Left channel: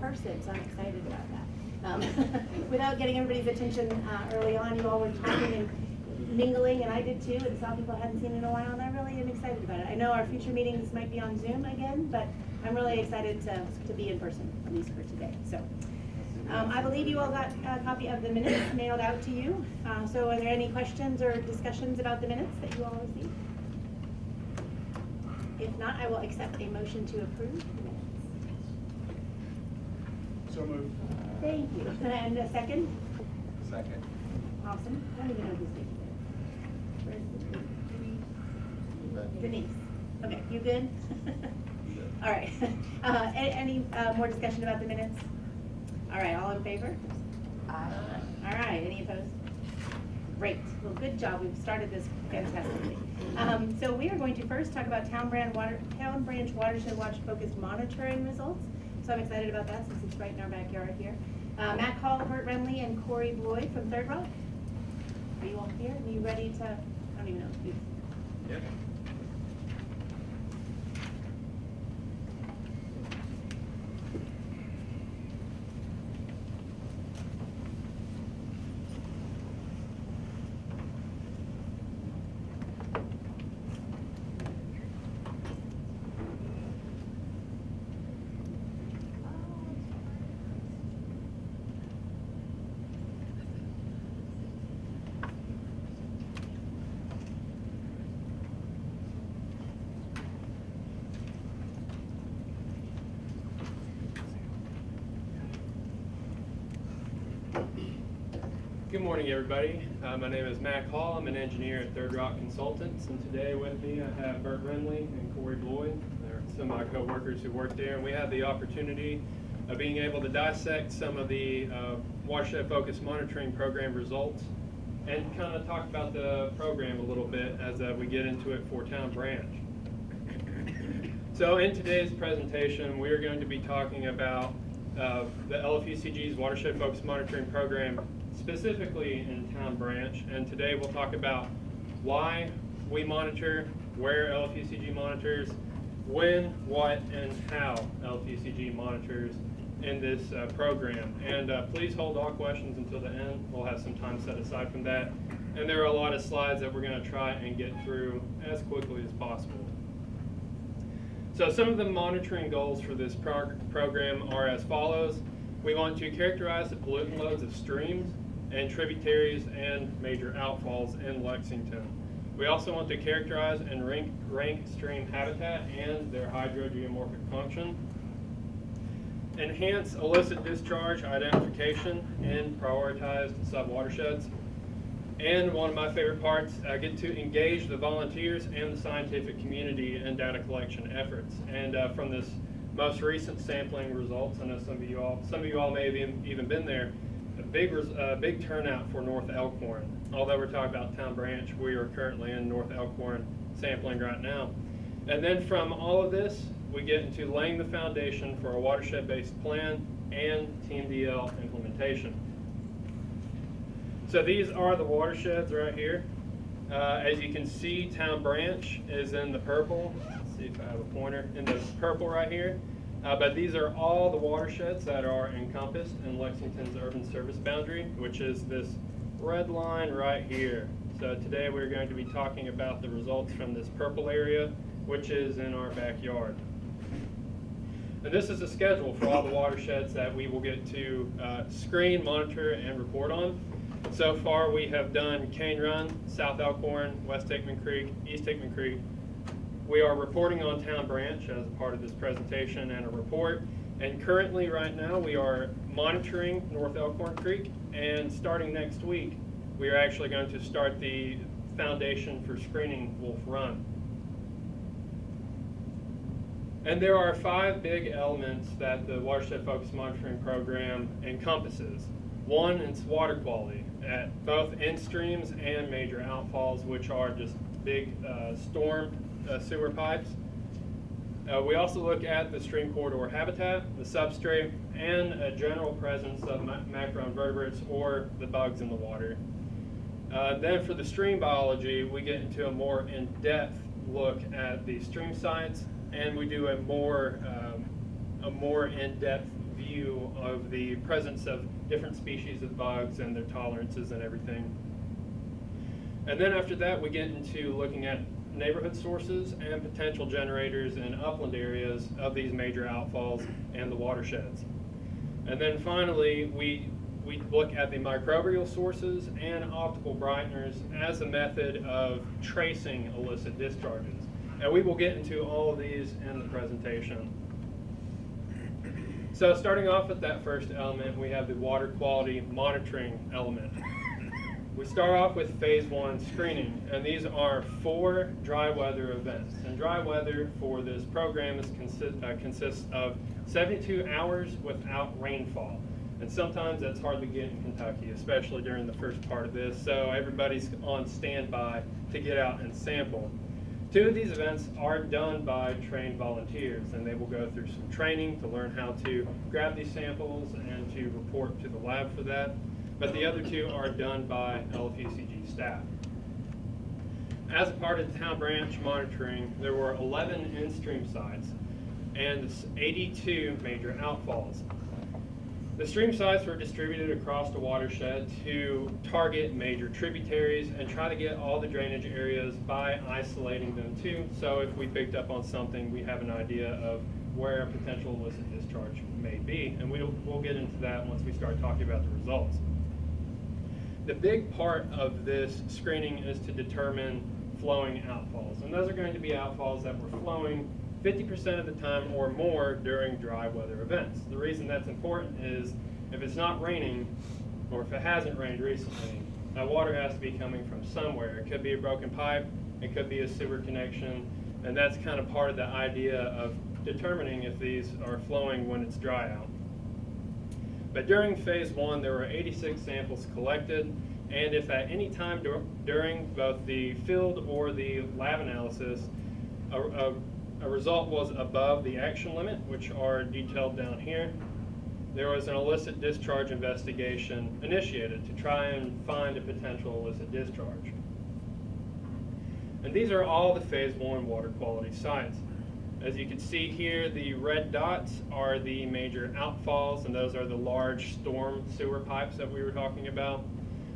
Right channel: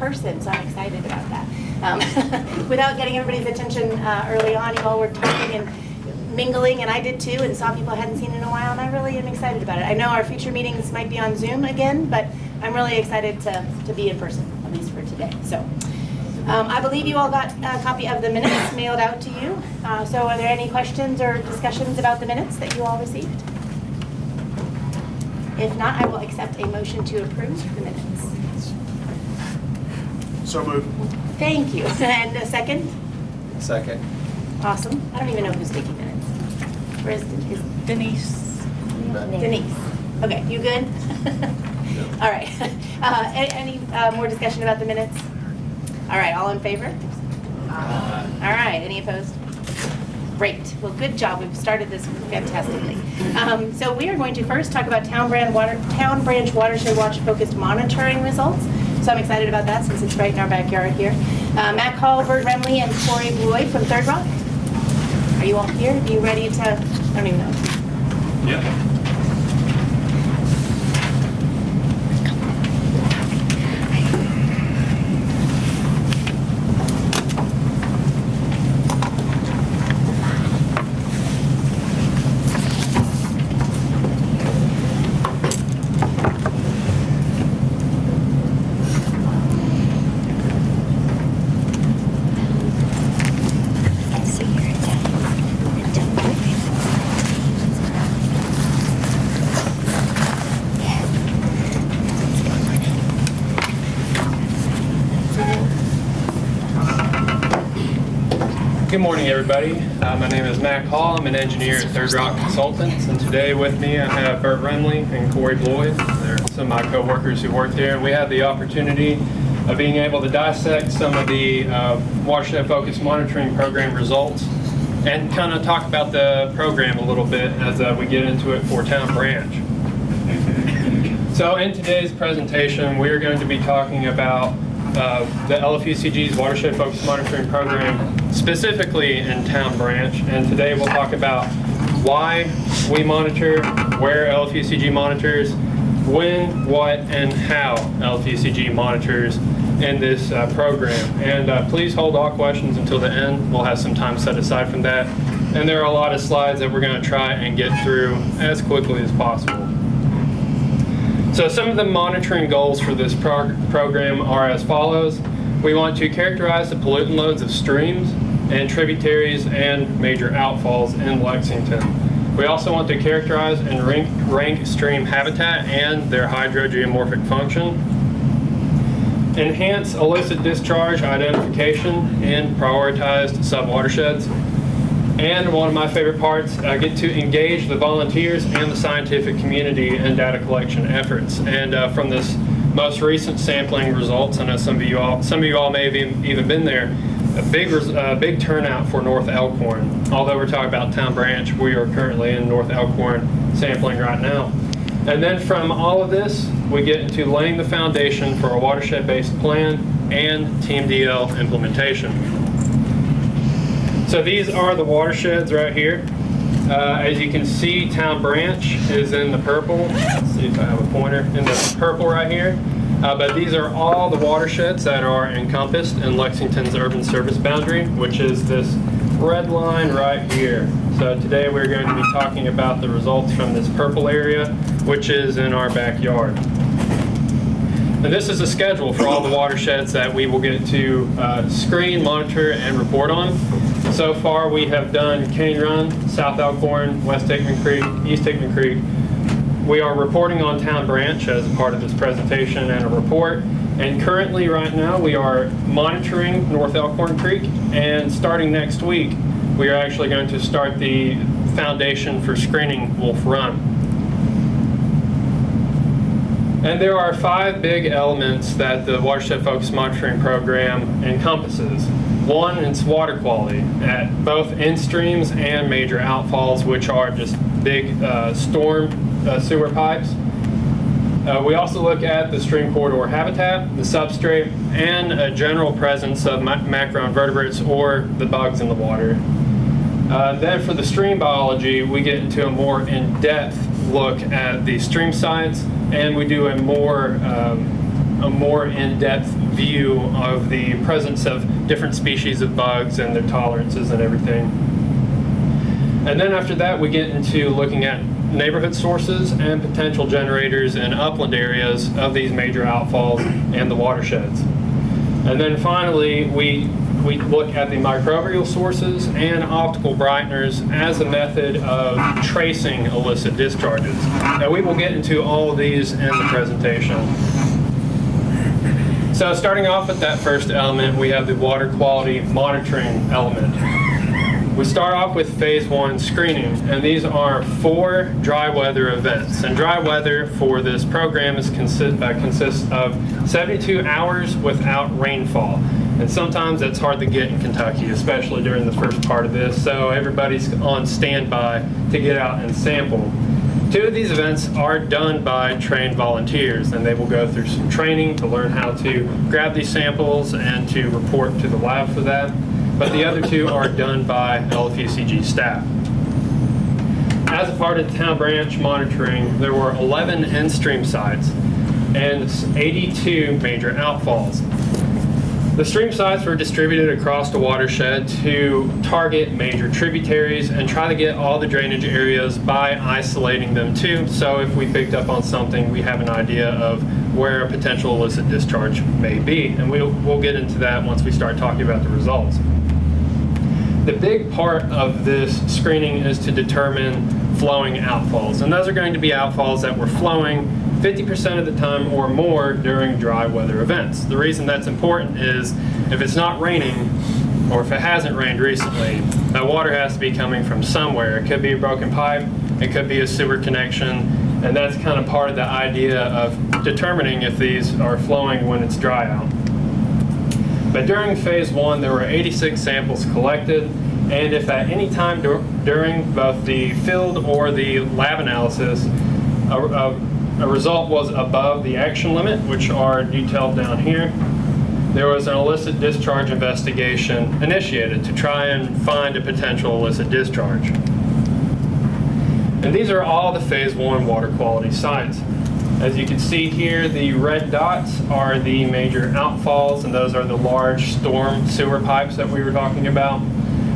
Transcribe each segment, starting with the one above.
person, so I'm excited about that. Without getting everybody's attention early on, you all were talking and mingling, and I did too, and saw people I hadn't seen in a while, and I really am excited about it. I know our future meetings might be on Zoom again, but I'm really excited to be in person, at least for today. So I believe you all got a copy of the minutes mailed out to you. So are there any questions or discussions about the minutes that you all received? If not, I will accept a motion to approve the minutes. So moved. Thank you. And a second? Second. Awesome. I don't even know who's taking minutes. Where is Denise. Denise? Okay, you good? All right. Any more discussion about the minutes? All right, all in favor? All right, any opposed? Great. Well, good job. We've started this fantastically. So we are going to first talk about Town Branch Watershed Watch-focused monitoring results. So I'm excited about that since it's right in our backyard here. Matt Call, Bert Remley, and Corey Bloy from Third Rock. Are you all here? Are you ready to, I don't even know. Yeah. Good morning, everybody. My name is Matt Hall. I'm an engineer at Third Rock Consultants, and today with me I have Bert Remley and Corey Bloy. They're some of my co-workers who work there, and we have the opportunity of being able to dissect some of the watershed-focused monitoring program results and kind of talk about the program a little bit as we get into it for Town Branch. So in today's presentation, we are going to be talking about the LFUCG's Watershed-Focused Monitoring Program, specifically in Town Branch. And today we'll talk about why we monitor, where LFUCG monitors, when, what, and how LFUCG monitors in this program. And please hold all questions until the end. We'll have some time set aside from that. And there are a lot of slides that we're going to try and get through as quickly as possible. So some of the monitoring goals for this program are as follows. We want to characterize the pollutant loads of streams and tributaries and major outfalls in Lexington. We also want to characterize and rank stream habitat and their hydrogeomorphic function. Enhance illicit discharge identification in prioritized subwatersheds. And one of my favorite parts, I get to engage the volunteers and the scientific community in data collection efforts. And from this most recent sampling results, I know some of you all may have even been there, a big turnout for North Elkhorn. Although we're talking about Town Branch, we are currently in North Elkhorn sampling right now. And then from all of this, we get into laying the foundation for a watershed-based plan and TMDL implementation. So these are the watersheds right here. As you can see, Town Branch is in the purple. Let's see if I have a pointer. In the purple right here. But these are all the watersheds that are encompassed in Lexington's urban service boundary, which is this red line right here. So today we're going to be talking about the results from this purple area, which is in our backyard. And this is a schedule for all the watersheds that we will get to screen, monitor, and report on. So far, we have done Cane Run, South Elkhorn, West Hickman Creek, East Hickman Creek. We are reporting on Town Branch as a part of this presentation and a report. And currently, right now, we are monitoring North Elkhorn Creek. And starting next week, we are actually going to start the foundation for screening Wolf Run. And there are 5 big elements that the Watershed Focused Monitoring Program encompasses. One, it's water quality at both in-streams and major outfalls, which are just big storm sewer pipes. We also look at the stream corridor habitat, the substrate, and a general presence of macroinvertebrates or the bugs in the water. Then for the stream biology, we get into a more in-depth look at the stream sites, and we do a more a more in-depth view of the presence of different species of bugs and their tolerances and everything. And then after that, we get into looking at neighborhood sources and potential generators in upland areas of these major outfalls and the watersheds. And then finally, we look at the microbial sources and optical brighteners as a method of tracing illicit discharges. Now, we will get into all of these in the presentation. So starting off with that first element, we have the water quality monitoring element. We start off with phase 1 screening, and these are 4 dry weather events. And dry weather for this program consists of 72 hours without rainfall. And sometimes that's hard to get in Kentucky, especially during the first part of this, so everybody's on standby to get out and sample. 2 of these events are done by trained volunteers, and they will go through some training to learn how to grab these samples and to report to the lab for that. But the other 2 are done by LFUCG staff. As a part of the town branch monitoring, there were 11 in-stream sites and 82 major outfalls. The stream sites were distributed across the watershed to target major tributaries and try to get all the drainage areas by isolating them too. So if we picked up on something, we have an idea of where a potential illicit discharge may be. And we'll get into that once we start talking about the results. The big part of this screening is to determine flowing outfalls. And those are going to be outfalls that were flowing 50% of the time or more during dry weather events. The reason that's important is if it's not raining, or if it hasn't rained recently, that water has to be coming from somewhere. It could be a broken pipe, it could be a sewer connection, and that's kind of part of the idea of determining if these are flowing when it's dry out. But during phase 1, there were 86 samples collected, and if at any time during both the field or the lab analysis, a result was above the action limit, which are detailed down here, there was an illicit discharge investigation initiated to try and find a potential illicit discharge. And these are all the phase 1 water quality sites. As you can see here, the red dots are the major outfalls, and those are the large storm sewer pipes that we were talking about.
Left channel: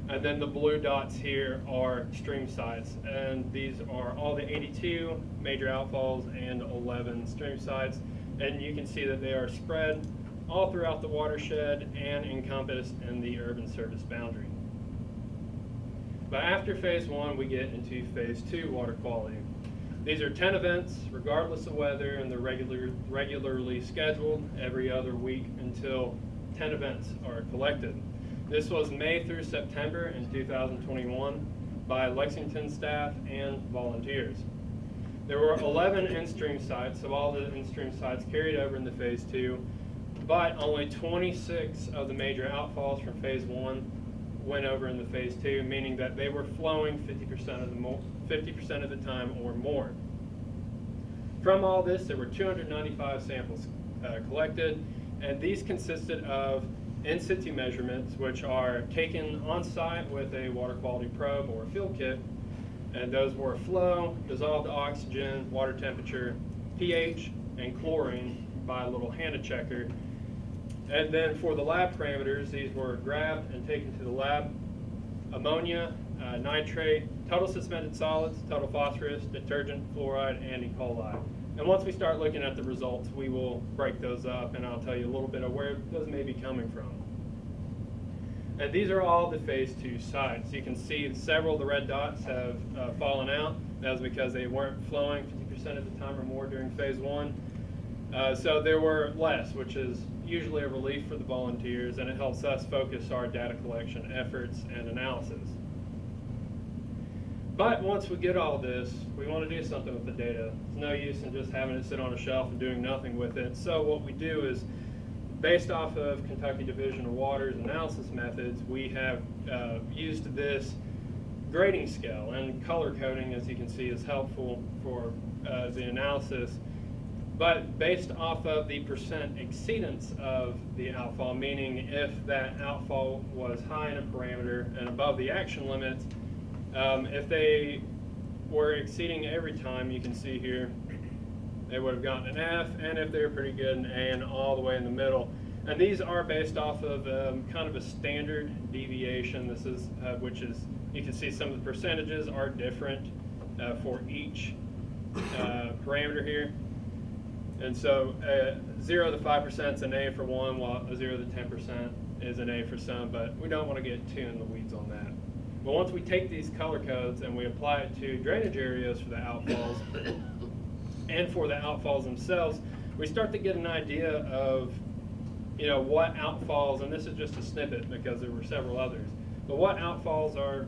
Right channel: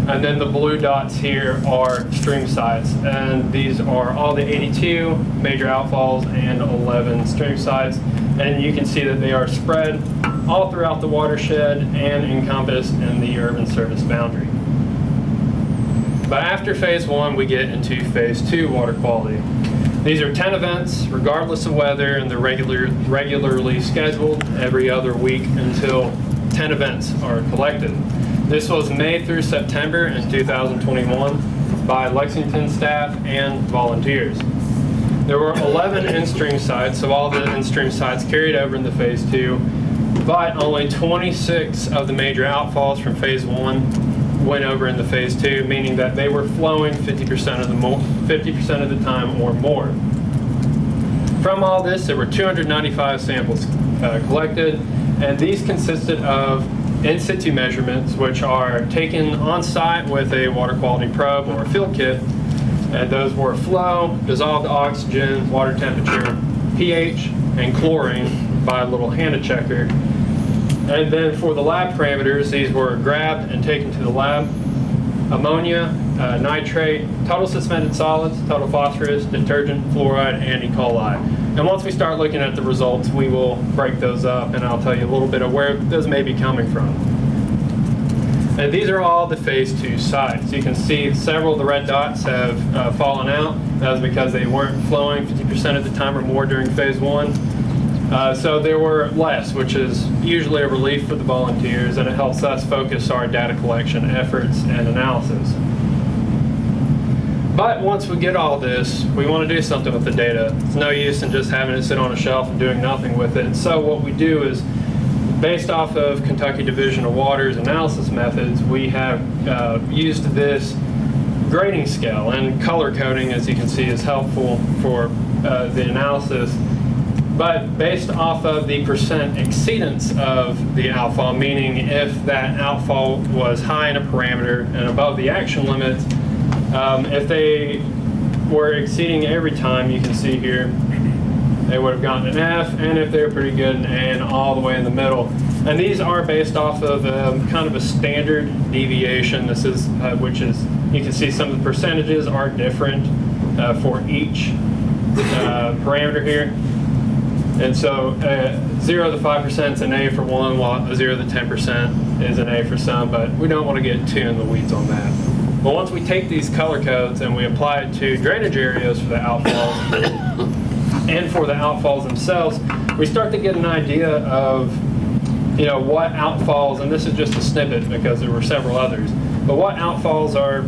And then the blue dots here are stream sites, and these are all the 82 major outfalls and 11 stream sites. And you can see that they are spread all throughout the watershed and encompassed in the urban service boundary. But after phase 1, we get into phase 2 water quality. These are 10 events, regardless of weather, and they're regularly scheduled every other week until 10 events are collected. This was May through September in 2021 by Lexington staff and volunteers. There were 11 in-stream sites, so all the in-stream sites carried over into phase 2, but only 26 of the major outfalls from phase 1 went over into phase 2, meaning that they were flowing 50% of the time or more. From all this, there were 295 samples collected, and these consisted of in situ measurements, which are taken on site with a water quality probe or a field kit, and those were flow, dissolved oxygen, water temperature, pH, and chlorine by a little HANA checker. And then for the lab parameters, these were grabbed and taken to the lab: ammonia, nitrate, total suspended solids, total phosphorus, detergent, fluoride, and E. coli. And once we start looking at the results, we will break those up, and I'll tell you a little bit of where those may be coming from. And these are all the phase 2 sites. You can see several of the red dots have fallen out. That was because they weren't flowing 50% of the time or more during phase 1. So there were less, which is usually a relief for the volunteers, and it helps us focus our data collection efforts and analysis. But once we get all this, we want to do something with the data. It's no use in just having it sit on a shelf and doing nothing with it. So what we do is, based off of Kentucky Division of Water's analysis methods, we have used this grading scale, and color coding, as you can see, is helpful for the analysis. But based off of the percent exceedance of the outfall, meaning if that outfall was high in a parameter and above the action limit, if they were exceeding every time, you can see here, they would have gotten an F, and if they're pretty good, an A, and all the way in the middle. And these are based off of kind of a standard deviation. This is, which is, you can see some of the percentages are different for each parameter here. And so 0 to 5% is an A for one, while 0 to 10% is an A for some, but we don't want to get too in the weeds on that. But once we take these color codes and we apply it to drainage areas for the outfalls and for the outfalls themselves, we start to get an idea of, you know, what outfalls, and this is just a snippet because there were several others, but what outfalls are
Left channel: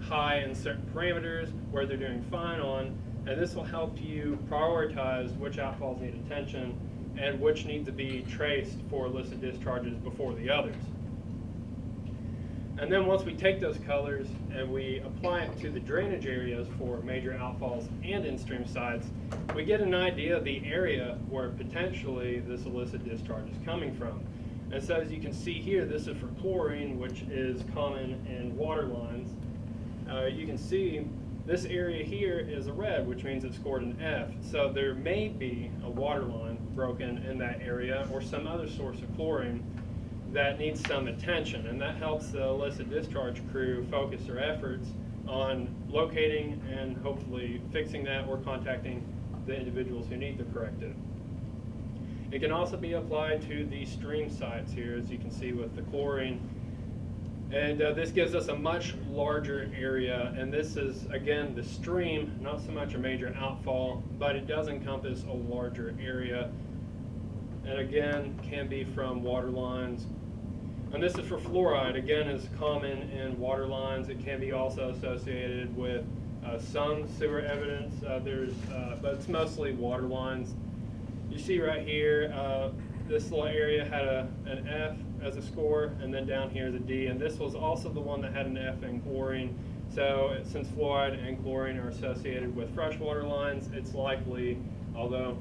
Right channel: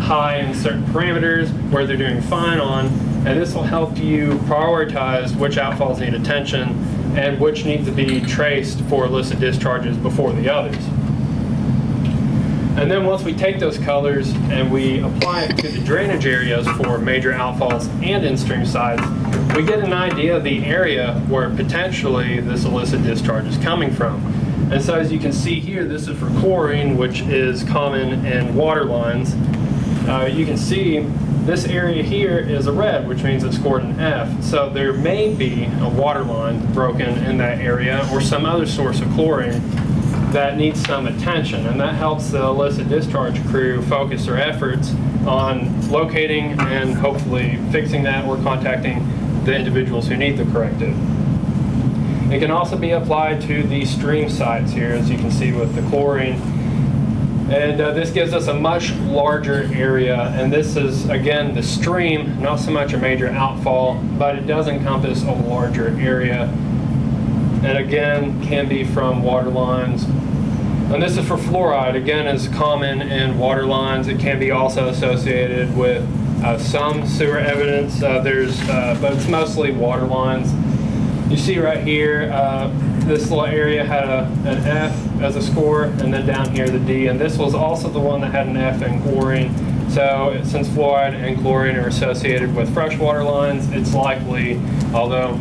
high in certain parameters, where they're doing fine on, and this will help you prioritize which outfalls need attention and which need to be traced for illicit discharges before the others. And then once we take those colors and we apply it to the drainage areas for major outfalls and in-stream sites, we get an idea of the area where potentially this illicit discharge is coming from. And so as you can see here, this is for chlorine, which is common in water lines. You can see this area here is a red, which means it's scored an F. So there may be a water line broken in that area or some other source of chlorine that needs some attention, and that helps the illicit discharge crew focus their efforts on locating and hopefully fixing that or contacting the individuals who need the corrective. It can also be applied to the stream sites here, as you can see with the chlorine. And this gives us a much larger area, and this is, again, the stream, not so much a major outfall, but it does encompass a larger area. And again, can be from water lines. And this is for fluoride. Again, is common in water lines. It can be also associated with some sewer evidence. But it's mostly water lines. You see right here, this little area had an F as a score, and then down here the D. And this was also the one that had an F in chlorine. So since fluoride and chlorine are associated with freshwater lines, it's likely, although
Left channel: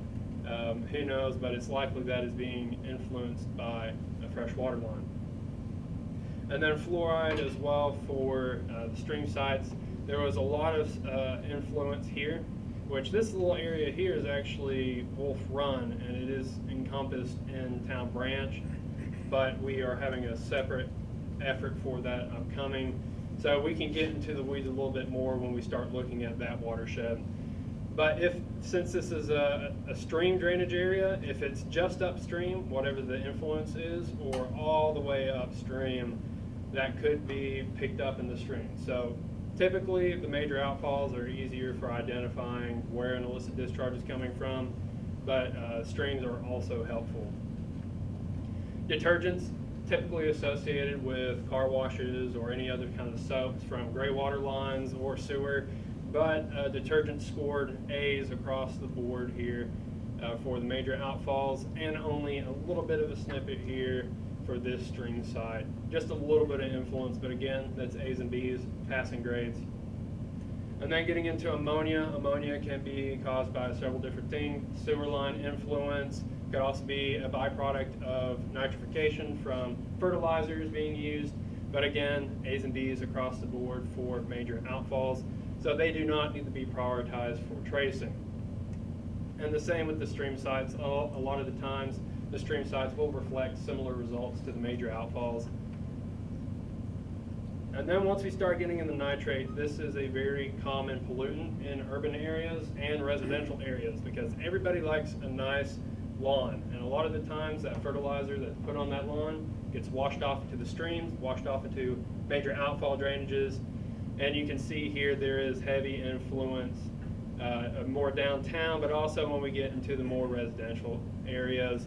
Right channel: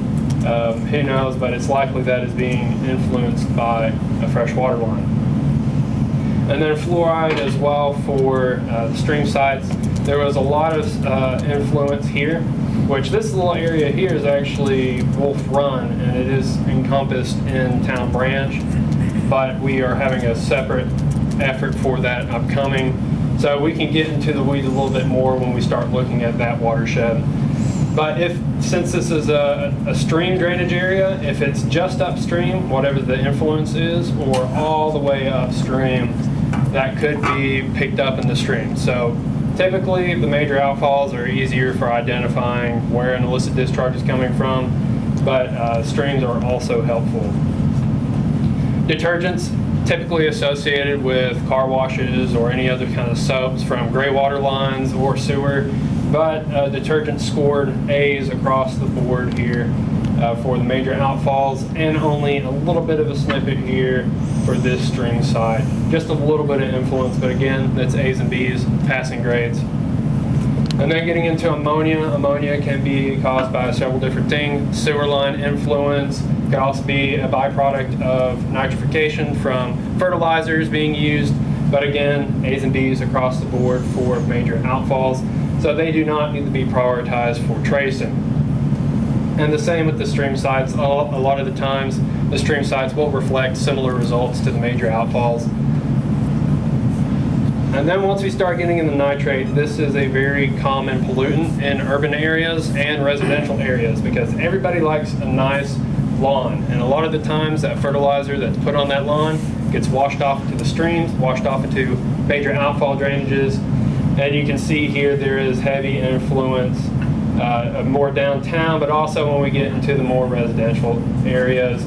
who knows, but it's likely that is being influenced by a freshwater line. And then fluoride as well for the stream sites. There was a lot of influence here, which this little area here is actually Wolf Run, and it is encompassed in Town Branch, but we are having a separate effort for that upcoming. So we can get into the weeds a little bit more when we start looking at that watershed. But since this is a stream drainage area, if it's just upstream, whatever the influence is, or all the way upstream, that could be picked up in the stream. So typically, the major outfalls are easier for identifying where an illicit discharge is coming from, but streams are also helpful. Detergents, typically associated with car washes or any other kind of soaps from gray water lines or sewer, but detergents scored A's across the board here for the major outfalls, and only a little bit of a snippet here for this stream side. Just a little bit of influence, but again, that's A's and B's, passing grades. And then getting into ammonia. Ammonia can be caused by several different things. Sewer line influence, could also be a byproduct of nitrification from fertilizers being used, but again, A's and B's across the board for major outfalls. So they do not need to be prioritized for tracing. And the same with the stream sites. A lot of the times, the stream sites will reflect similar results to the major outfalls. And then once we start getting into nitrate, this is a very common pollutant in urban areas and residential areas because everybody likes a nice lawn. And a lot of the times that fertilizer that's put on that lawn gets washed off into the streams, washed off into major outfall drainages. And you can see here there is heavy influence more downtown, but also when we get into the more residential areas.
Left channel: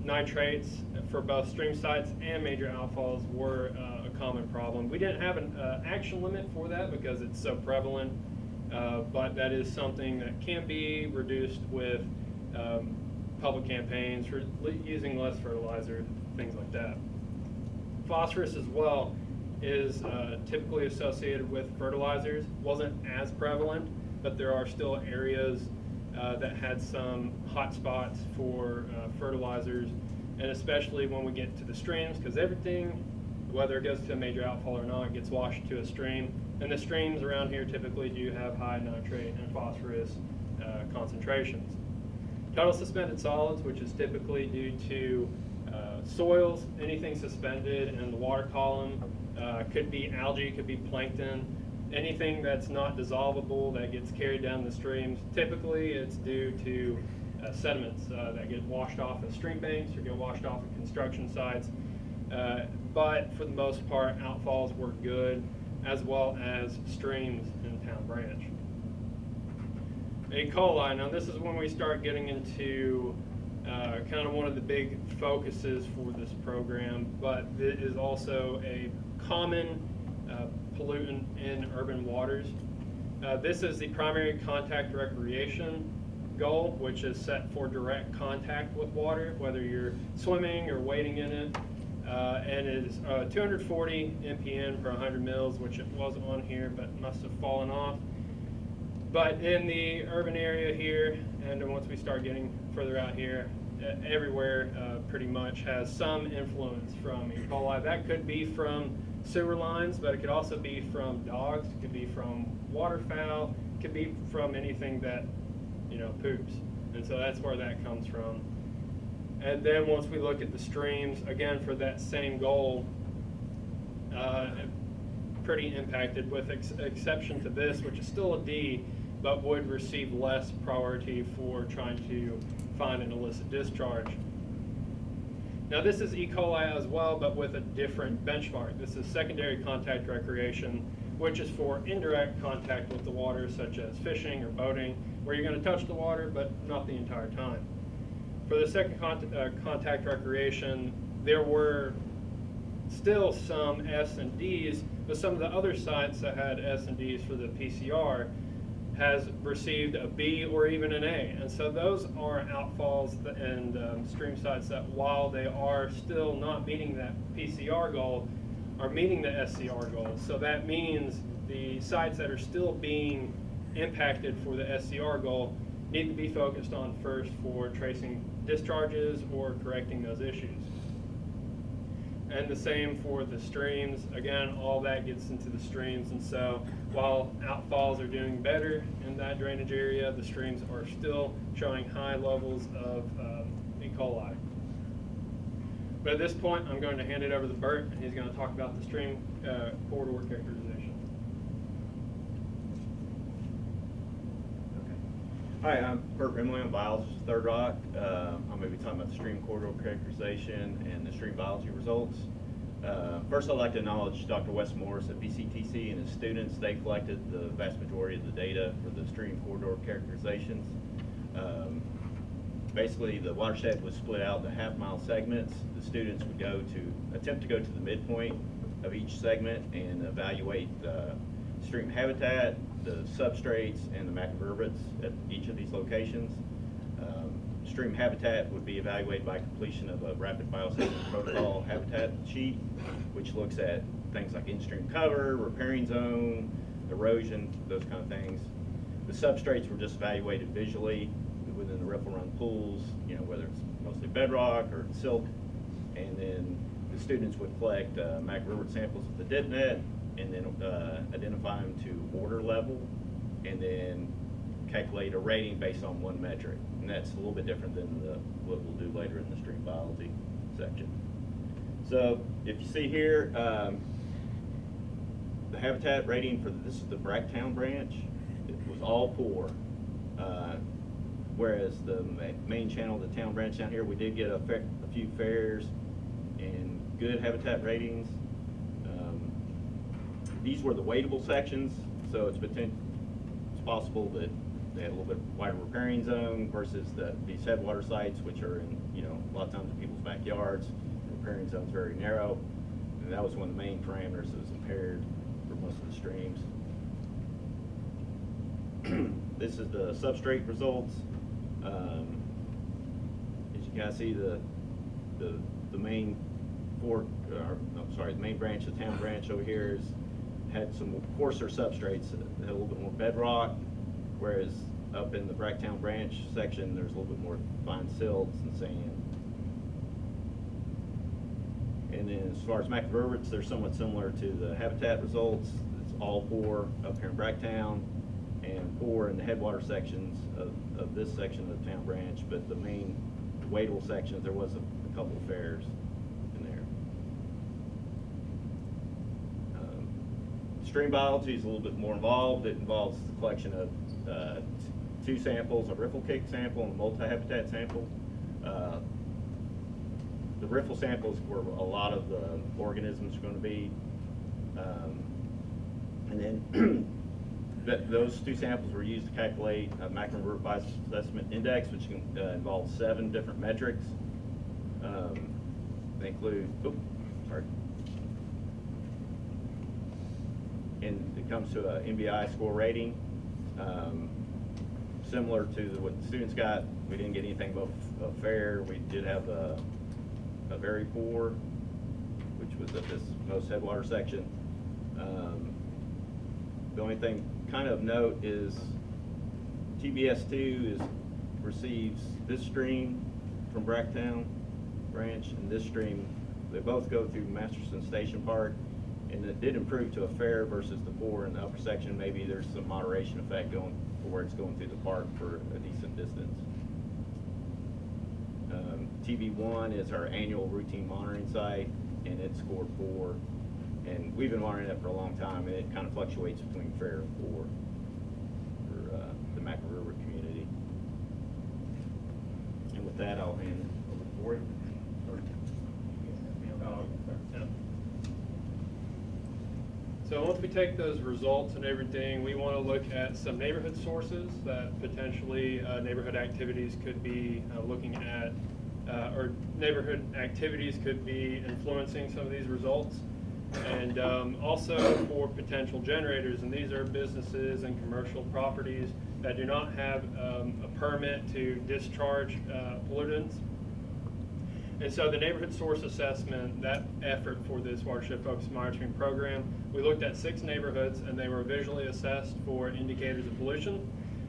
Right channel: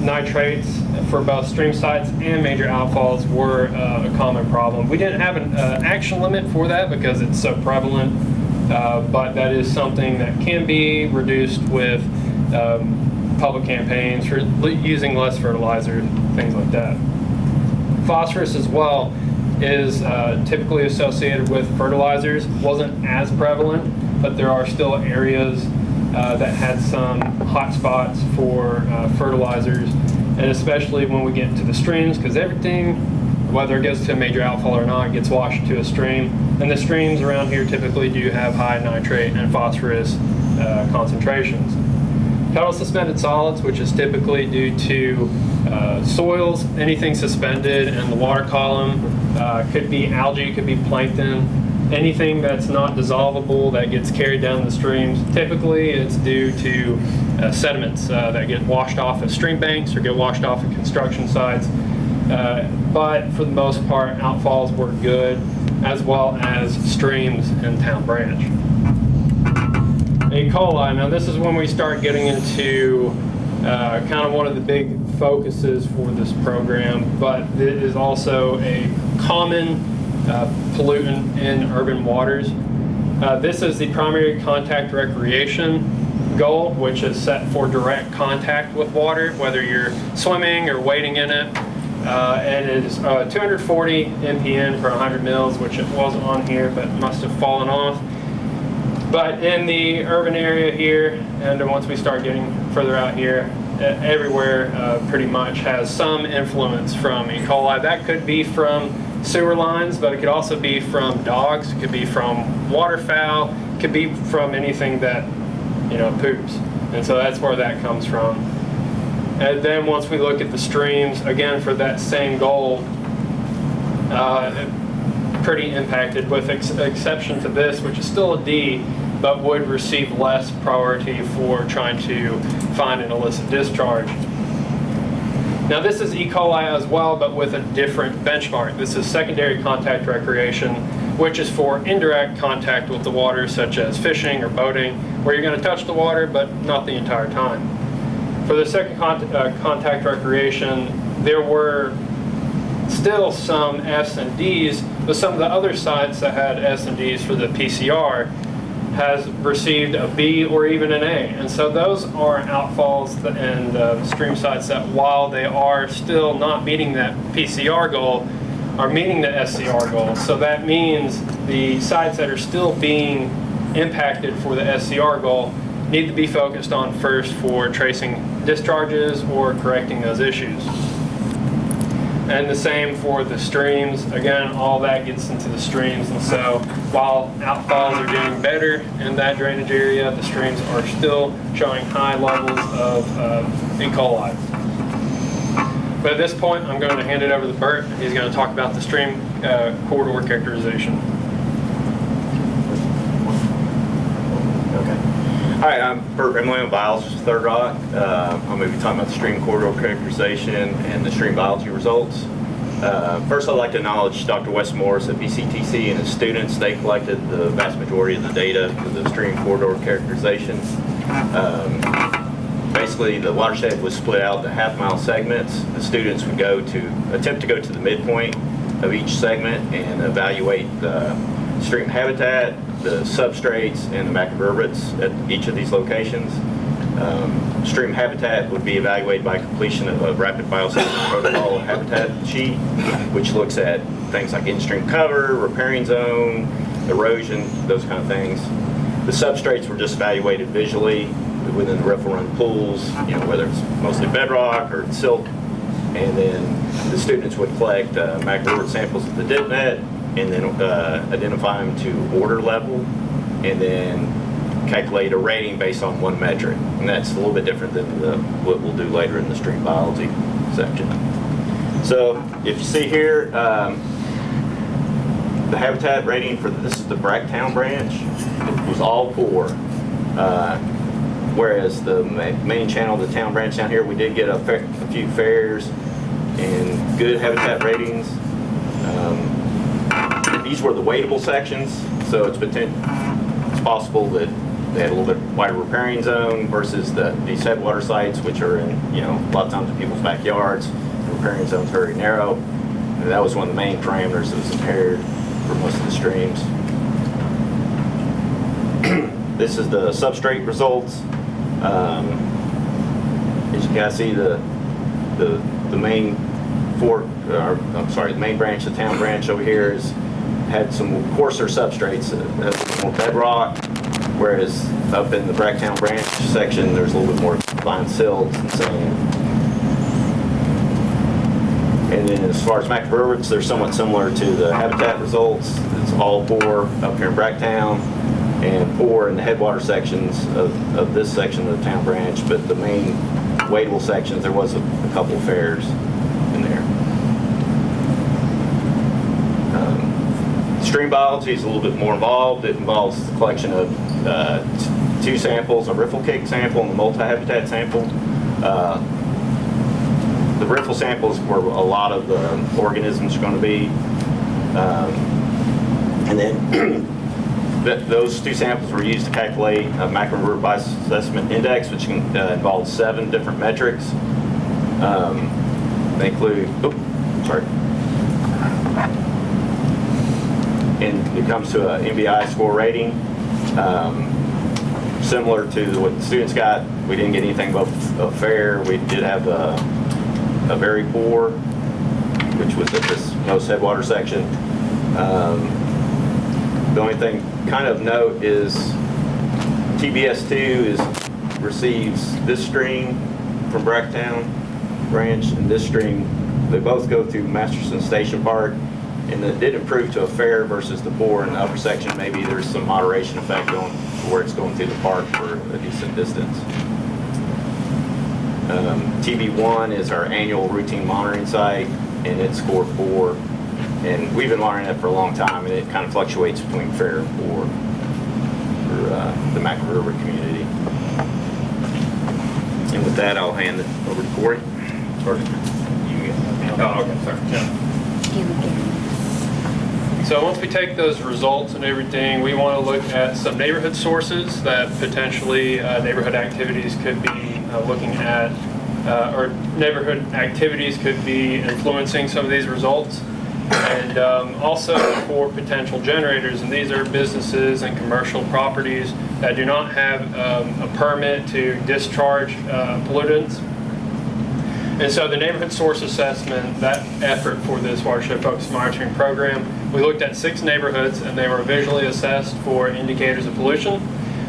Nitrates for both stream sites and major outfalls were a common problem. We didn't have an action limit for that because it's so prevalent, but that is something that can be reduced with public campaigns for using less fertilizer, things like that. Phosphorus as well is typically associated with fertilizers. Wasn't as prevalent, but there are still areas that had some hot spots for fertilizers, and especially when we get into the streams, because everything, whether it goes to a major outfall or not, gets washed to a stream. And the streams around here typically do have high nitrate and phosphorus concentrations. Pedal suspended solids, which is typically due to soils, anything suspended in the water column, could be algae, could be plankton, anything that's not dissolvable that gets carried down the streams. Typically it's due to sediments that get washed off at stream banks or get washed off at construction sites. But for the most part, outfalls work good, as well as streams and town branch. E. coli, now this is when we start getting into kind of one of the big focuses for this program, but it is also a common pollutant in urban waters. This is the primary contact recreation goal, which is set for direct contact with water, whether you're swimming or wading in it. And it is 240 mpn per 100 mils, which it was on here, but must have fallen off. But in the urban area here, and then once we start getting further out here, everywhere pretty much has some influence from E. coli. That could be from sewer lines, but it could also be from dogs, it could be from waterfowl, it could be from anything that, you know, poops. And so that's where that comes from. And then once we look at the streams, again, for that same goal, pretty impacted, with exception to this, which is still a D, but would receive less priority for trying to find an illicit discharge. Now this is E. coli as well, but with a different benchmark. This is secondary contact recreation, which is for indirect contact with the water, such as fishing or boating, where you're going to touch the water, but not the entire time. For the second contact recreation, there were still some S and Ds, but some of the other sites that had S and Ds for the PCR has received a B or even an A. And so those are outfalls and stream sites that, while they are still not meeting that PCR goal, are meeting the SCR goal. So that means the sites that are still being impacted for the SCR goal need to be focused on first for tracing discharges or correcting those issues. And the same for the streams. Again, all that gets into the streams, and so while outfalls are doing better in that drainage area, the streams are still showing high levels of E. coli. But at this point, I'm going to hand it over to Bert. He's going to talk about the stream corridor characterization. Hi, I'm Bert Remedial, biologist at Third Rock. I'm going to be talking about the stream corridor characterization and the stream biology results. First, I'd like to acknowledge Dr. Wes Morris at BCTC and his students. They collected the vast majority of the data for the stream corridor characterization. Basically, the watershed was split out into half-mile segments. The students would attempt to go to the midpoint of each segment and evaluate the stream habitat, the substrates, and the macrovertebrates at each of these locations. Stream habitat would be evaluated by completion of a rapid biosafety protocol habitat sheet, which looks at things like in-stream cover, riparian zone, erosion, those kind of things. The substrates were just evaluated visually within the riffle run pools, you know, whether it's mostly bedrock or silt. And then the students would collect macrovertebrate samples of the dip net, and then identify them to order level, and then calculate a rating based on one metric. And that's a little bit different than what we'll do later in the stream biology section. So if you see here, the habitat rating for this is the Bracktown branch. It was all poor. Whereas the main channel, the town branch down here, we did get a few fares and good habitat ratings. These were the wadeable sections, so it's possible that they had a little bit wider riparian zone versus these headwater sites, which are in, you know, a lot of times in people's backyards. The riparian zone's very narrow, and that was one of the main parameters that was impaired for most of the streams. This is the substrate results. As you guys see, the main the main branch, the town branch over here had some coarser substrates, more bedrock, whereas up in the Bracktown branch section, there's a little bit more fine silts and sand. And then as far as macrovertebrates, they're somewhat similar to the habitat results. It's all poor up here in Bracktown. and 4 in the headwater sections of this section of the town branch, but the main wadable sections, there was a couple of fares in there. Stream biology is a little bit more involved. It involves the collection of 2 samples, a riffle cake sample and a multi-habitat sample. The riffle samples where a lot of the organisms are going to be. And then those 2 samples were used to calculate a maximum river bioassessment index, which involves 7 different metrics. They include, and it comes to an MBI score rating. Similar to what the students got, we didn't get anything above a fair. We did have a very poor, which was at this most headwater section. The only thing kind of note is TBS2 receives this stream from Bracktown Branch and this stream. They both go through Masterson Station Park, and it did improve to a fair versus the poor in the upper section. Maybe there's some moderation effect on where it's going through the park for a decent distance. TB1 is our annual routine monitoring site, and it scored 4. And we've been monitoring that for a long time, and it kind of fluctuates between fair and poor for the Mackerel River community. And with that, I'll hand it over to Corey. Or you get that now. Oh, okay, sorry. Yeah. So once we take those results and everything, we want to look at some neighborhood sources that potentially neighborhood activities could be looking at, or neighborhood activities could be influencing some of these results. And also for potential generators, and these are businesses and commercial properties that do not have a permit to discharge pollutants. And so the neighborhood source assessment, that effort for this watershed focused monitoring program, we looked at 6 neighborhoods and they were visually assessed for indicators of pollution.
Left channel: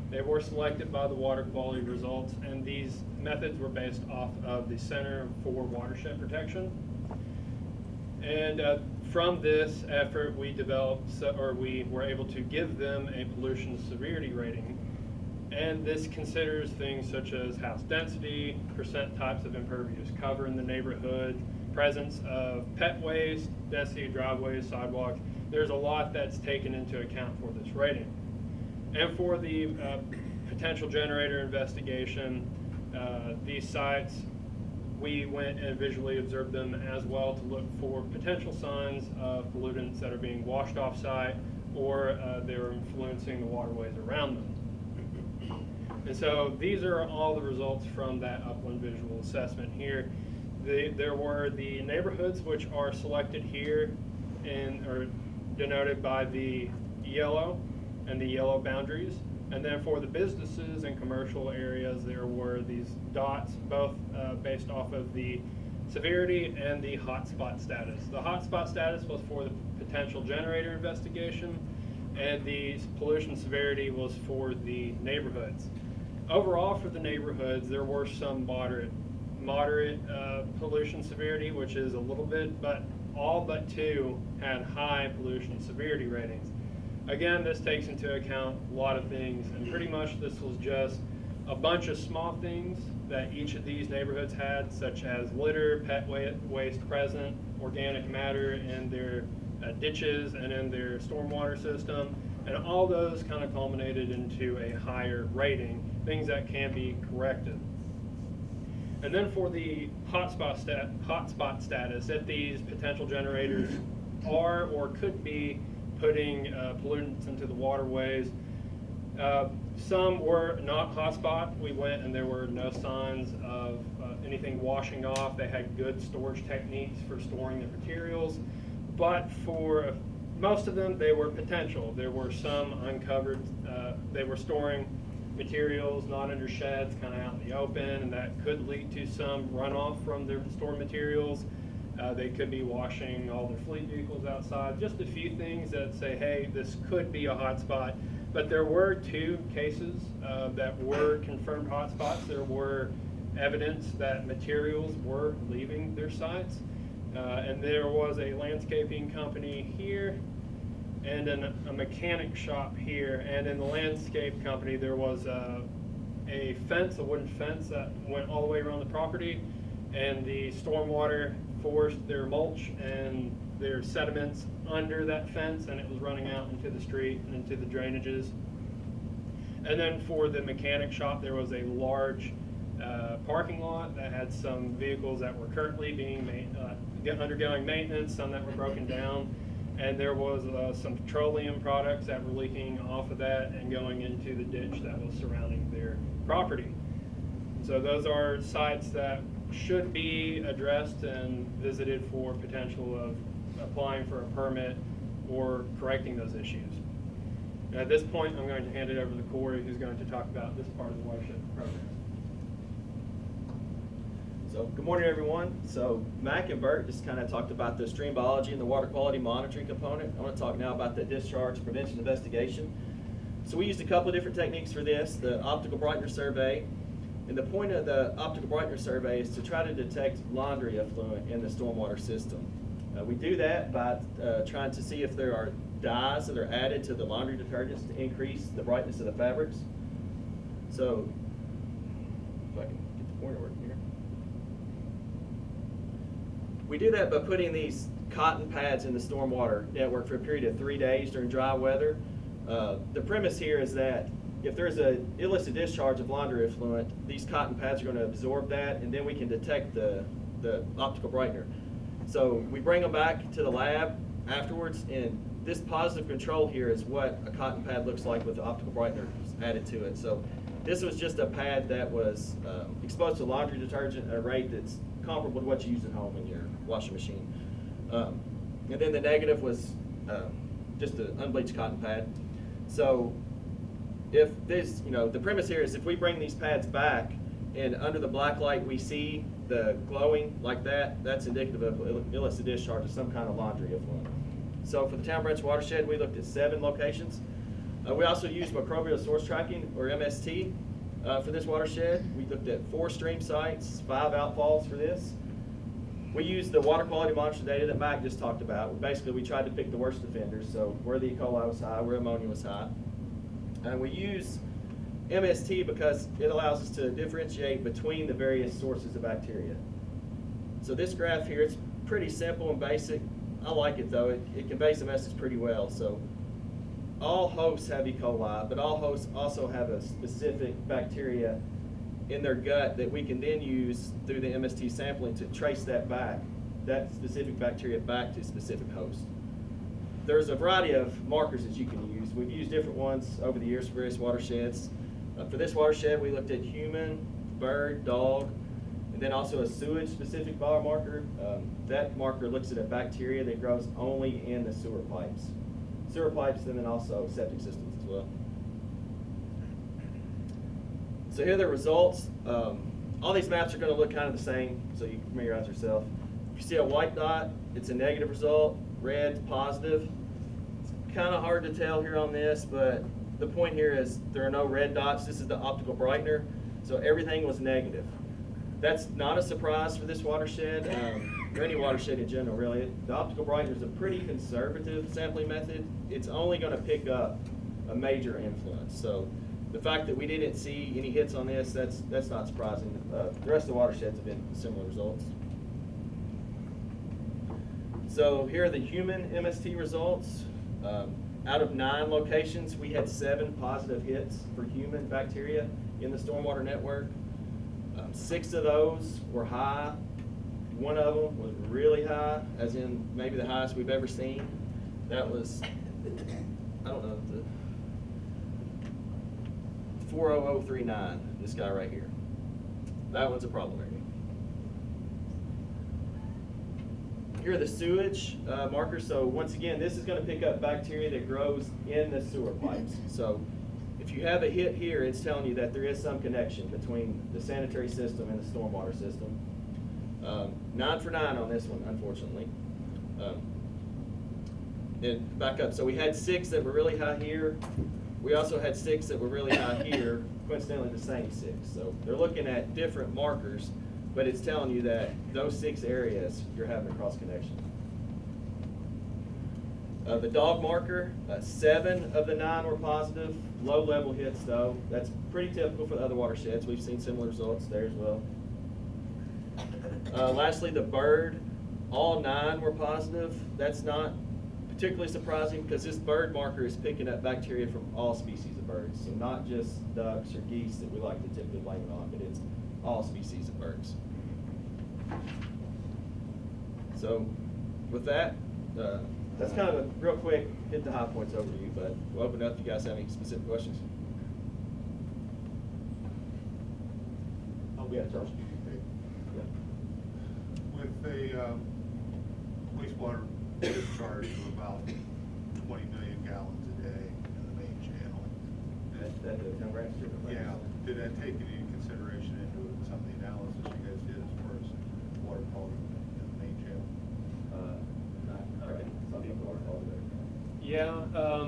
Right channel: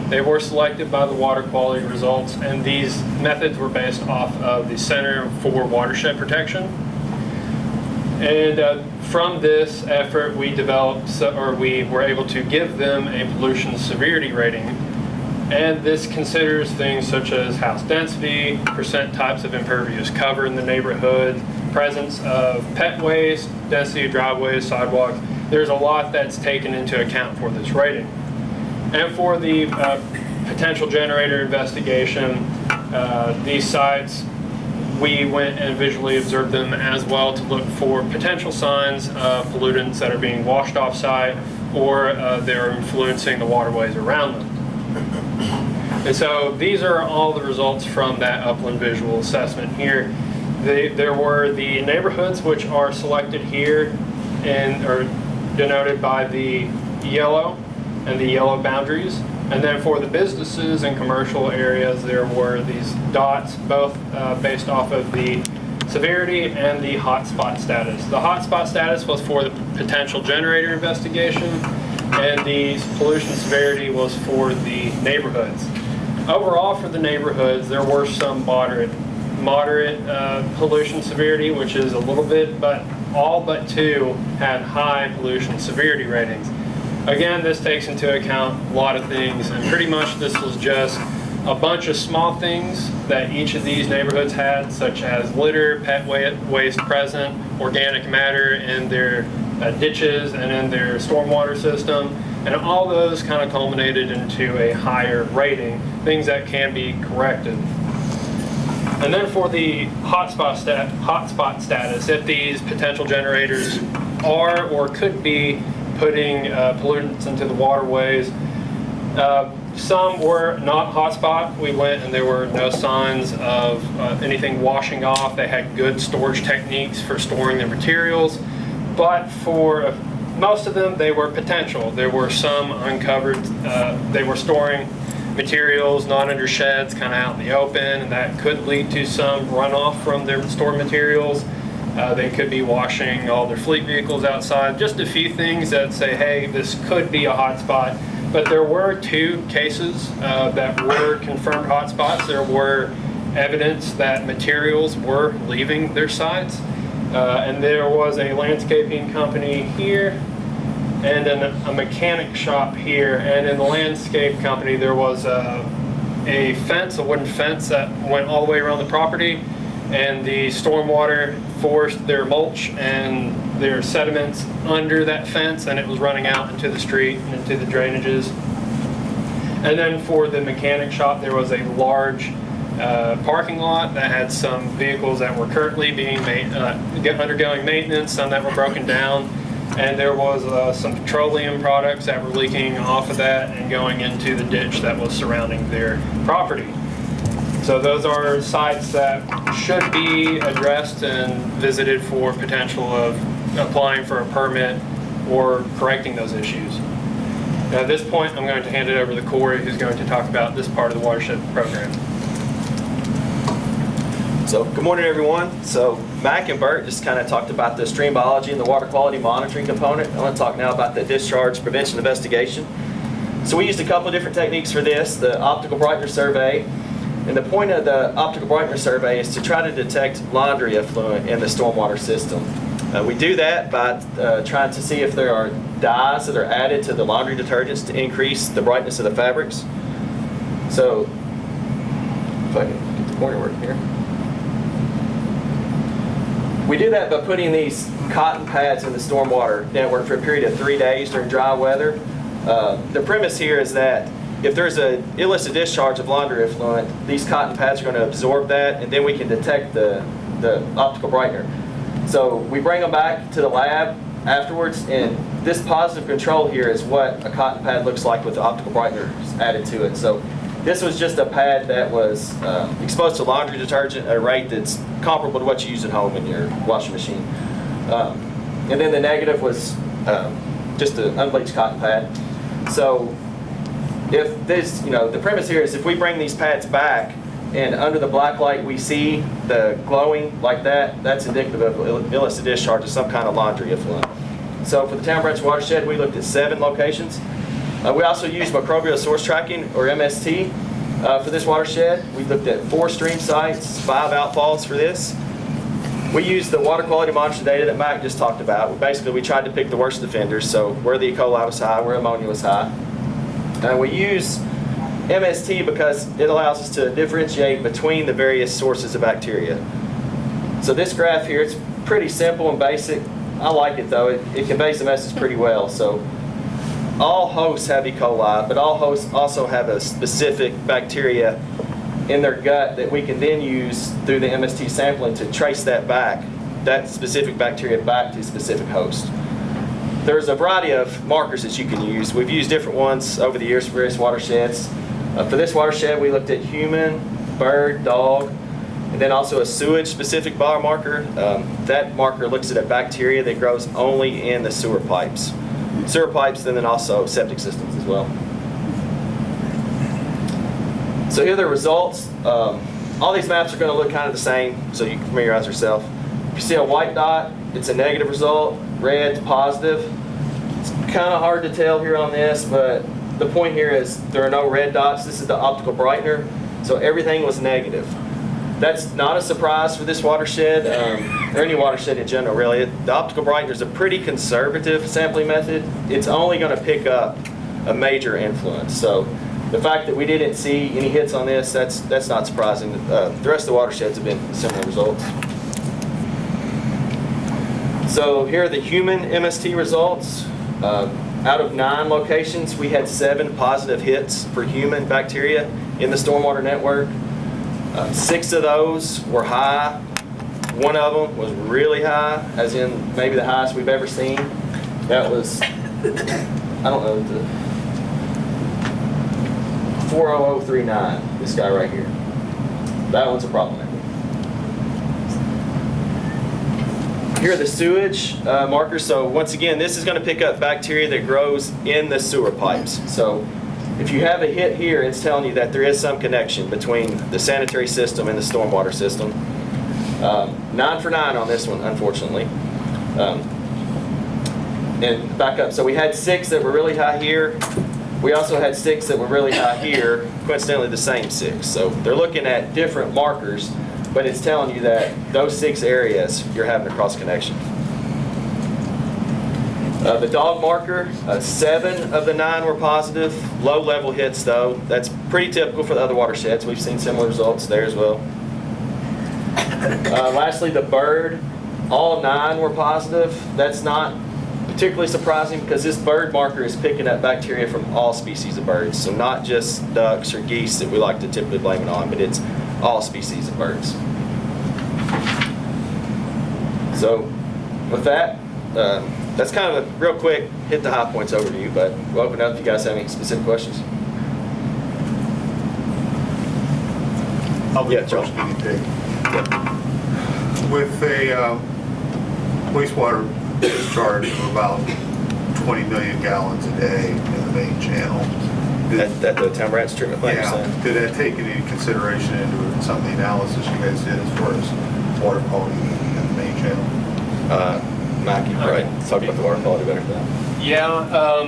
They were selected by the water quality results, and these methods were based off of the Center for Watershed Protection. And from this effort, we developed, or we were able to give them a pollution severity rating. And this considers things such as house density, percent types of impervious cover in the neighborhood, presence of pet waste, density of driveways, sidewalks. There's a lot that's taken into account for this rating. And for the potential generator investigation, these sites, we went and visually observed them as well to look for potential signs of pollutants that are being washed off site or they're influencing the waterways around them. And so these are all the results from that upland visual assessment here. There were the neighborhoods which are selected here and are denoted by the yellow and the yellow boundaries. And then for the businesses and commercial areas, there were these dots, both based off of the severity and the hotspot status. The hotspot status was for the potential generator investigation, and the pollution severity was for the neighborhoods. Overall, for the neighborhoods, there were some moderate pollution severity, which is a little bit, but all but 2 had high pollution severity ratings. Again, this takes into account a lot of things, and pretty much this was just a bunch of small things that each of these neighborhoods had, such as litter, pet waste present, organic matter in their ditches and in their stormwater system, and all those kind of culminated into a higher rating, things that can be corrected. And then for the hotspot status, if these potential generators are or could be putting pollutants into the waterways, some were not hotspot. We went and there were no signs of anything washing off. They had good storage techniques for storing their materials, but for most of them, they were potential. There were some uncovered. They were storing materials not under sheds, kind of out in the open, and that could lead to some runoff from their stored materials. They could be washing all their fleet vehicles outside. Just a few things that say, hey, this could be a hot spot. But there were 2 cases that were confirmed hotspots. There were evidence that materials were leaving their sites. And there was a landscaping company here and then a mechanic shop here. And in the landscape company, there was a fence, a wooden fence that went all the way around the property, and the stormwater forced their mulch and their sediments under that fence, and it was running out into the street and into the drainages. And then for the mechanic shop, there was a large parking lot that had some vehicles that were currently being undergoing maintenance, some that were broken down, and there was some petroleum products that were leaking off of that and going into the ditch that was surrounding their property. So those are sites that should be addressed and visited for potential of applying for a permit or correcting those issues. Now, at this point, I'm going to hand it over to Corey, who's going to talk about this part of the watershed program. So, good morning, everyone. So, Mac and Bert just kind of talked about the stream biology and the water quality monitoring component. I want to talk now about the discharge prevention investigation. So, we used a couple of different techniques for this, the optical brightener survey. And the point of the optical brightener survey is to try to detect laundry effluent in the stormwater system. We do that by trying to see if there are dyes that are added to the laundry detergents to increase the brightness of the fabrics. So, if I can get the pointer working here. We do that by putting these cotton pads in the stormwater network for a period of 3 days during dry weather. The premise here is that if there's an illicit discharge of laundry effluent, these cotton pads are going to absorb that, and then we can detect the optical brightener. So we bring them back to the lab afterwards, and this positive control here is what a cotton pad looks like with the optical brightener added to it. So this was just a pad that was exposed to laundry detergent at a rate that's comparable to what you use at home in your washing machine. And then the negative was just an unbleached cotton pad. So if this, the premise here is if we bring these pads back and under the black light we see the glowing like that, that's indicative of illicit discharge of some kind of laundry effluent. So for the Town Branch Watershed, we looked at 7 locations. We also used microbial source tracking, or MST, for this watershed. We looked at 4 stream sites, 5 outfalls for this. We used the water quality monitor data that Mike just talked about. Basically, we tried to pick the worst offenders, so where the E. coli was high, where ammonia was high. We use MST because it allows us to differentiate between the various sources of bacteria. So this graph here, it's pretty simple and basic. I like it though. It conveys the message pretty well. So all hosts have E. coli, but all hosts also have a specific bacteria in their gut that we can then use through the MST sampling to trace that back, that specific bacteria back to a specific host. There's a variety of markers that you can use. We've used different ones over the years for various watersheds. For this watershed, we looked at human, bird, dog, and then also a sewage-specific biomarker. That marker looks at a bacteria that grows only in the sewer pipes. Sewer pipes, and then also septic systems as well. So here are the results. All these maps are going to look kind of the same, so you can familiarize yourself. If you see a white dot, it's a negative result. Red's positive. It's kind of hard to tell here on this, but the point here is there are no red dots. This is the optical brightener, so everything was negative. That's not a surprise for this watershed, or any watershed in general, really. The optical brightener is a pretty conservative sampling method. It's only going to pick up a major influence. So the fact that we didn't see any hits on this, that's not surprising. The rest of the watersheds have been similar results. So here are the human MST results. Out of 9 locations, we had 7 positive hits for human bacteria in the stormwater network. 6 of those were high. 1 of them was really high, as in maybe the highest we've ever seen. That was, I don't know, the 40039, this guy right here. That one's a problem. Here are the sewage markers. So once again, this is going to pick up bacteria that grows in the sewer pipes. So if you have a hit here, it's telling you that there is some connection between the sanitary system and the stormwater system. 9 for 9 on this one, unfortunately. And back up. So we had 6 that were really high here. We also had 6 that were really high here, coincidentally the same 6. So they're looking at different markers, but it's telling you that those 6 areas, you're having a cross connection. The dog marker, 7 of the 9 were positive. Low level hits though. That's pretty typical for the other watersheds. We've seen similar results there as well. Lastly, the bird, all 9 were positive. That's not particularly surprising because this bird marker is picking up bacteria from all species of birds. So not just ducks or geese that we like to typically blame it on, but it's all species of birds. So with that, that's kind of a real quick hit the high points overview, but we'll open up if you guys have any specific questions. I'll be Yeah, the first Joe. guinea pig. With a wastewater discharge of about 20 million gallons a day in the main channel. At the town branch treatment plant, you're Yeah, saying? did that take any consideration into some of the analysis you guys did as far as water quality in the main channel? Mac, you probably talk about the water quality better than that. Yeah,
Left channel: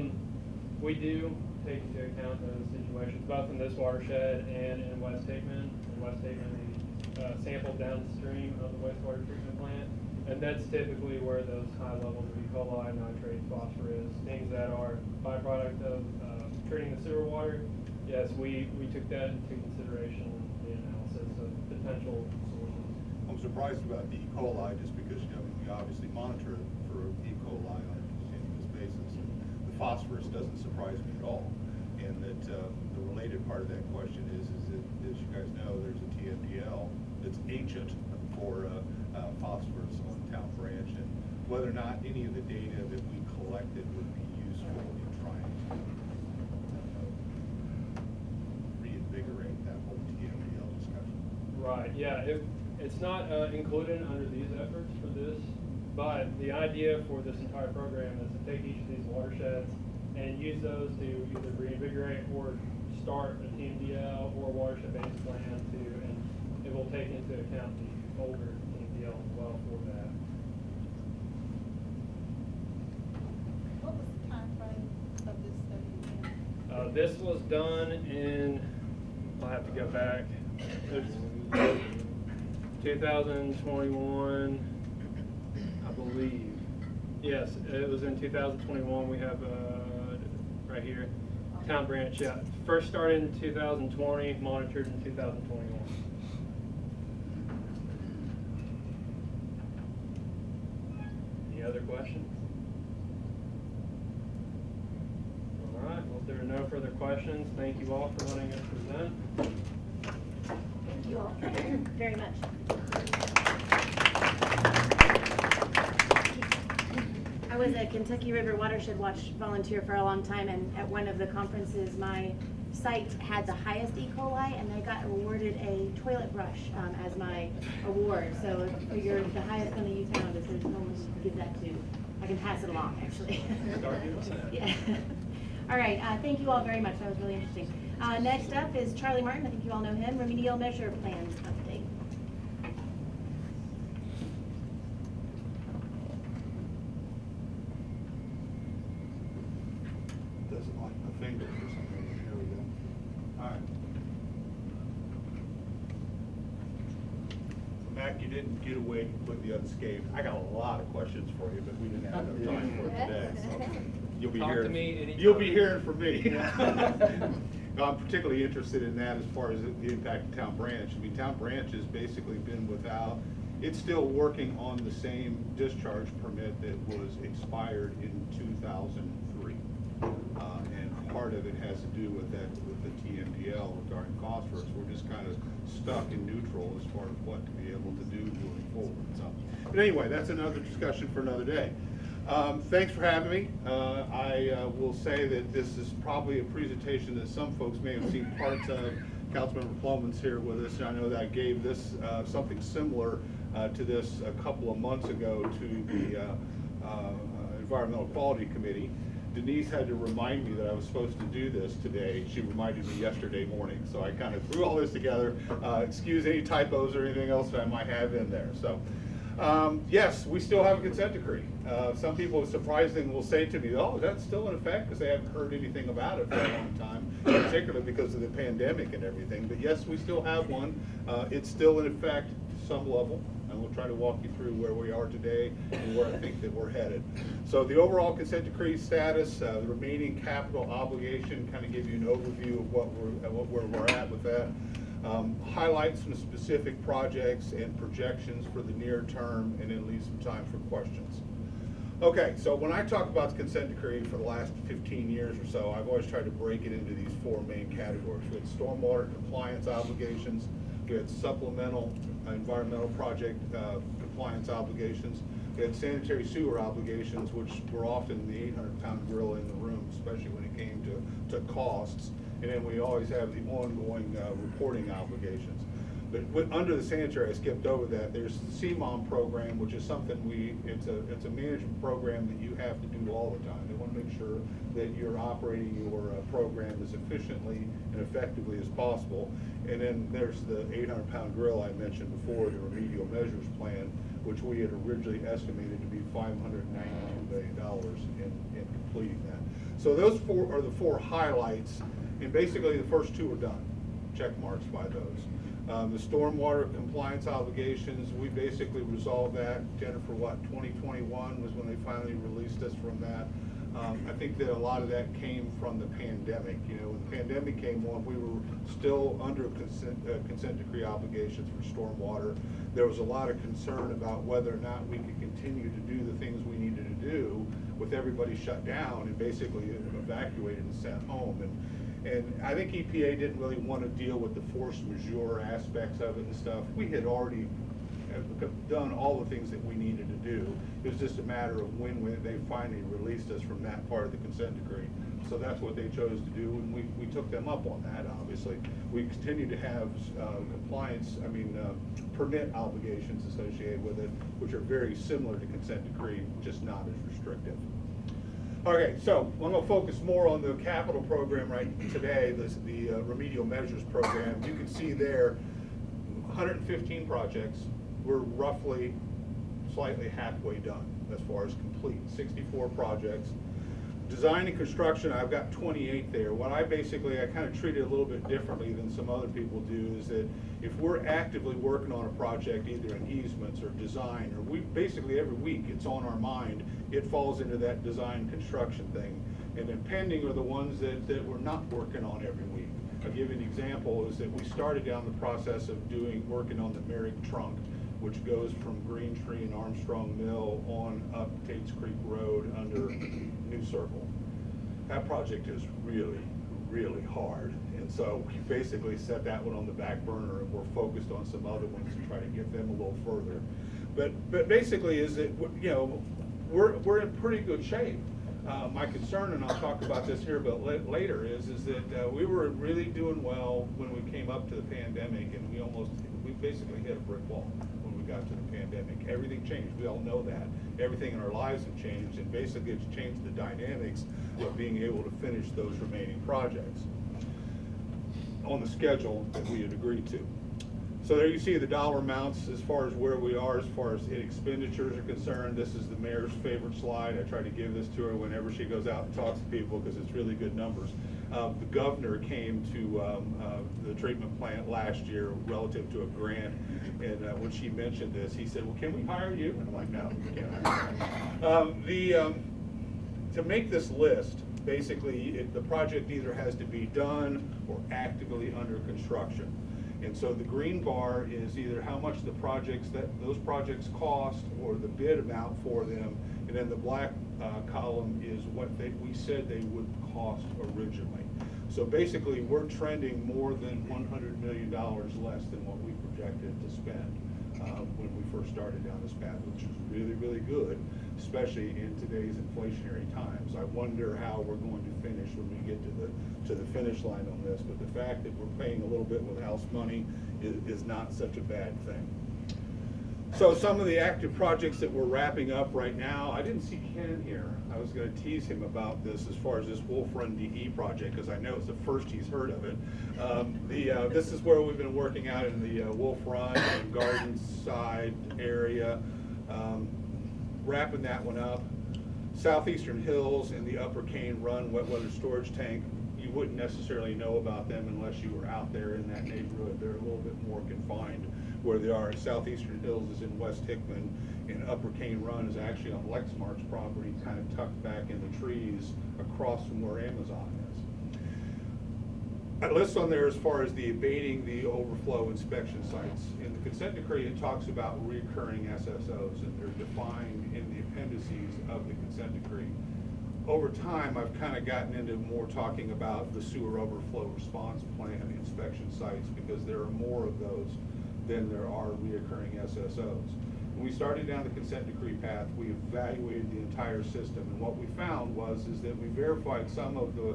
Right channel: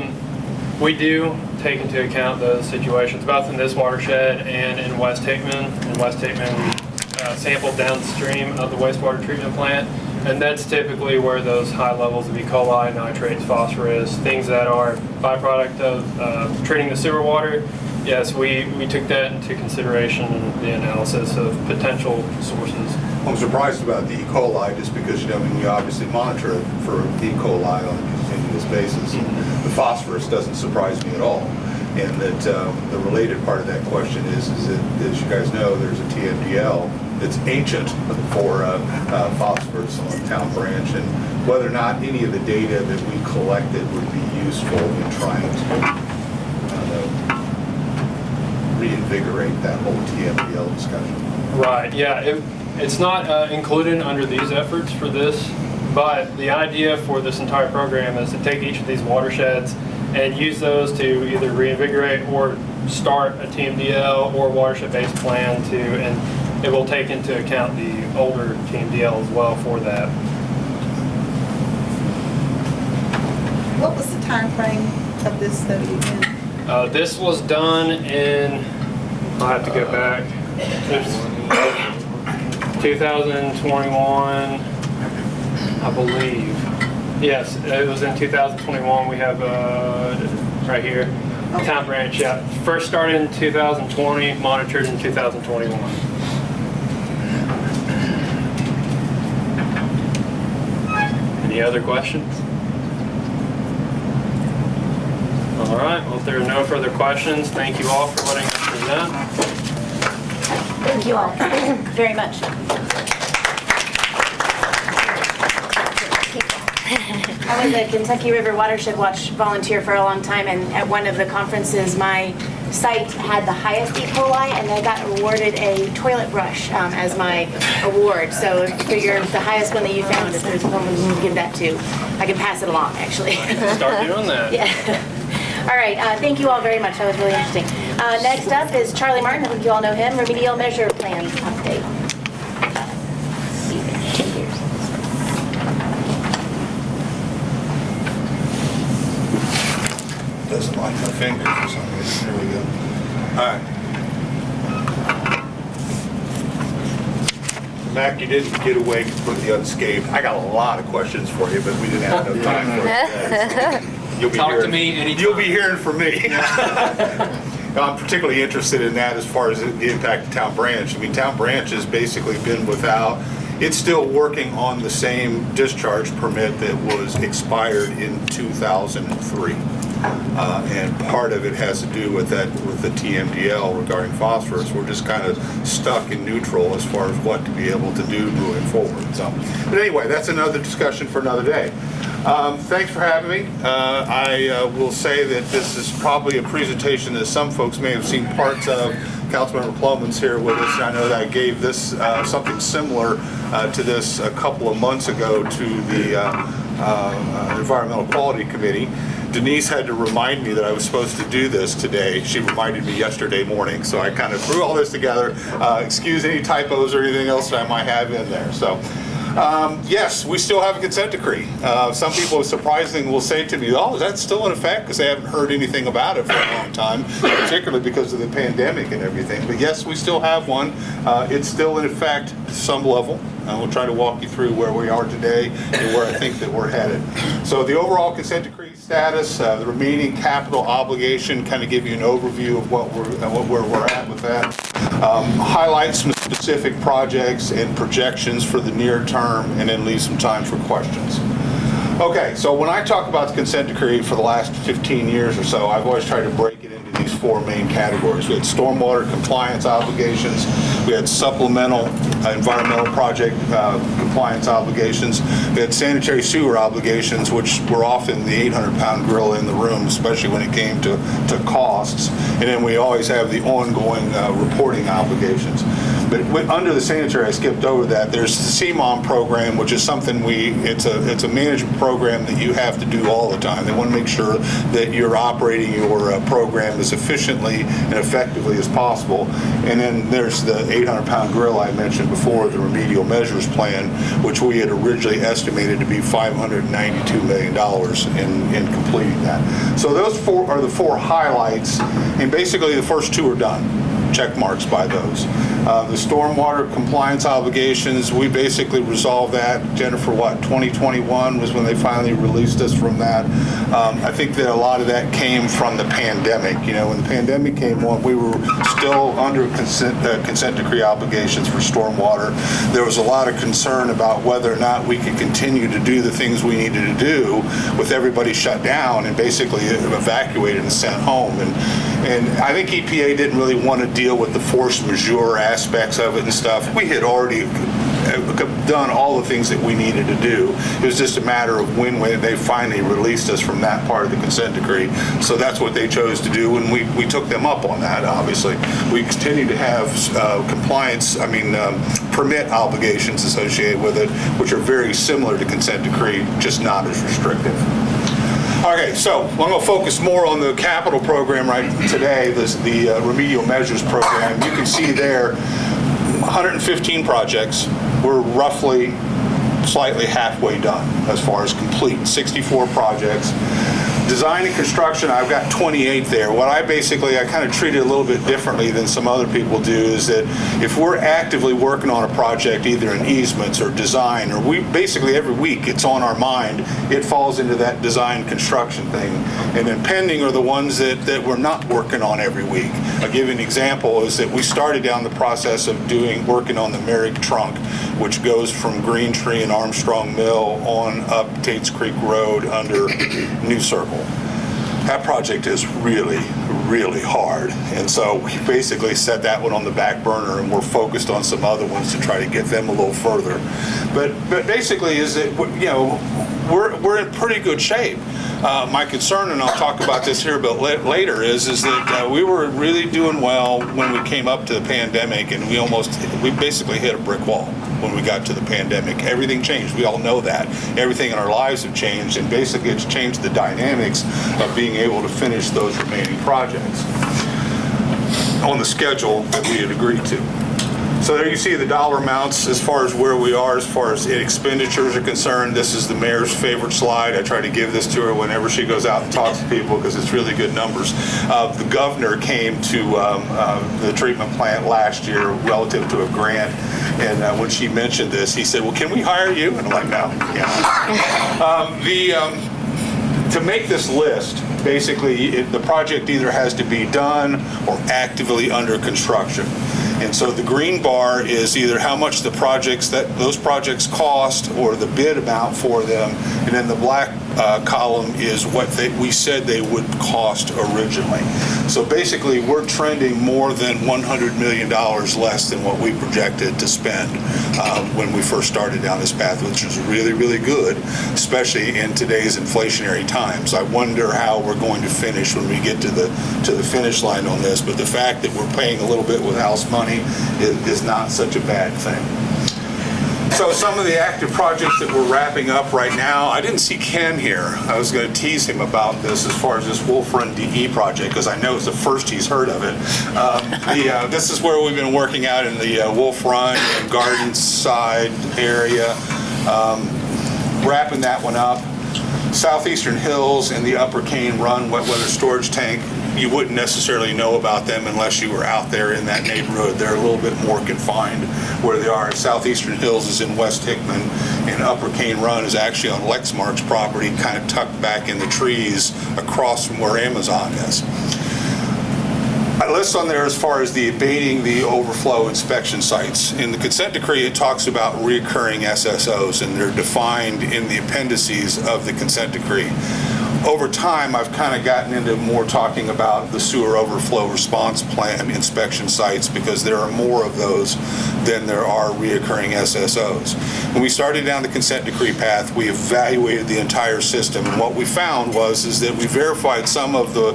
we do take into account those situations, both in this watershed and in West Hickman. In West Hickman, we sampled downstream of the wastewater treatment plant, and that's typically where those high levels of E. coli, nitrates, phosphorus, things that are byproduct of treating the sewer water. Yes, we took that into consideration in the analysis of potential sources. I'm surprised about the E. coli just because, you know, we obviously monitor it for E. coli on a continuous basis. The phosphorus doesn't surprise me at all. And that the related part of that question is that, as you guys know, there's a TMDL that's ancient for phosphorus on Town Branch, and whether or not any of the data that we collected would be useful in trying to reinvigorate that whole TMDL discussion. Right, yeah, it's not included under these efforts for this, but the idea for this entire program is to take each of these watersheds and use those to either reinvigorate or start a TMDL or watershed-based plan to, and it will take into account the older TMDL as well for that. What was the time frame of this study again? This was done in, I'll have to go back, it's 2021, I believe. Yes, it was in 2021. We have right here, Town Branch. Yeah, first started in 2020, monitored in 2021. Any other questions? All right. Well, if there are no further questions, thank you all for letting us present. Thank you all very much. I was a Kentucky River Watershed Watch volunteer for a long time, and at one of the conferences, my site had the highest E. coli, and I got awarded a toilet brush as my award. So I figure the highest one that you found, if there's someone you can give that to, I can pass it along, actually. Start doing that. Yeah. All right, thank you all very much. That was really interesting. Next up is Charlie Martin. I think you all know him. Remedial measure plans update. Doesn't like my fingers for some reason. There we go. All right. Mac, you didn't get away completely unscathed. I got a lot of questions for you, but we didn't have enough time for it today. So you'll be Talk to hearing- me anytime. You'll be hearing from me. I'm particularly interested in that as far as the impact of Town Branch. I mean, Town Branch has basically been without, it's still working on the same discharge permit that was expired in 2003. And part of it has to do with that, with the TMDL regarding phosphorus. We're just kind of stuck in neutral as far as what to be able to do moving forward. So, but anyway, that's another discussion for another day. Thanks for having me. I will say that this is probably a presentation that some folks may have seen parts of. Councilmember Plowman's here with us, and I know that I gave this something similar to this a couple of months ago to the Environmental Quality Committee. Denise had to remind me that I was supposed to do this today. She reminded me yesterday morning, so I kind of threw all this together. Excuse any typos or anything else that I might have in there. So, yes, we still have a consent decree. Some people surprisingly will say to me, oh, is that still in effect? Because they haven't heard anything about it for a long time, particularly because of the pandemic and everything. But yes, we still have one. It's still in effect to some level. and we'll try to walk you through where we are today and where I think that we're headed. So the overall consent decree status, the remaining capital obligation, kind of give you an overview of where we're at with that. Highlight some specific projects and projections for the near term, and then leave some time for questions. Okay, so when I talk about the consent decree for the last 15 years or so, I've always tried to break it into these four main categories. We had stormwater compliance obligations, we had supplemental environmental project compliance obligations, we had sanitary sewer obligations, which were often the 800-pound gorilla in the room, especially when it came to costs, and then we always have the ongoing reporting obligations. But under the sanitary, I skipped over that. There's the CMOM program, which is something it's a management program that you have to do all the time. They want to make sure that you're operating your program as efficiently and effectively as possible. And then there's the 800-pound gorilla I mentioned before, the remedial measures plan, which we had originally estimated to be $592 million in completing that. So those four are the four highlights, and basically the first two are done. Check marks by those. The stormwater compliance obligations, we basically resolved that. Jennifer, 2021 was when they finally released us from that. I think that a lot of that came from the pandemic. When the pandemic came on, we were still under consent decree obligations for stormwater. There was a lot of concern about whether or not we could continue to do the things we needed to do with everybody shut down and basically evacuated and sent home. And I think EPA didn't really want to deal with the force majeure aspects of it and stuff. We had already done all the things that we needed to do. It was just a matter of when they finally released us from that part of the consent decree. So that's what they chose to do, and we took them up on that, obviously. We continue to have permit obligations associated with it, which are very similar to consent decree, just not as restrictive. Okay, so I'm going to focus more on the capital program right today, the remedial measures program. You can see there 115 projects. We're roughly slightly halfway done as far as complete, 64 projects. Design and construction, I've got 28 there. What I kind of treat it a little bit differently than some other people do is that if we're actively working on a project, either in easements or design, or we basically every week it's on our mind, it falls into that design construction thing. And then pending are the ones that we're not working on every week. I'll give you an example is that we started down the process of working on the Merrick Trunk, which goes from Green Tree and Armstrong Mill on up Tates Creek Road under New Circle. That project is really, really hard. And so we basically set that one on the back burner, and we're focused on some other ones to try to get them a little further. But basically is that, we're in pretty good shape. My concern, and I'll talk about this here a bit later, is that we were really doing well when we came up to the pandemic, and we basically hit a brick wall when we got to the pandemic. Everything changed. We all know that. Everything in our lives have changed, and basically it's changed the dynamics of being able to finish those remaining projects on the schedule that we had agreed to. So there you see the dollar amounts as far as where we are, as far as expenditures are concerned. This is the mayor's favorite slide. I try to give this to her whenever she goes out and talks to people because it's really good numbers. The governor came to the treatment plant last year relative to a grant, and when she mentioned this, he said, "Well, can we hire you?" And I'm like, "No." Yeah. To make this list, basically, the project either has to be done or actively under construction. And so the green bar is either how much those projects cost or the bid amount for them, and then the black column is what we said they would cost originally. So basically, we're trending more than $100 million less than what we projected to spend when we first started down this path, which is really, really good, especially in today's inflationary times. I wonder how we're going to finish when we get to the finish line on this, but the fact that we're paying a little bit with house money is not such a bad thing. So some of the active projects that we're wrapping up right now, I didn't see Ken here. I was going to tease him about this as far as this Wolf Run DE project, because I know it's the first he's heard of it. This is where we've been working out in the Wolf Run and Garden Side area, wrapping that one up. Southeastern Hills and the Upper Cane Run wet weather storage tank, you wouldn't necessarily know about them unless you were out there in that neighborhood. They're a little bit more confined where they are. Southeastern Hills is in West Hickman, and Upper Cane Run is actually on Lexmark's property, kind of tucked back in the trees across from where Amazon is. I list on there as far as the abating the overflow inspection sites. In the consent decree, it talks about recurring SSOs, and they're defined in the appendices of the consent decree. Over time, I've kind of gotten into more talking about the sewer overflow response plan inspection sites because there are more of those than there are reoccurring SSOs. When we started down the consent decree path, we evaluated the entire system, and what we found is that we verified some of the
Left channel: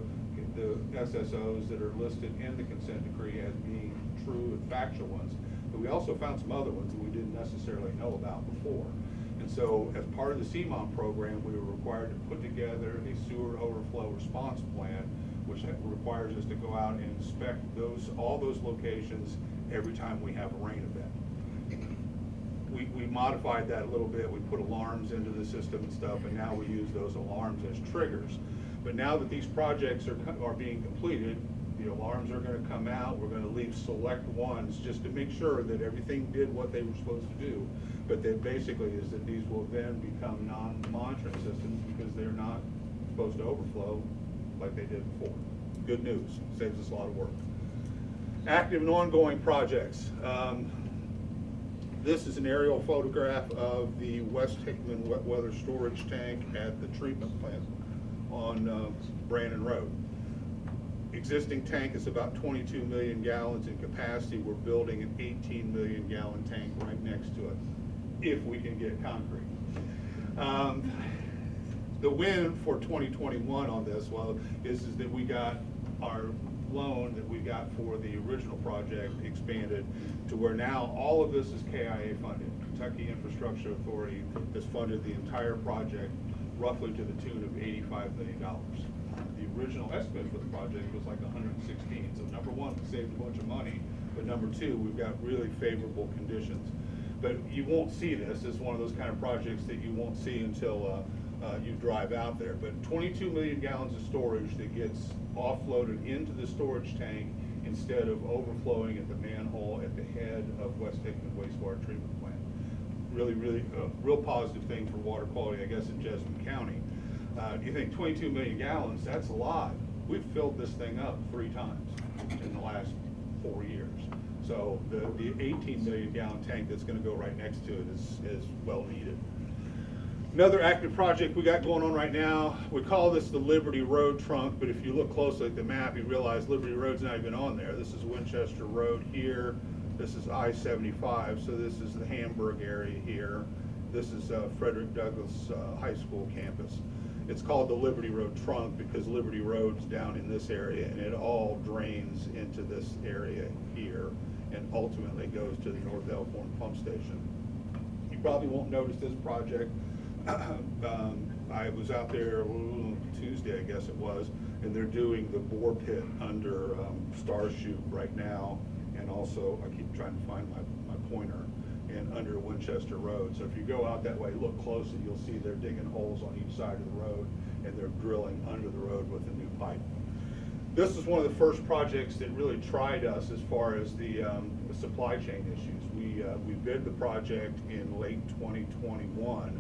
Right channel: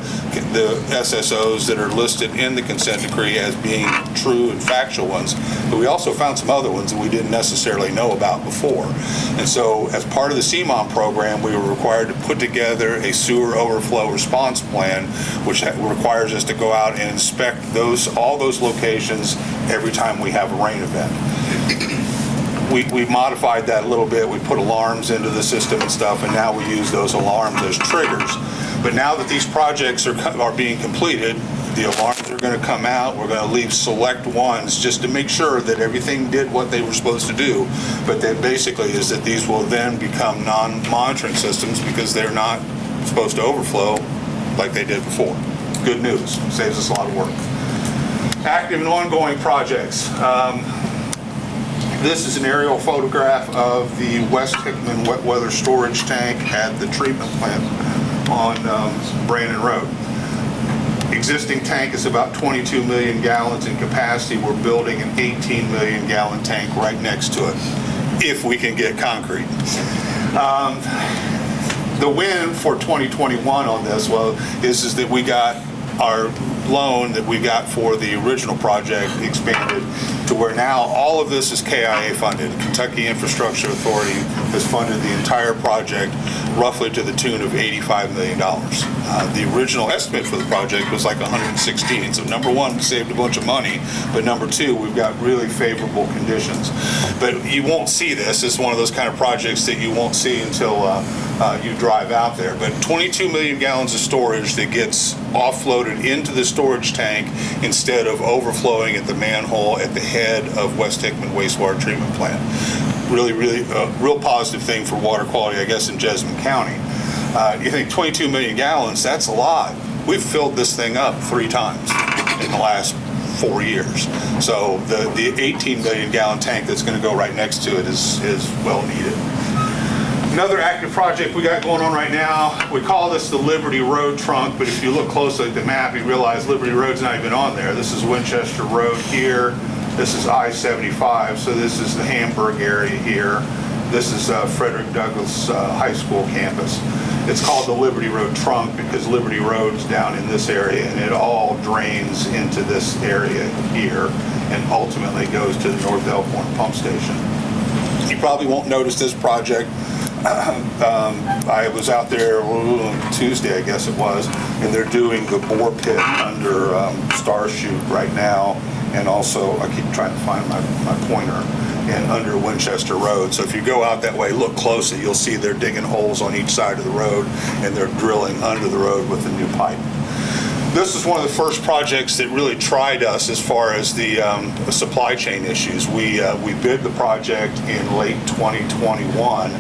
SSOs that are listed in the consent decree as being true and factual ones, but we also found some other ones that we didn't necessarily know about before. And so as part of the CMOM program, we were required to put together a sewer overflow response plan, which requires us to go out and inspect all those locations every time we have a rain event. We modified that a little bit. We put alarms into the system and stuff, and now we use those alarms as triggers. But now that these projects are being completed, the alarms are going to come out. We're going to leave select ones just to make sure that everything did what they were supposed to do. But that basically is that these will then become non-monitoring systems because they're not supposed to overflow like they did before. Good news. Saves us a lot of work. Active and ongoing projects. This is an aerial photograph of the West Hickman wet weather storage tank at the treatment plant on Brandon Road. Existing tank is about 22 million gallons in capacity. We're building an 18 million gallon tank right next to it, if we can get concrete. The win for 2021 on this is that we got our loan that we got for the original project expanded to where now all of this is KIA funded. Kentucky Infrastructure Authority has funded the entire project roughly to the tune of $85 million. The original estimate for the project was like 116. So number one, we saved a bunch of money, but number two, we've got really favorable conditions. But you won't see this. It's one of those kind of projects that you won't see until you drive out there. But 22 million gallons of storage that gets offloaded into the storage tank instead of overflowing at the manhole at the head of West Hickman wastewater treatment plant. Really, real positive thing for water quality, I guess, in Jessamine County. You think 22 million gallons, that's a lot. We've filled this thing up 3 times in the last 4 years. So the 18 million gallon tank that's going to go right next to it is well needed. Another active project we got going on right now, we call this the Liberty Road trunk, but if you look closely at the map, you realize Liberty Road's not even on there. This is Winchester Road here. This is I-75, so this is the Hamburg area here. This is Frederick Douglass High School campus. It's called the Liberty Road trunk because Liberty Road's down in this area, and it all drains into this area here and ultimately goes to the North Elkhorn pump station. You probably won't notice this project. I was out there Tuesday, I guess it was, and they're doing the bore pit under Starshoot right now, and also I keep trying to find my pointer, and under Winchester Road. So if you go out that way, look closely, you'll see they're digging holes on each side of the road, and they're drilling under the road with a new pipe. This is one of the first projects that really tried us as far as the supply chain issues. We bid the project in late 2021,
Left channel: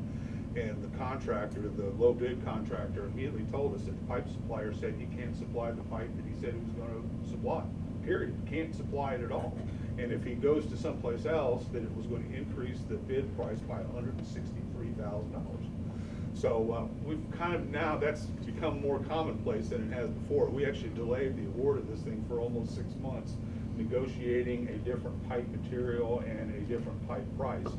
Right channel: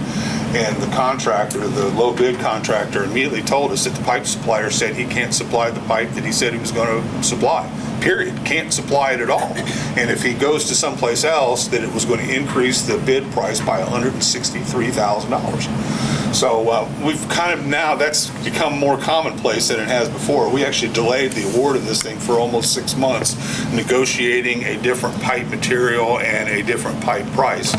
and the contractor, the low bid contractor, immediately told us that the pipe supplier said he can't supply the pipe that he said he was going to supply. Period. Can't supply it at all. And if he goes to someplace else, that it was going to increase the bid price by $163,000. So we've kind of now, that's become more commonplace than it has before. We actually delayed the award of this thing for almost 6 months, negotiating a different pipe material and a different pipe price.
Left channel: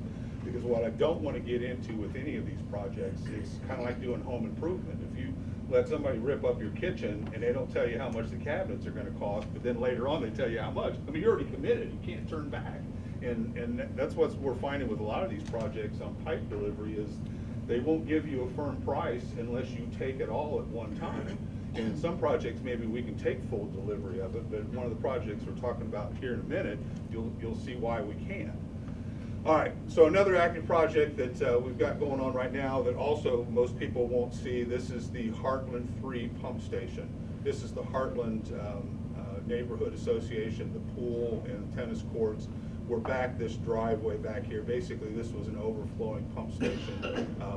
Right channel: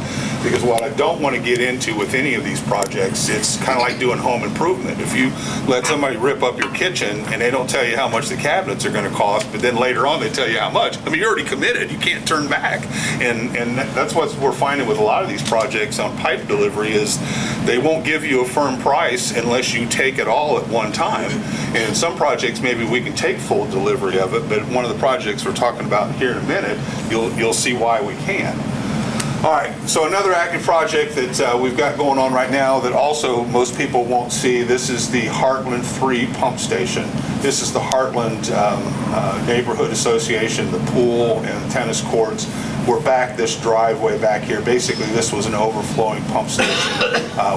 Because what I don't want to get into with any of these projects, it's kind of like doing home improvement. If you let somebody rip up your kitchen and they don't tell you how much the cabinets are going to cost, but then later on they tell you how much, I mean, you're already committed. You can't turn back. And that's what we're finding with a lot of these projects on pipe delivery is they won't give you a firm price unless you take it all at one time. And in some projects, maybe we can take full delivery of it, but one of the projects we're talking about here in a minute, you'll see why we can. All right, so another active project that we've got going on right now that also most people won't see, this is the Heartland 3 pump station. This is the Heartland Neighborhood Association, the pool and the tennis courts. We're back this driveway back here. Basically, this was an overflowing pump station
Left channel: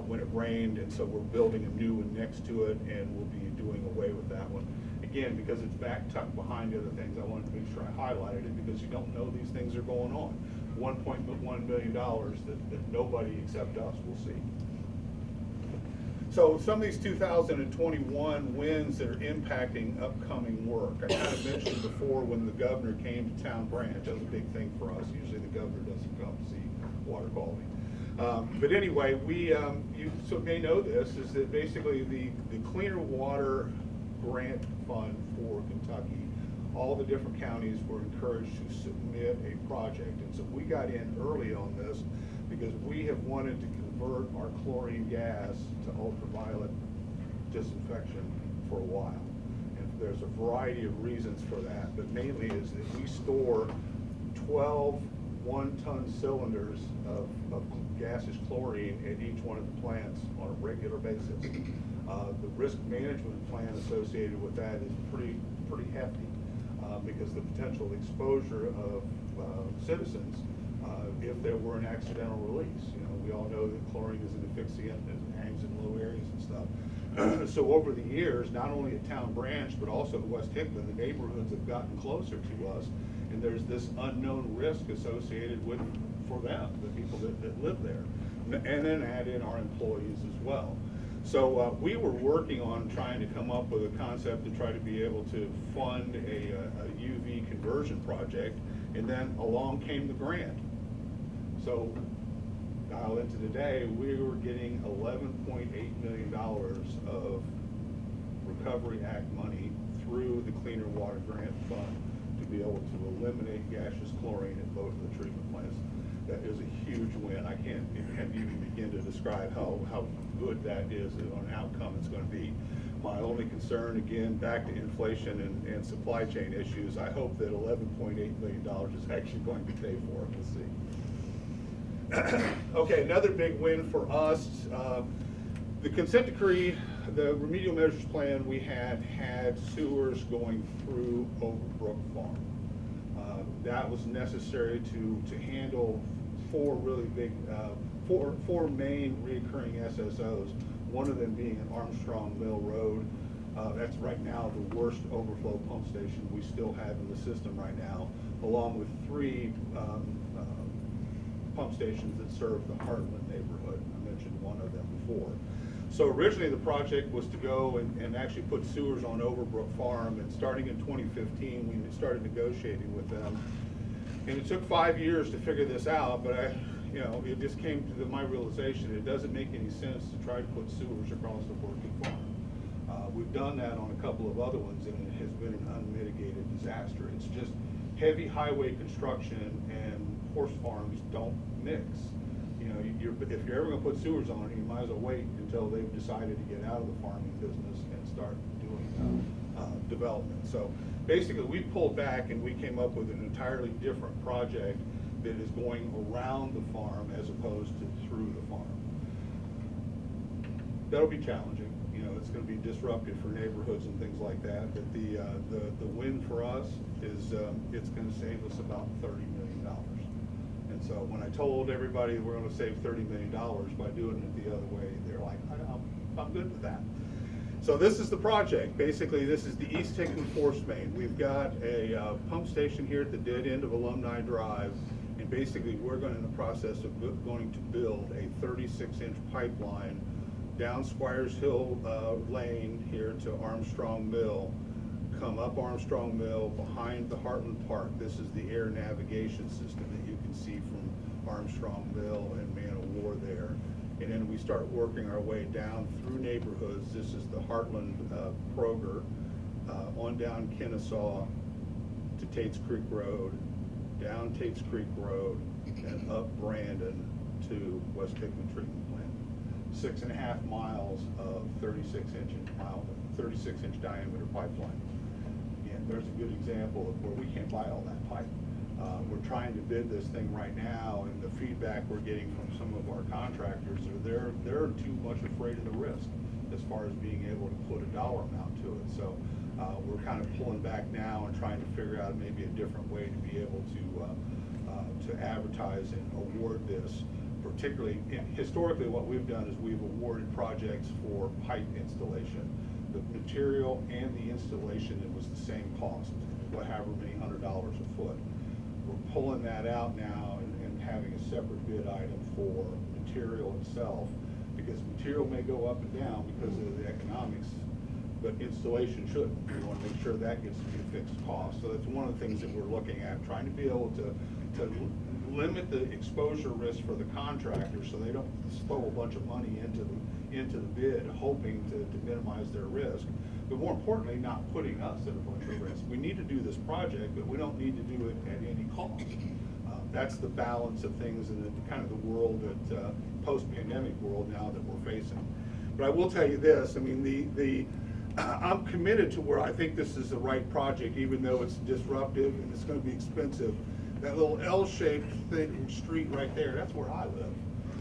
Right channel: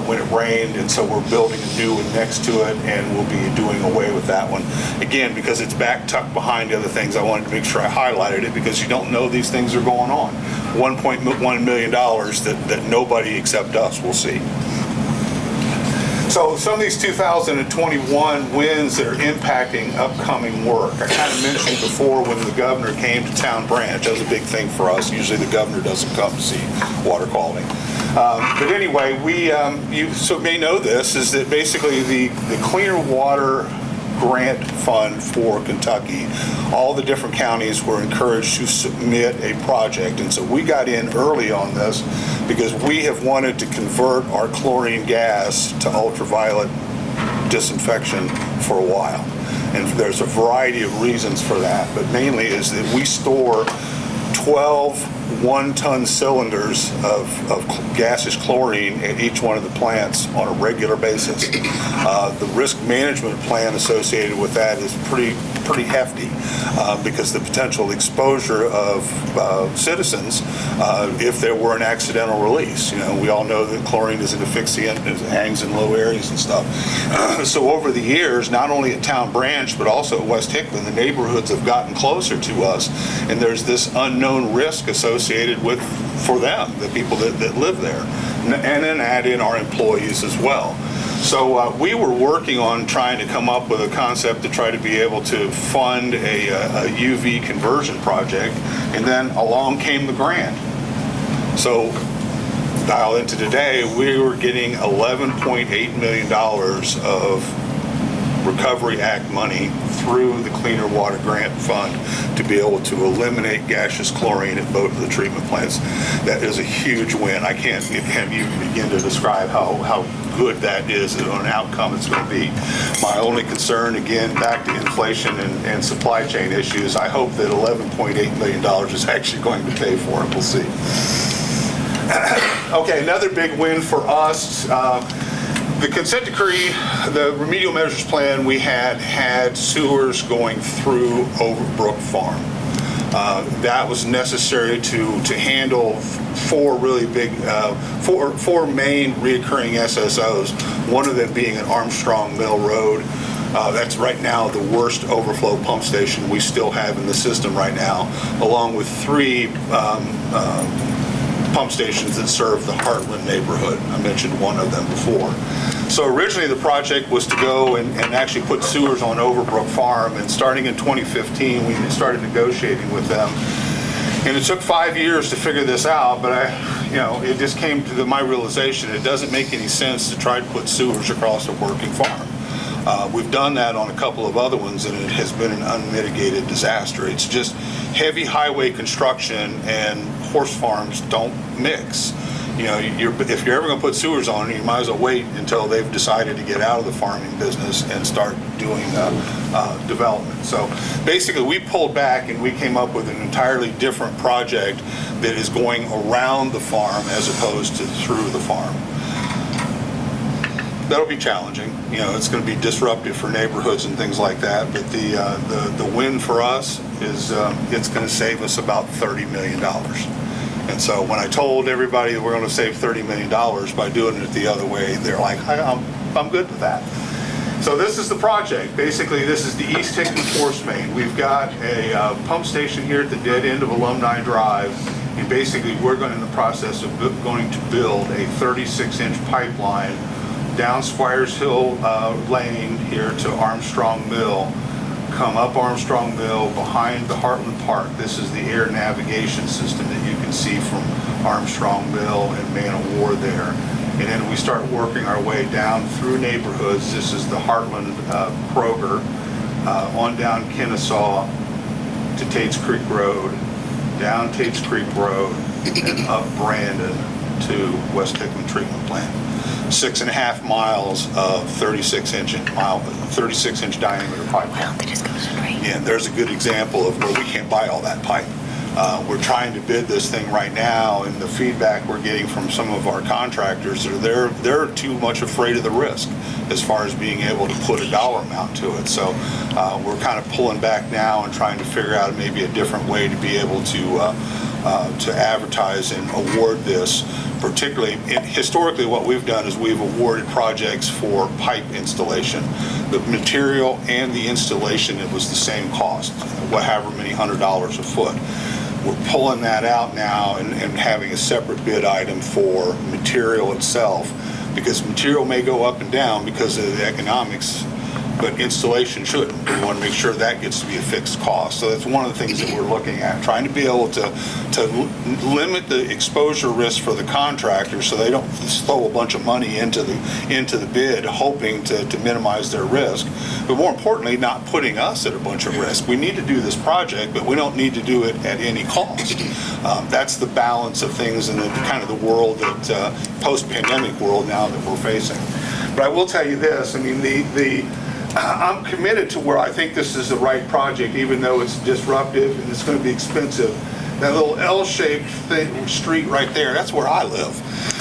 when it rained, and so we're building a new one next to it, and we'll be doing away with that one. Again, because it's back tucked behind the other things, I wanted to make sure I highlighted it because you don't know these things are going on. $1.1 million that nobody except us will see. So some of these 2021 wins that are impacting upcoming work. I kind of mentioned before when the governor came to Town Branch. That was a big thing for us. Usually the governor doesn't come to see water quality. But anyway, you may know this, is that basically the Cleaner Water Grant Fund for Kentucky, all the different counties were encouraged to submit a project. And so we got in early on this because we have wanted to convert our chlorine gas to ultraviolet disinfection for a while. And there's a variety of reasons for that, but mainly is that we store 12 one-ton cylinders of gaseous chlorine at each one of the plants on a regular basis. The risk management plan associated with that is pretty hefty because the potential exposure of citizens if there were an accidental release. You know, we all know that chlorine is an asphyxiant, it hangs in low areas and stuff. So over the years, not only at Town Branch, but also at West Hickman, the neighborhoods have gotten closer to us, and there's this unknown risk associated with, for them, the people that live there. And then add in our employees as well. So we were working on trying to come up with a concept to try to be able to fund a UV conversion project, and then along came the grant. So dial into today, we were getting $11.8 million of Recovery Act money through the Cleaner Water Grant Fund to be able to eliminate gaseous chlorine at both of the treatment plants. That is a huge win. I can't even begin to describe how good that is and an outcome it's going to be. My only concern, again, back to inflation and supply chain issues, I hope that $11.8 million is actually going to pay for it. We'll see. Okay, another big win for us. The consent decree, the remedial measures plan, we had sewers going through Overbrook Farm. That was necessary to handle four really big, four main reoccurring SSOs, one of them being at Armstrong Mill Road. That's right now the worst overflow pump station we still have in the system right now, along with three pump stations that serve the Heartland neighborhood. I mentioned one of them before. So originally the project was to go and actually put sewers on Overbrook Farm, and starting in 2015 we started negotiating with them. And it took 5 years to figure this out, but it just came to my realization it doesn't make any sense to try to put sewers across a working farm. We've done that on a couple of other ones, and it has been an unmitigated disaster. It's just heavy highway construction and horse farms don't mix. If you're ever going to put sewers on it, you might as well wait until they've decided to get out of the farming business and start doing development. So basically, we pulled back and we came up with an entirely different project that is going around the farm as opposed to through the farm. That'll be challenging. It's going to be disruptive for neighborhoods and things like that. But the win for us is it's going to save us about $30 million. And so when I told everybody that we're going to save $30 million by doing it the other way, they're like, I'm good with that. So this is the project. Basically, this is the East Hickman force main. We've got a pump station here at the dead end of Alumni Drive. And basically, we're going in the process of going to build a 36-inch pipeline down Squires Hill Lane here to Armstrong Mill, come up Armstrong Mill behind the Heartland Park. This is the air navigation system that you can see from Armstrong Mill and Man of War there. And then we start working our way down through neighborhoods. This is the Heartland Kroger, on down Kennesaw to Tate's Creek Road, down Tate's Creek Road, and up Brandon to West Hickman Treatment Plant. 6.5 miles of 36-inch diameter pipe. Wow, they just go straight. And there's a good example of where we can't buy all that pipe. We're trying to bid this thing right now, and the feedback we're getting from some of our contractors are they're too much afraid of the risk as far as being able to put a dollar amount to it. So we're kind of pulling back now and trying to figure out maybe a different way to be able to advertise and award this. Particularly, historically, what we've done is we've awarded projects for pipe installation. The material and the installation, it was the same cost, however many $100 a foot. We're pulling that out now and having a separate bid item for material itself, because material may go up and down because of the economics, but installation shouldn't. We want to make sure that gets to be a fixed cost. So that's one of the things that we're looking at, trying to be able to limit the exposure risk for the contractors so they don't throw a bunch of money into the bid hoping to minimize their risk. But more importantly, not putting us at a bunch of risk. We need to do this project, but we don't need to do it at any cost. That's the balance of things in the kind of the world that post-pandemic world now that we're facing. But I will tell you this, I mean, I'm committed to where I think this is the right project, even though it's disruptive and it's going to be expensive. That little L-shaped street right there, that's where I live.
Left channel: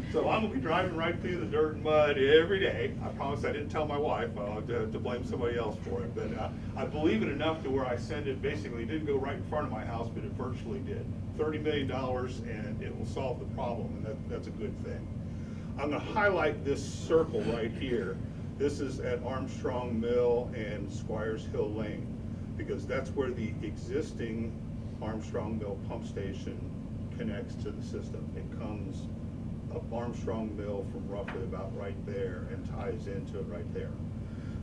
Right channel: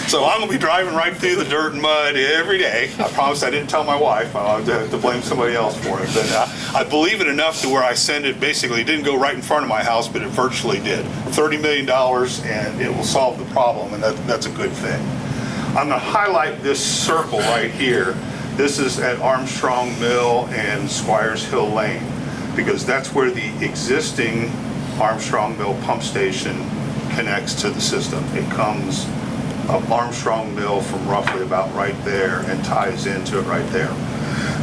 So I'm going to be driving right through the dirt and mud every day. I promise I didn't tell my wife. I'll have to blame somebody else for it. But I believe it enough to where I send it basically, it didn't go right in front of my house, but it virtually did. $30 million, and it will solve the problem, and that's a good thing. I'm going to highlight this circle right here. This is at Armstrong Mill and Squires Hill Lane, because that's where the existing Armstrong Mill pump station connects to the system. It comes up Armstrong Mill from roughly about right there and ties into it right there.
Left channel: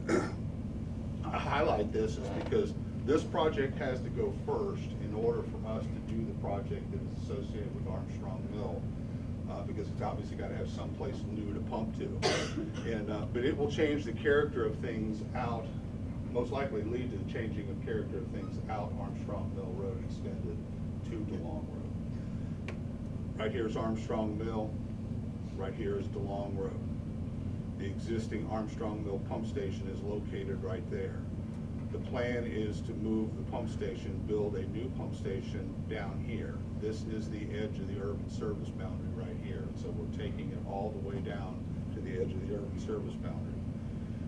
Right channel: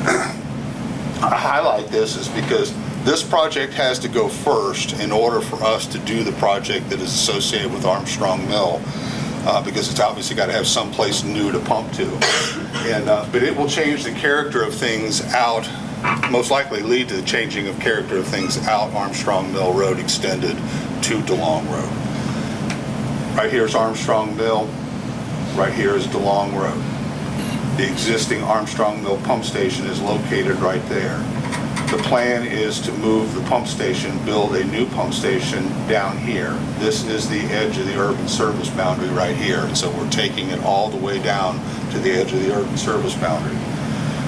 I highlight this is because this project has to go first in order for us to do the project that is associated with Armstrong Mill. Because it's obviously got to have some place new to pump to. And but it will change the character of things out, most likely lead to the changing of character of things out Armstrong Mill Road extended to DeLong Road. Right here is Armstrong Mill, right here is DeLong Road. The existing Armstrong Mill pump station is located right there. The plan is to move the pump station, build a new pump station down here. This is the edge of the urban service boundary right here. And so we're taking it all the way down to the edge of the urban service boundary.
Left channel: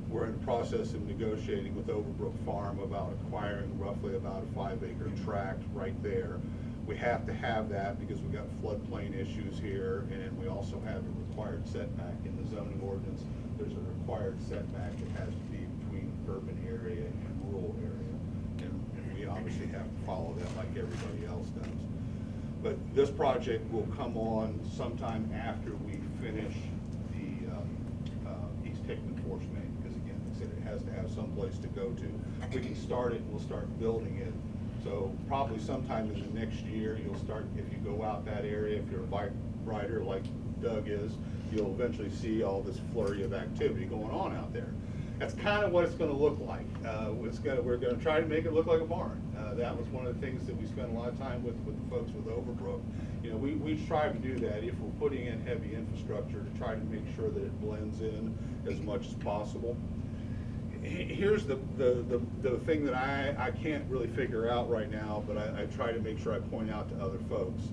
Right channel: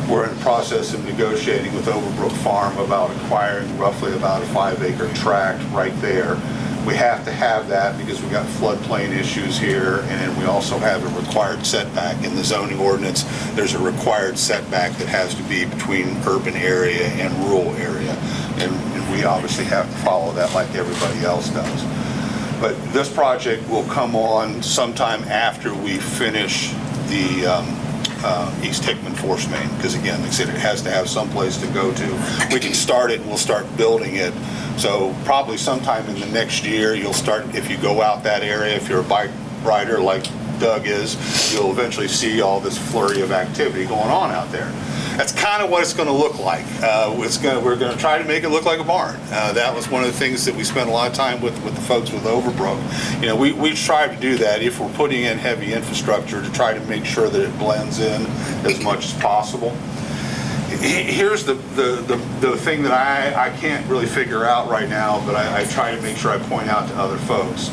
We're in the process of negotiating with Overbrook Farm about acquiring roughly about a 5-acre tract right there. We have to have that because we got floodplain issues here, and then we also have a required setback in the zoning ordinance. There's a required setback that has to be between urban area and rural area, and we obviously have to follow that like everybody else does. But this project will come on sometime after we finish the East Hickman force main, because again, like I said, it has to have some place to go to. We can start it and we'll start building it. So probably sometime in the next year, you'll start, if you go out that area, if you're a bike rider like Doug is, you'll eventually see all this flurry of activity going on out there. That's kind of what it's going to look like. We're going to try to make it look like a barn. That was one of the things that we spent a lot of time with the folks with Overbrook. You know, we try to do that if we're putting in heavy infrastructure to try to make sure that it blends in as much as possible. Here's the thing that I can't really figure out right now, but I try to make sure I point out to other folks.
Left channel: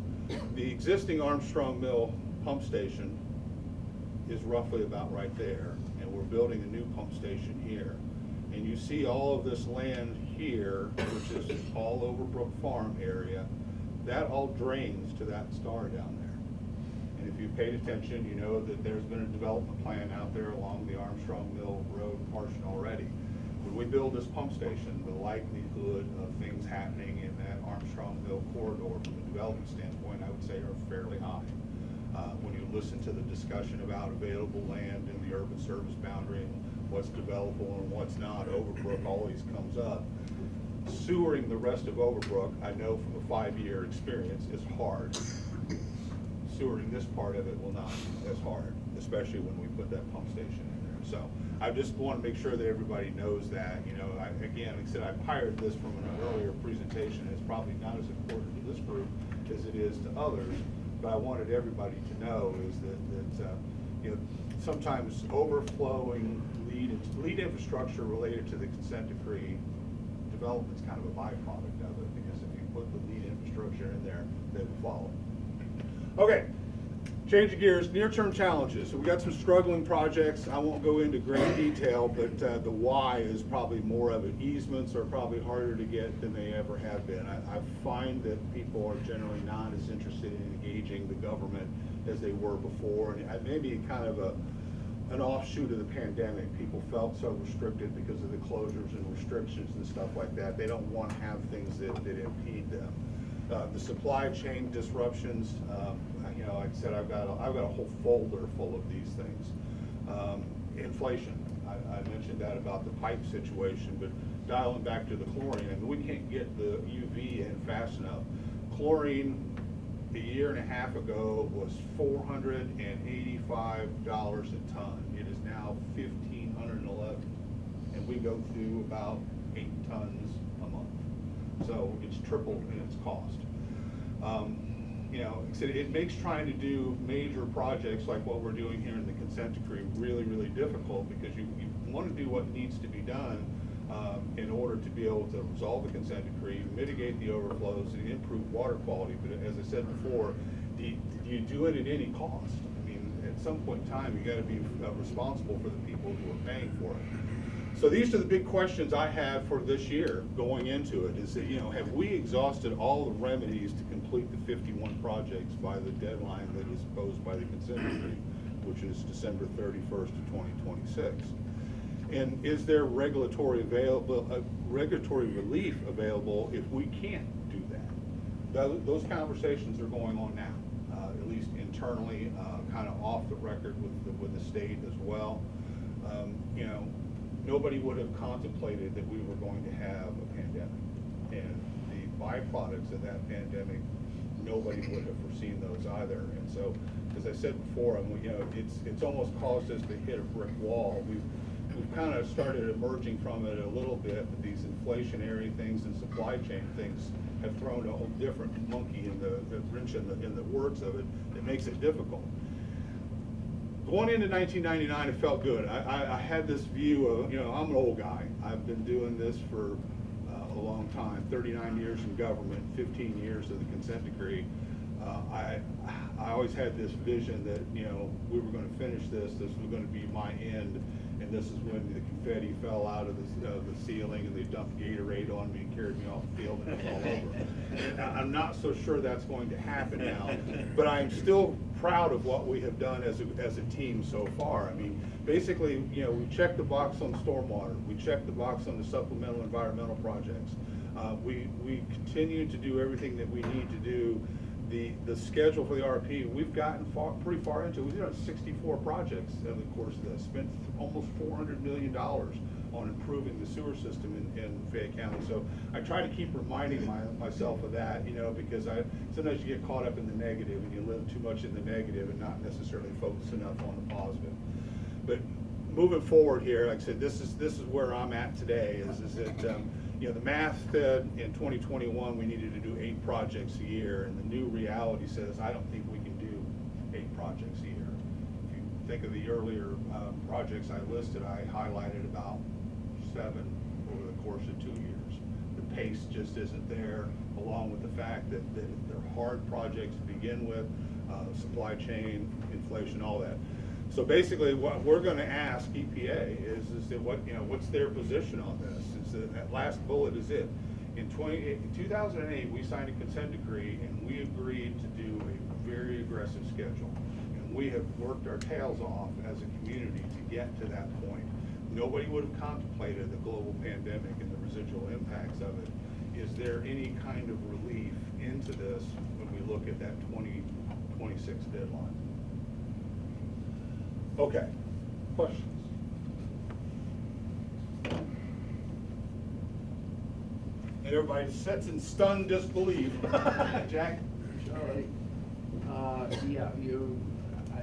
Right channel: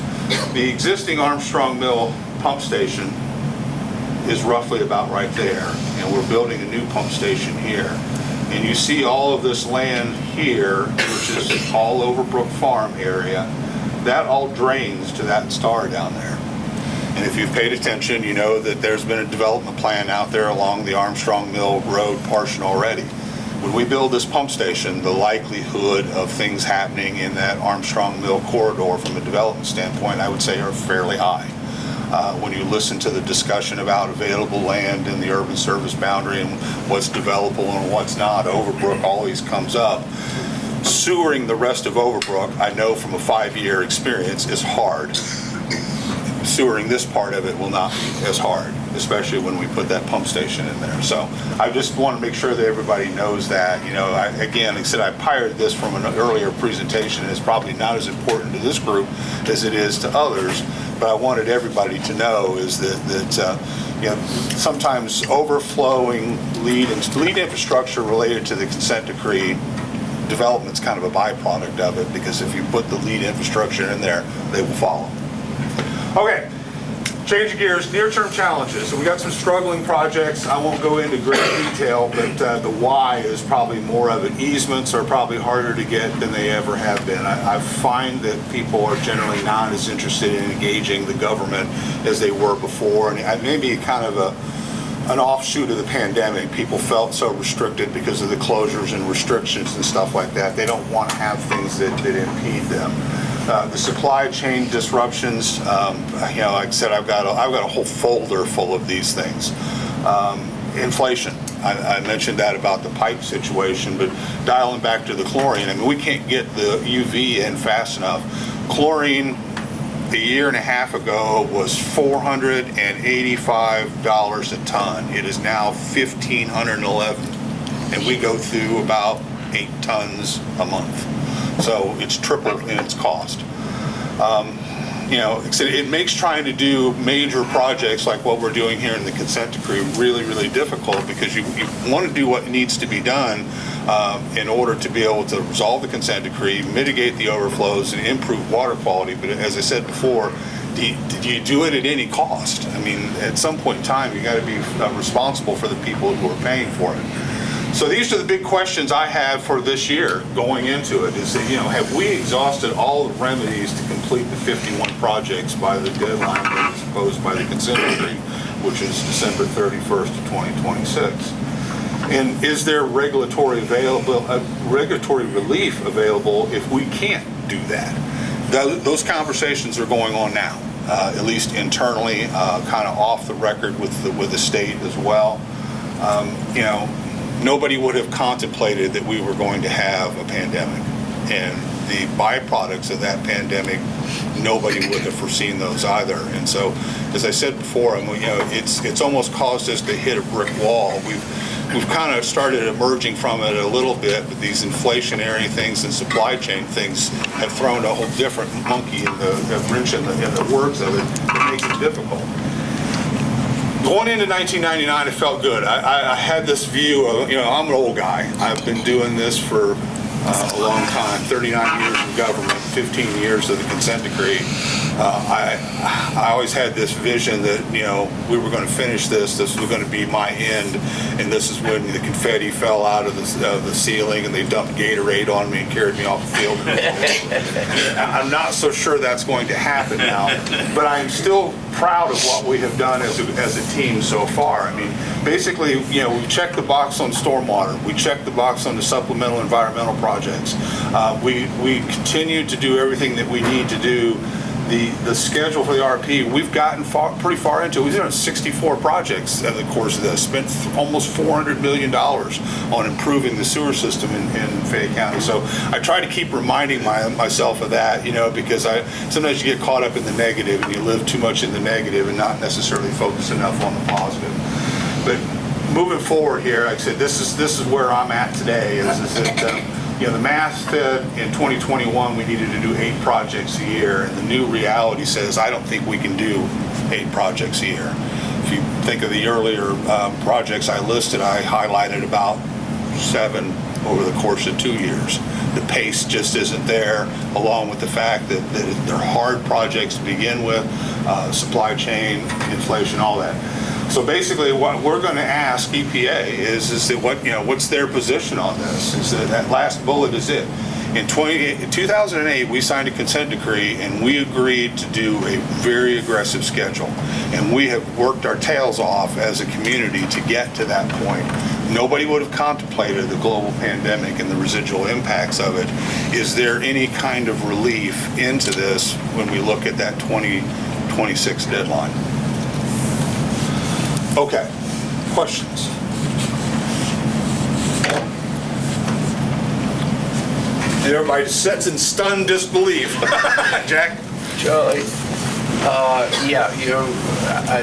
The existing Armstrong Mill pump station is roughly about right there, and we're building a new pump station here. And you see all of this land here, which is all Overbrook Farm area, that all drains to that star down there. And if you've paid attention, you know that there's been a development plan out there along the Armstrong Mill Road portion already. When we build this pump station, the likelihood of things happening in that Armstrong Mill corridor from a development standpoint, I would say, are fairly high. When you listen to the discussion about available land in the urban service boundary and what's developable and what's not, Overbrook always comes up. Sewering the rest of Overbrook, I know from a 5-year experience, is hard. Sewering this part of it will not be as hard, especially when we put that pump station in there. So I just want to make sure that everybody knows that. You know, again, like I said, I pirated this from an earlier presentation. It's probably not as important to this group as it is to others, but I wanted everybody to know is that you know, sometimes overflowing lead infrastructure related to the consent decree development's kind of a byproduct of it, because if you put the lead infrastructure in there, they will follow. Okay. Change gears, near-term challenges. So we got some struggling projects. I won't go into great detail, but the why is probably more of it. Easements are probably harder to get than they ever have been. I find that people are generally not as interested in engaging the government as they were before, and maybe kind of an offshoot of the pandemic. People felt so restricted because of the closures and restrictions and stuff like that. They don't want to have things that impede them. The supply chain disruptions, like I said, I've got a whole folder full of these things. Inflation, I mentioned that about the pipe situation, but dialing back to the chlorine, I mean, we can't get the UV in fast enough. Chlorine a year and a half ago was $485 a ton. It is now $1,511, and we go through about 8 tons a month. So it's tripled in its cost. It makes trying to do major projects like what we're doing here in the consent decree really, really difficult, because you want to do what needs to be done in order to be able to resolve the consent decree, mitigate the overflows, and improve water quality. But as I said before, do you do it at any cost? I mean, at some point in time, you got to be responsible for the people who are paying for it. So these are the big questions I have for this year going into it, is that, have we exhausted all the remedies to complete the 51 projects by the deadline that is imposed by the consent decree, which is December 31st of 2026? And is there regulatory relief available if we can't do that? Those conversations are going on now, at least internally, kind of off the record with the state as well. Nobody would have contemplated that we were going to have a pandemic, and the byproducts of that pandemic, nobody would have foreseen those either. And so, as I said before, it's almost caused us to hit a brick wall. We've kind of started emerging from it a little bit, but these inflationary things and supply chain things have thrown a whole different monkey in the wrench in the works of it. It makes it difficult. Going into 1999, it felt good. I had this view of, I'm an old guy. I've been doing this for a long time, 39 years in government, 15 years of the consent decree. I always had this vision that, we were going to finish this was going to be my end, and this is when the confetti fell out of the ceiling and they dumped Gatorade on me and carried me off the field. I'm not so sure that's going to happen now, but I'm still proud of what we have done as a team so far. I mean, basically, we checked the box on stormwater. We checked the box on the supplemental environmental projects. We continue to do everything that we need to do. The schedule for the RP, we've gotten pretty far into it. We've done 64 projects in the course of this, spent almost $400 million on improving the sewer system in Fayette County. So I try to keep reminding myself of that, because sometimes you get caught up in the negative and you live too much in the negative and not necessarily focus enough on the positive. But moving forward here, like I said, this is where I'm at today. Is that the math said in 2021 we needed to do 8 projects a year, and the new reality says I don't think we can do 8 projects a year. If you think of the earlier projects I listed, I highlighted about 7 over the course of 2 years. The pace just isn't there, along with the fact that they're hard projects to begin with, supply chain, inflation, all that. So basically, what we're going to ask EPA is that what's their position on this? Is that last bullet is it? In 2008, we signed a consent decree, and we agreed to do a very aggressive schedule. And we have worked our tails off as a community to get to that point. Nobody would have contemplated the global pandemic and the residual impacts of it. Is there any kind of relief into this when we look at that 2026 deadline? Okay, questions? And everybody sits in stunned disbelief. Jack? Charlie, I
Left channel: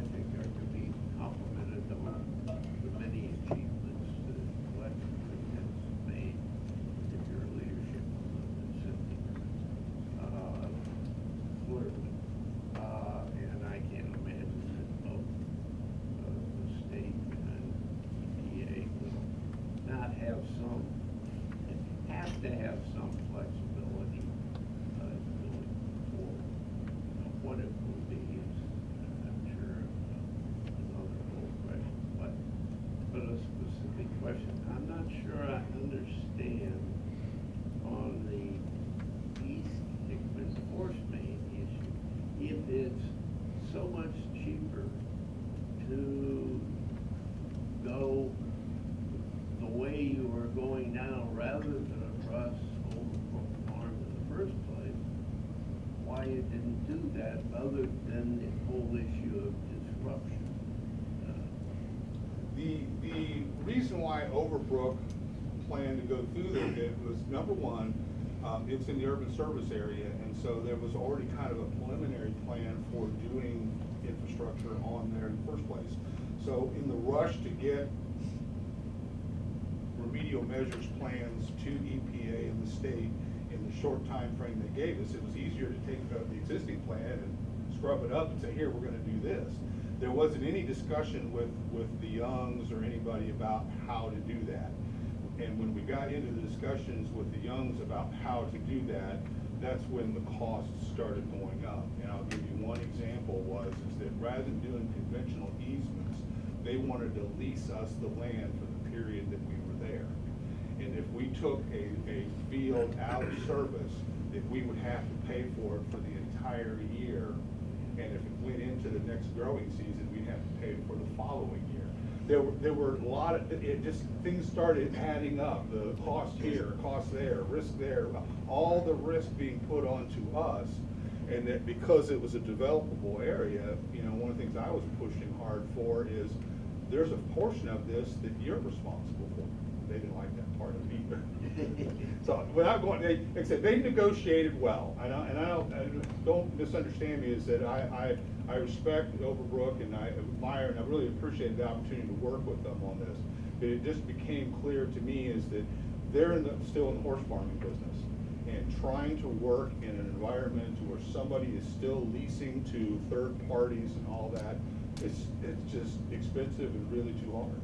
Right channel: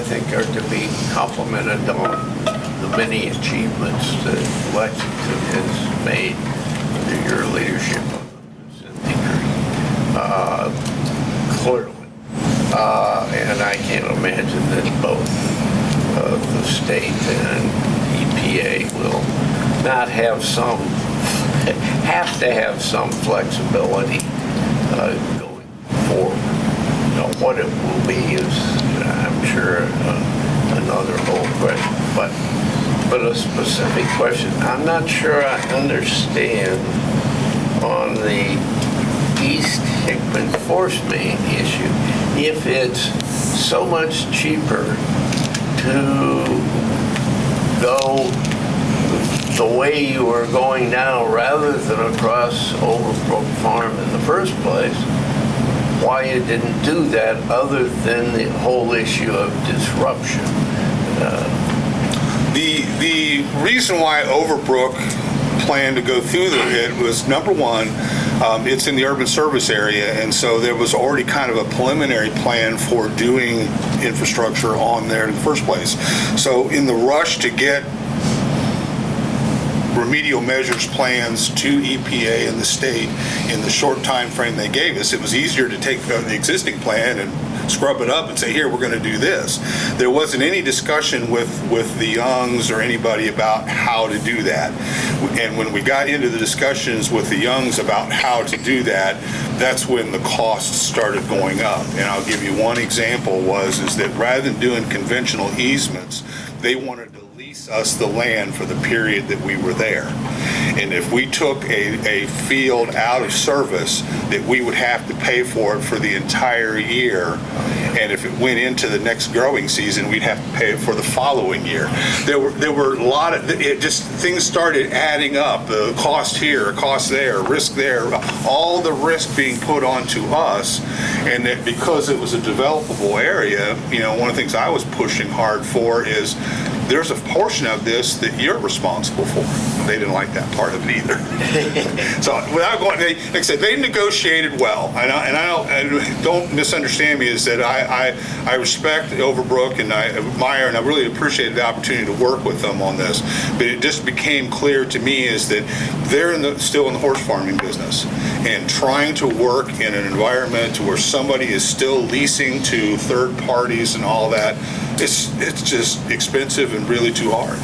think are to be complimented on the many achievements that Lexington has made under your leadership on the decree. Clearly. And I can't imagine that both the state and EPA will not have some have to have some flexibility going forward. Now, what it will be is, I'm sure, another whole question. But a specific question, I'm not sure I understand on the East Hickman force main issue. If it's so much cheaper to go the way you are going now rather than across Overbrook Farm in the first place, why you didn't do that other than the whole issue of disruption. The reason why Overbrook planned to go through it was, number one, it's in the urban service area, and so there was already kind of a preliminary plan for doing infrastructure on there in the first place. So in the rush to get remedial measures plans to EPA and the state in the short time frame they gave us, it was easier to take the existing plan and scrub it up and say, here, we're going to do this. There wasn't any discussion with the Youngs or anybody about how to do that. And when we got into the discussions with the Youngs about how to do that, that's when the costs started going up. And I'll give you one example is that rather than doing conventional easements, they wanted to lease us the land for the period that we were there. And if we took a field out of service, that we would have to pay for it for the entire year. And if it went into the next growing season, we'd have to pay it for the following year. There were a lot of, things started adding up. The cost here, cost there, risk there, all the risk being put onto us. And that because it was a developable area, one of the things I was pushing hard for is there's a portion of this that you're responsible for. They didn't like that part of it either. So without going, like I said, they negotiated well. And don't misunderstand me, is that I respect Overbrook and I admire and I really appreciated the opportunity to work with them on this. But it just became clear to me is that they're still in the horse farming business, and trying to work in an environment where somebody is still leasing to third parties and all that, it's just expensive and really too hard.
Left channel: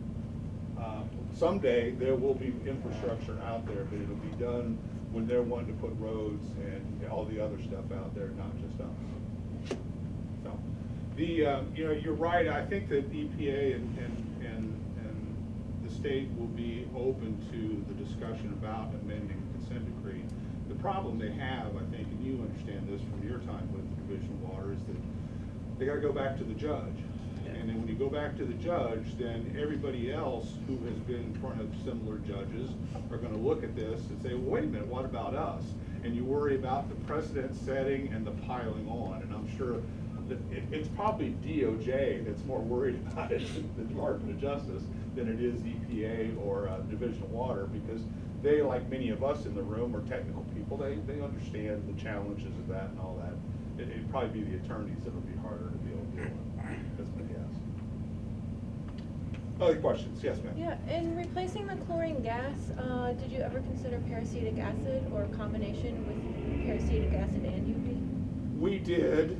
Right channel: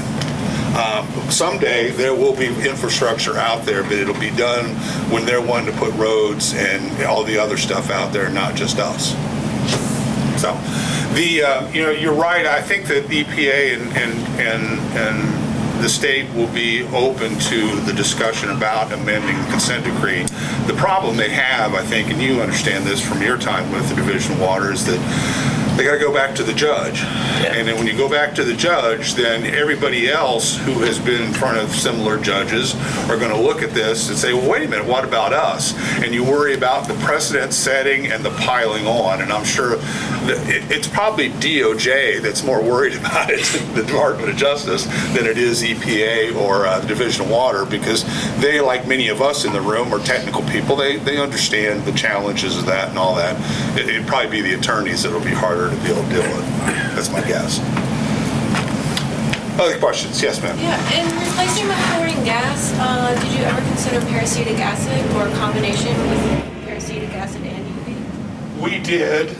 Someday there will be infrastructure out there, but it'll be done when they're wanting to put roads and all the other stuff out there, not just us. So, you're right. I think that EPA and the state will be open to the discussion about amending the consent decree. The problem they have, I think, and you understand this from your time with the Division of Water, is that they got to go back to the judge. Yeah. And then when you go back to the judge, then everybody else who has been in front of similar judges are going to look at this and say, well, wait a minute, what about us? And you worry about the precedent setting and the piling on. And I'm sure that it's probably DOJ that's more worried about it, the Department of Justice, than it is EPA or the Division of Water, because they, like many of us in the room, are technical people. They understand the challenges of that and all that. It'd probably be the attorneys that'll be harder to be able to deal with. That's my guess. Other questions? Yes, ma'am. Yeah, in replacing the chlorine gas, did you ever consider peracetic acid or a combination with peracetic acid and UV? We did.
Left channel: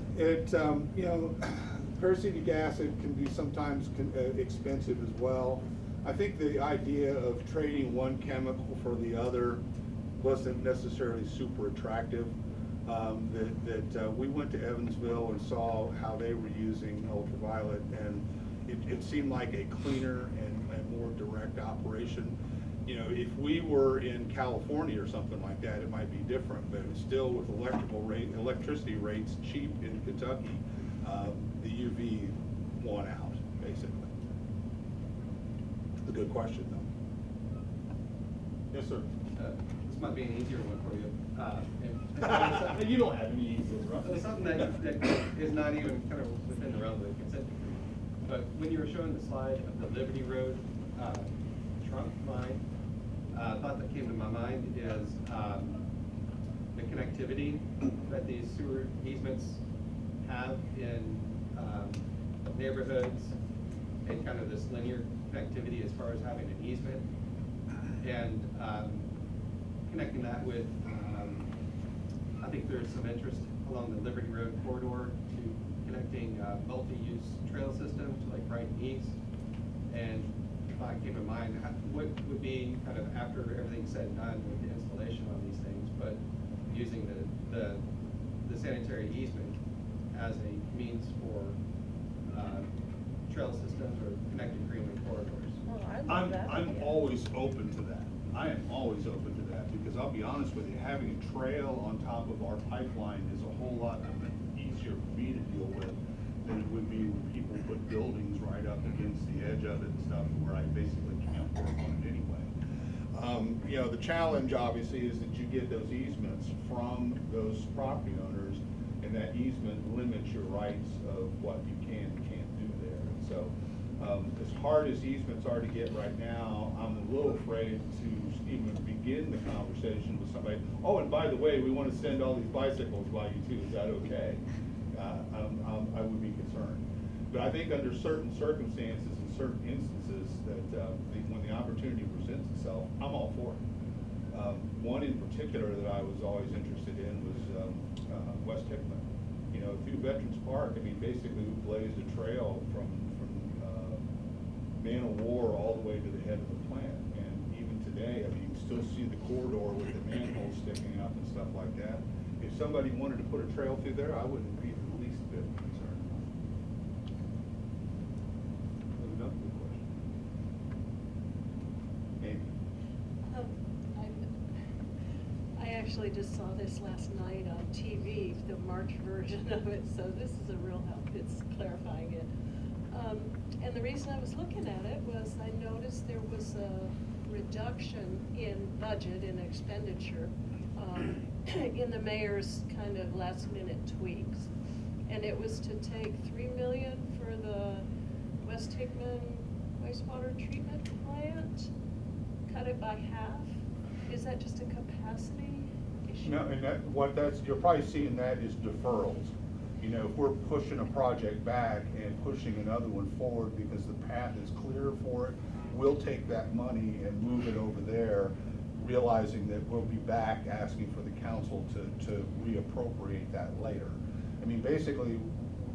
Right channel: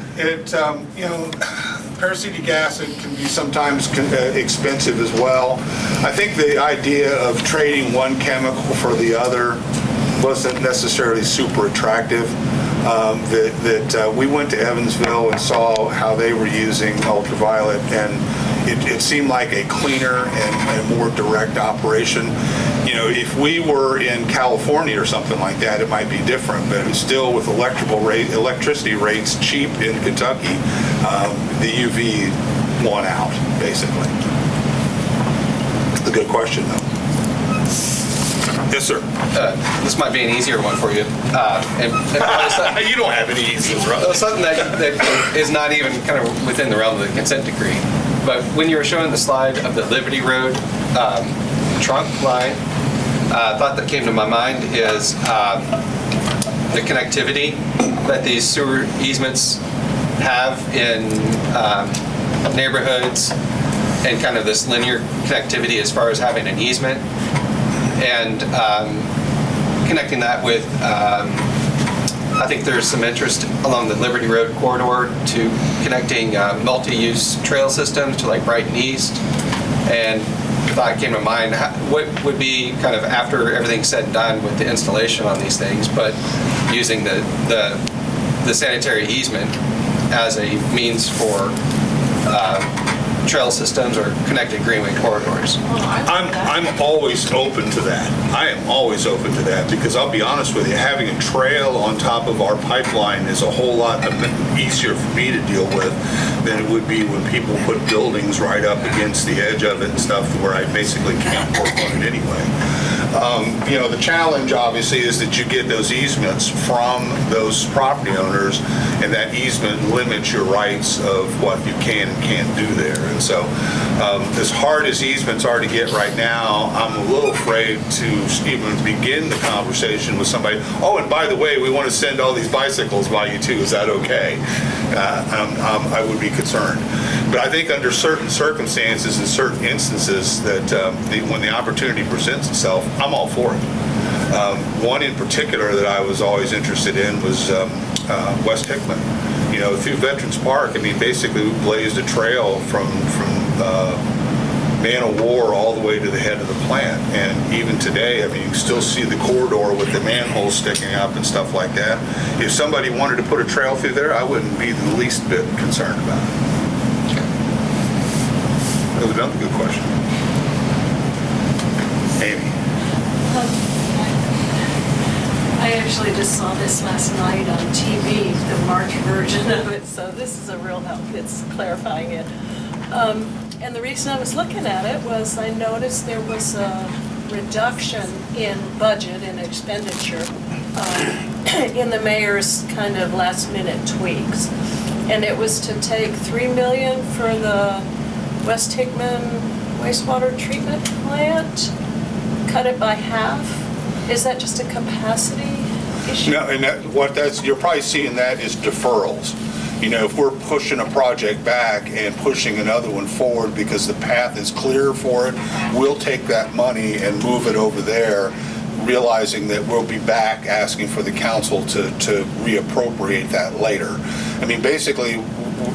Peracetic acid can be sometimes expensive as well. I think the idea of trading one chemical for the other wasn't necessarily super attractive. We went to Evansville and saw how they were using ultraviolet, and it seemed like a cleaner and a more direct operation. If we were in California or something like that, it might be different, but it's still with electricity rates cheap in Kentucky, the UV won out, basically. It's a good question, though. Yes, sir. This might be an easier one for you. You don't have any easies, right? Something that is not even kind of within the realm of the consent decree. But when you were showing the slide of the Liberty Road trunk line, a thought that came to my mind is the connectivity that these sewer easements have in neighborhoods, and kind of this linear connectivity as far as having an easement, and connecting that with, I think there's some interest along the Liberty Road corridor to connecting multi-use trail systems to like Brighton East, and thought came to mind. What would be kind of after everything's said and done with the installation on these things, but using the sanitary easement as a means for trail systems or connected greenway corridors? I'm always open to that. I am always open to that because I'll be honest with you, having a trail on top of our pipeline is a whole lot easier for me to deal with than it would be when people put buildings right up against the edge of it and stuff where I basically can't work on it anyway. You know, the challenge obviously is that you get those easements from those property owners, and that easement limits your rights of what you can and can't do there. And so as hard as easements are to get right now, I'm a little afraid to even begin the conversation with somebody. Oh, and by the way, we want to send all these bicycles by you too. Is that okay? I would be concerned. But I think under certain circumstances and certain instances that when the opportunity presents itself, I'm all for it. One in particular that I was always interested in was West Hickman. You know, through Veterans Park, I mean, basically we blazed a trail from Man of War all the way to the head of the plant. And even today, I mean, you can still see the corridor with the manholes sticking up and stuff like that. If somebody wanted to put a trail through there, I wouldn't be the least bit concerned about it. That was another good question. Amy. I actually just saw this last night on TV, the March version of it, so this is a real help. It's clarifying it. And the reason I was looking at it was I noticed there was a reduction in budget and expenditure in the mayor's kind of last minute tweaks. And it was to take $3 million for the West Hickman wastewater treatment plant, cut it by half. Is that just a capacity issue? No, and you're probably seeing that is deferrals. You know, if we're pushing a project back and pushing another one forward because the path is clear for it, we'll take that money and move it over there, realizing that we'll be back asking for the council to reappropriate that later. I mean, basically,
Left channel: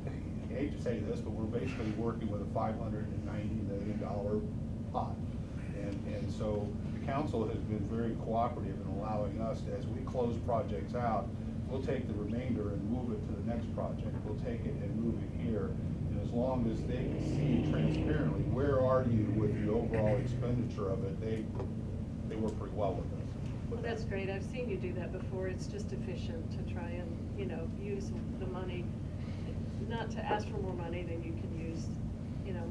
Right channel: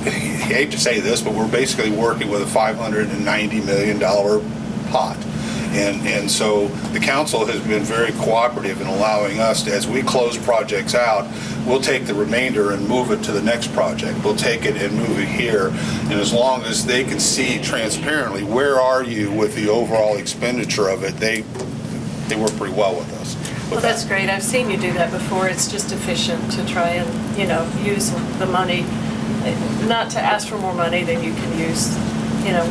I hate to say this, but we're basically working with a $590 million pot. And so the council has been very cooperative in allowing us to, as we close projects out, we'll take the remainder and move it to the next project. We'll take it and move it here. And as long as they can see transparently, where are you with the overall expenditure of it, they work pretty well with us. Well, that's great. I've seen you do that before. It's just efficient to try and, use the money, not to ask for more money than you can use,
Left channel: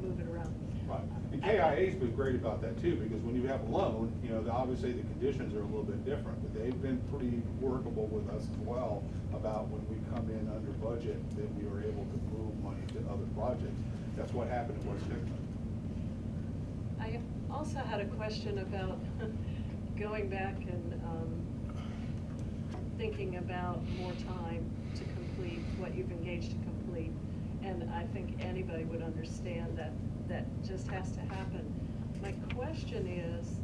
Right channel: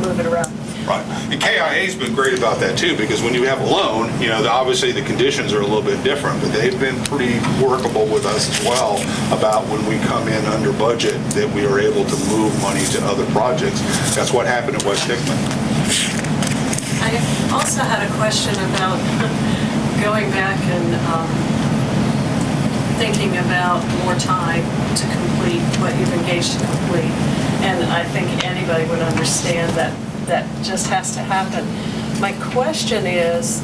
move it around. Right. And KIA's been great about that too, because when you have a loan, obviously the conditions are a little bit different, but they've been pretty workable with us as well about when we come in under budget that we are able to move money to other projects. That's what happened at West Hickman. I also had a question about going back and thinking about more time to complete what you've engaged to complete. And I think anybody would understand that just has to happen. My question is,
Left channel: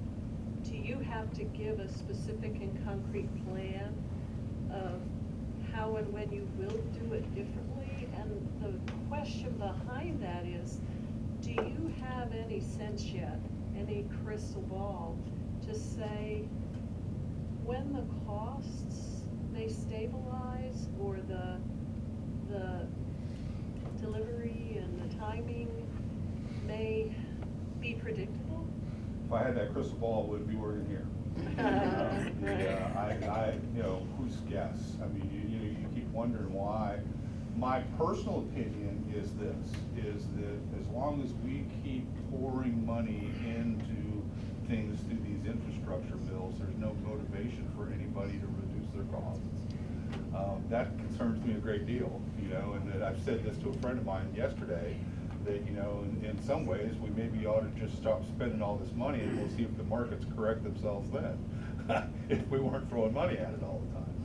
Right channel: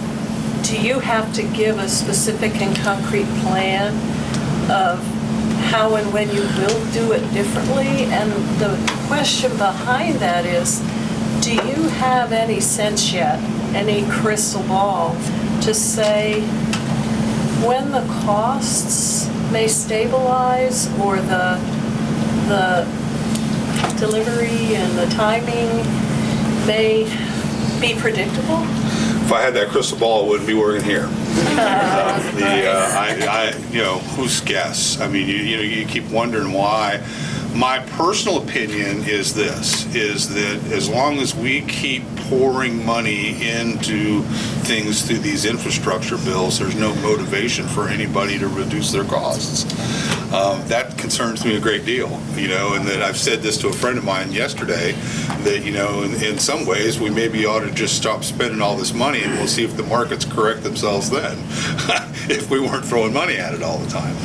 do you have to give a specific and concrete plan of how and when you will do it differently? And the question behind that is, do you have any sense yet, any crystal ball to say when the costs may stabilize or the delivery and the timing may be predictable? If I had that crystal ball, I wouldn't be working here. Whose guess? I mean, you keep wondering why. My personal opinion is this, is that as long as we keep pouring money into things through these infrastructure bills, there's no motivation for anybody to reduce their costs. That concerns me a great deal, and that I've said this to a friend of mine yesterday, that, in some ways we maybe ought to just stop spending all this money and we'll see if the markets correct themselves then, if we weren't throwing money at it all the time.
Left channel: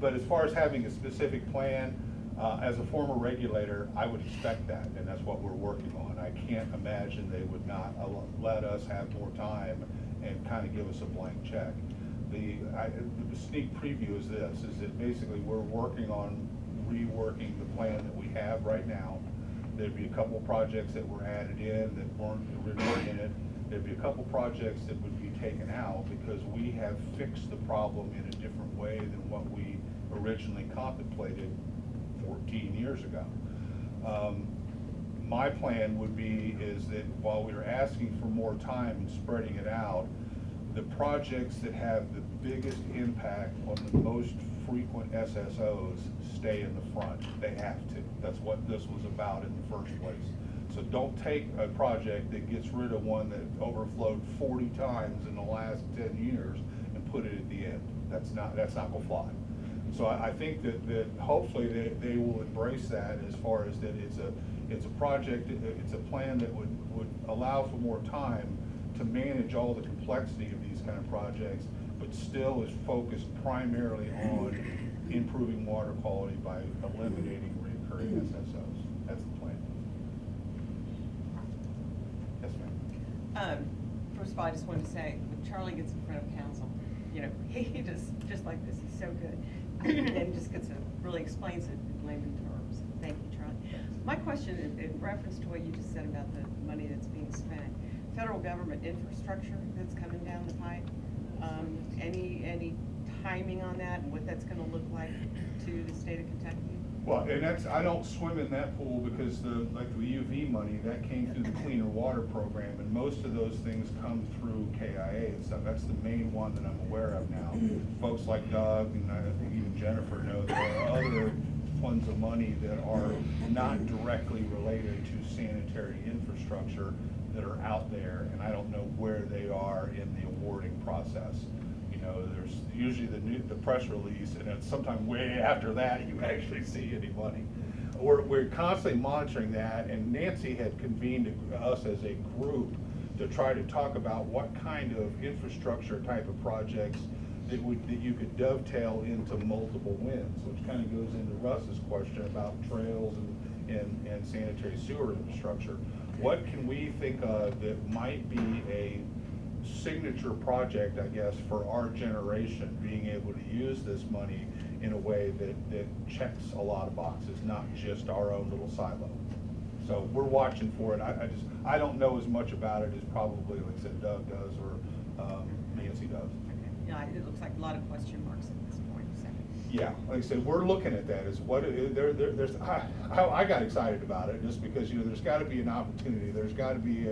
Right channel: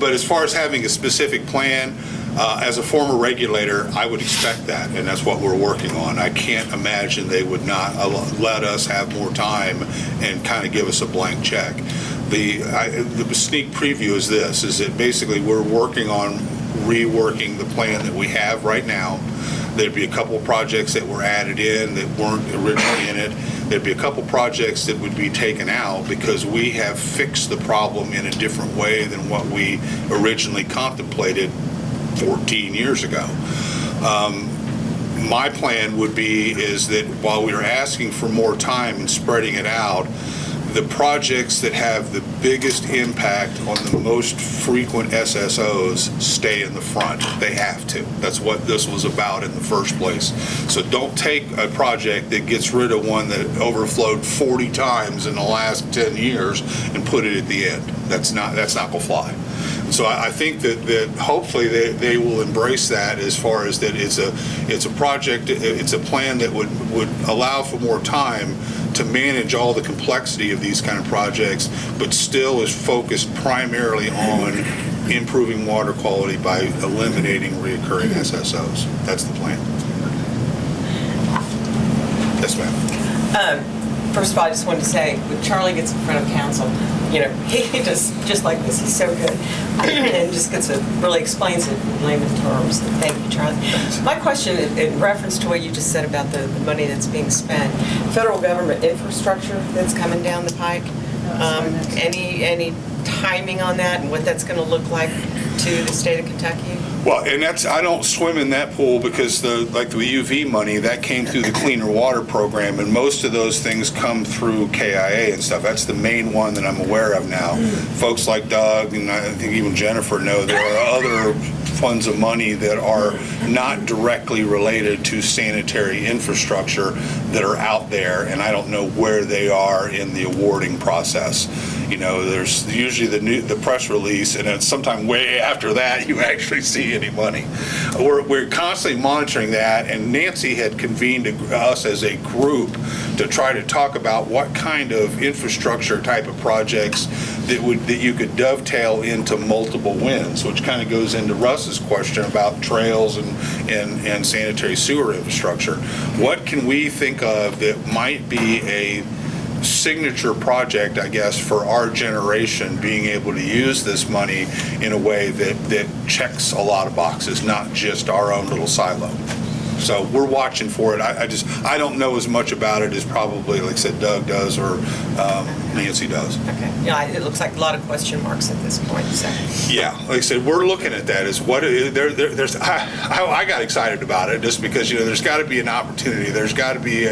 But as far as having a specific plan, as a former regulator, I would expect that, and that's what we're working on. I can't imagine they would not let us have more time and kind of give us a blank check. The sneak preview is this, is that basically we're working on reworking the plan that we have right now There'd be a couple of projects that were added in that weren't originally in it. There'd be a couple projects that would be taken out because we have fixed the problem in a different way than what we originally contemplated 14 years ago. My plan would be is that while we are asking for more time and spreading it out, the projects that have the biggest impact on the most frequent SSOs stay in the front. They have to. That's what this was about in the first place. So don't take a project that gets rid of one that overflowed 40 times in the last 10 years and put it at the end. That's not going to fly. So I think that hopefully they will embrace that as far as that it's a project, it's a plan that would allow for more time to manage all the complexity of these kind of projects, but still is focused primarily on improving water quality by eliminating reoccurring SSOs. That's the plan. Yes, ma'am. First of all, I just wanted to say, when Charlie gets in front of council, you know, he does just like this. He's so good, and just really explains it in layman terms. Thank you, Charlie. My question, in reference to what you just said about the money that's being spent, federal government infrastructure that's coming down the pike. Any timing on that, and what that's going to look like to the state of Kentucky? Well, and I don't swim in that pool because the UV money, that came through the Cleaner Water Program, and most of those things come through KIA and stuff. That's the main one that I'm aware of now. Folks like Doug, and I think even Jennifer know there are other funds of money that are not directly related to sanitary infrastructure that are out there, and I don't know where they are in the awarding process. You know, there's usually the press release, and then sometime way after that you actually see any money. We're constantly monitoring that, and Nancy had convened us as a group to try to talk about what kind of infrastructure type of projects that you could dovetail into multiple wins, which kind of goes into Russ's question about trails and sanitary sewer infrastructure. What can we think of that might be a signature project, I guess, for our generation, being able to use this money in a way that checks a lot of boxes, not just our own little silo? So we're watching for it. I don't know as much about it as probably, like I said, Doug does or Nancy does. Okay. Yeah, it looks like a lot of question marks at this point. So. Yeah, like I said, we're looking at that as what there's. I got excited about it just because, you know, there's got to be an opportunity. There's got to be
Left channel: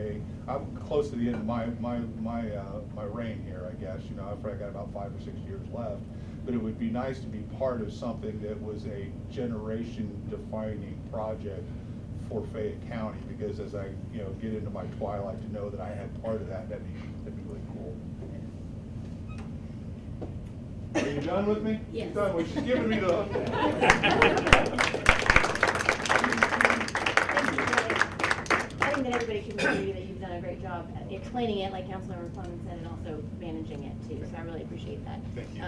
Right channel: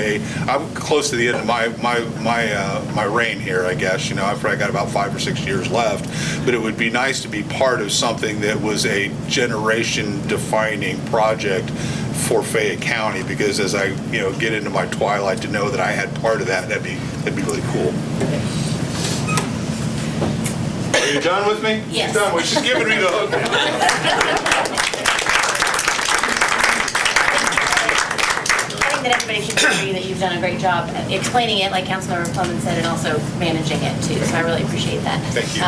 I'm close to the end of my reign here, I guess. You know, I've probably got about 5 or 6 years left, but it would be nice to be part of something that was a generation-defining project for Fayette County, because as I get into my twilight, to know that I had part of that, that'd be really cool. Are you done with me? Yes. She's done. Well, she's giving me the hook now. I think that everybody should agree that you've done a great job explaining it, like Councilmember Plumman said, and also managing it too. So I really appreciate that. Thank you.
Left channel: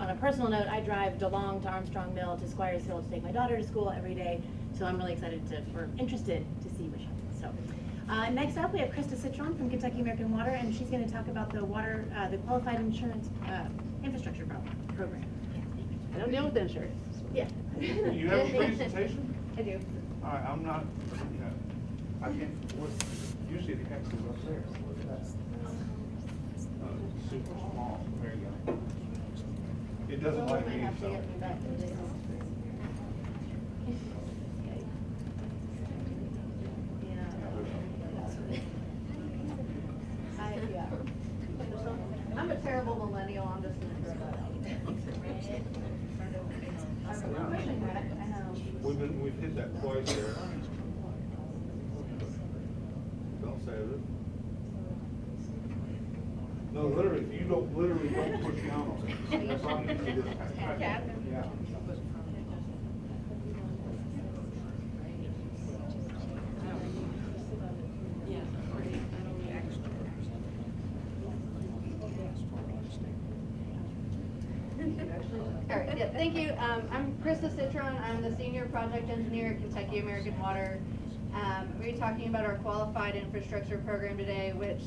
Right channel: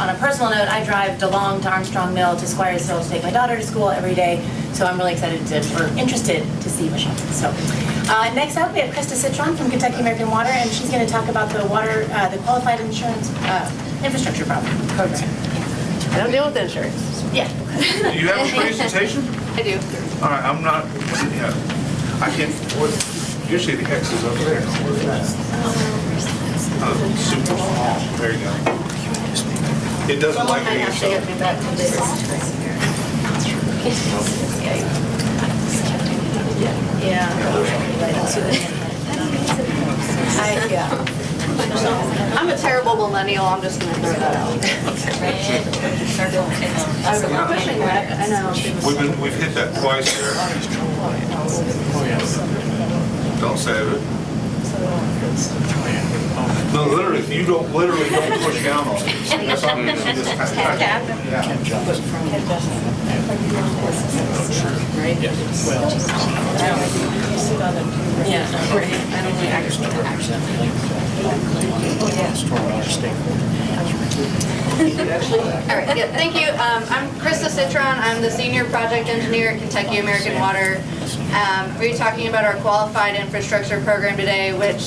On a personal note, I drive DeLong to Armstrong Mill to Squires Hill to take my daughter to school every day. So I'm really excited or interested to see what happens. So next up, we have Krista Citron from Kentucky American Water, and she's going to talk about the qualified insurance infrastructure program. I don't deal with insurance. Yeah. Do you have a presentation? I do. All right, I'm not. Yeah, I can't. Usually the X is over there. Oh, super small. There you go. It doesn't like me. Actually get me back to this. Yeah. I'm a terrible millennial. I'm just going to throw that out. I'm pushing back. I know. We've hit that twice there. Don't save it. No, literally, if you don't push down on it. That's not going to do this kind of All right, yeah, thank you. I'm Krista Citron. I'm the Senior Project Engineer at Kentucky American Water. We're talking about our Qualified Infrastructure Program today, which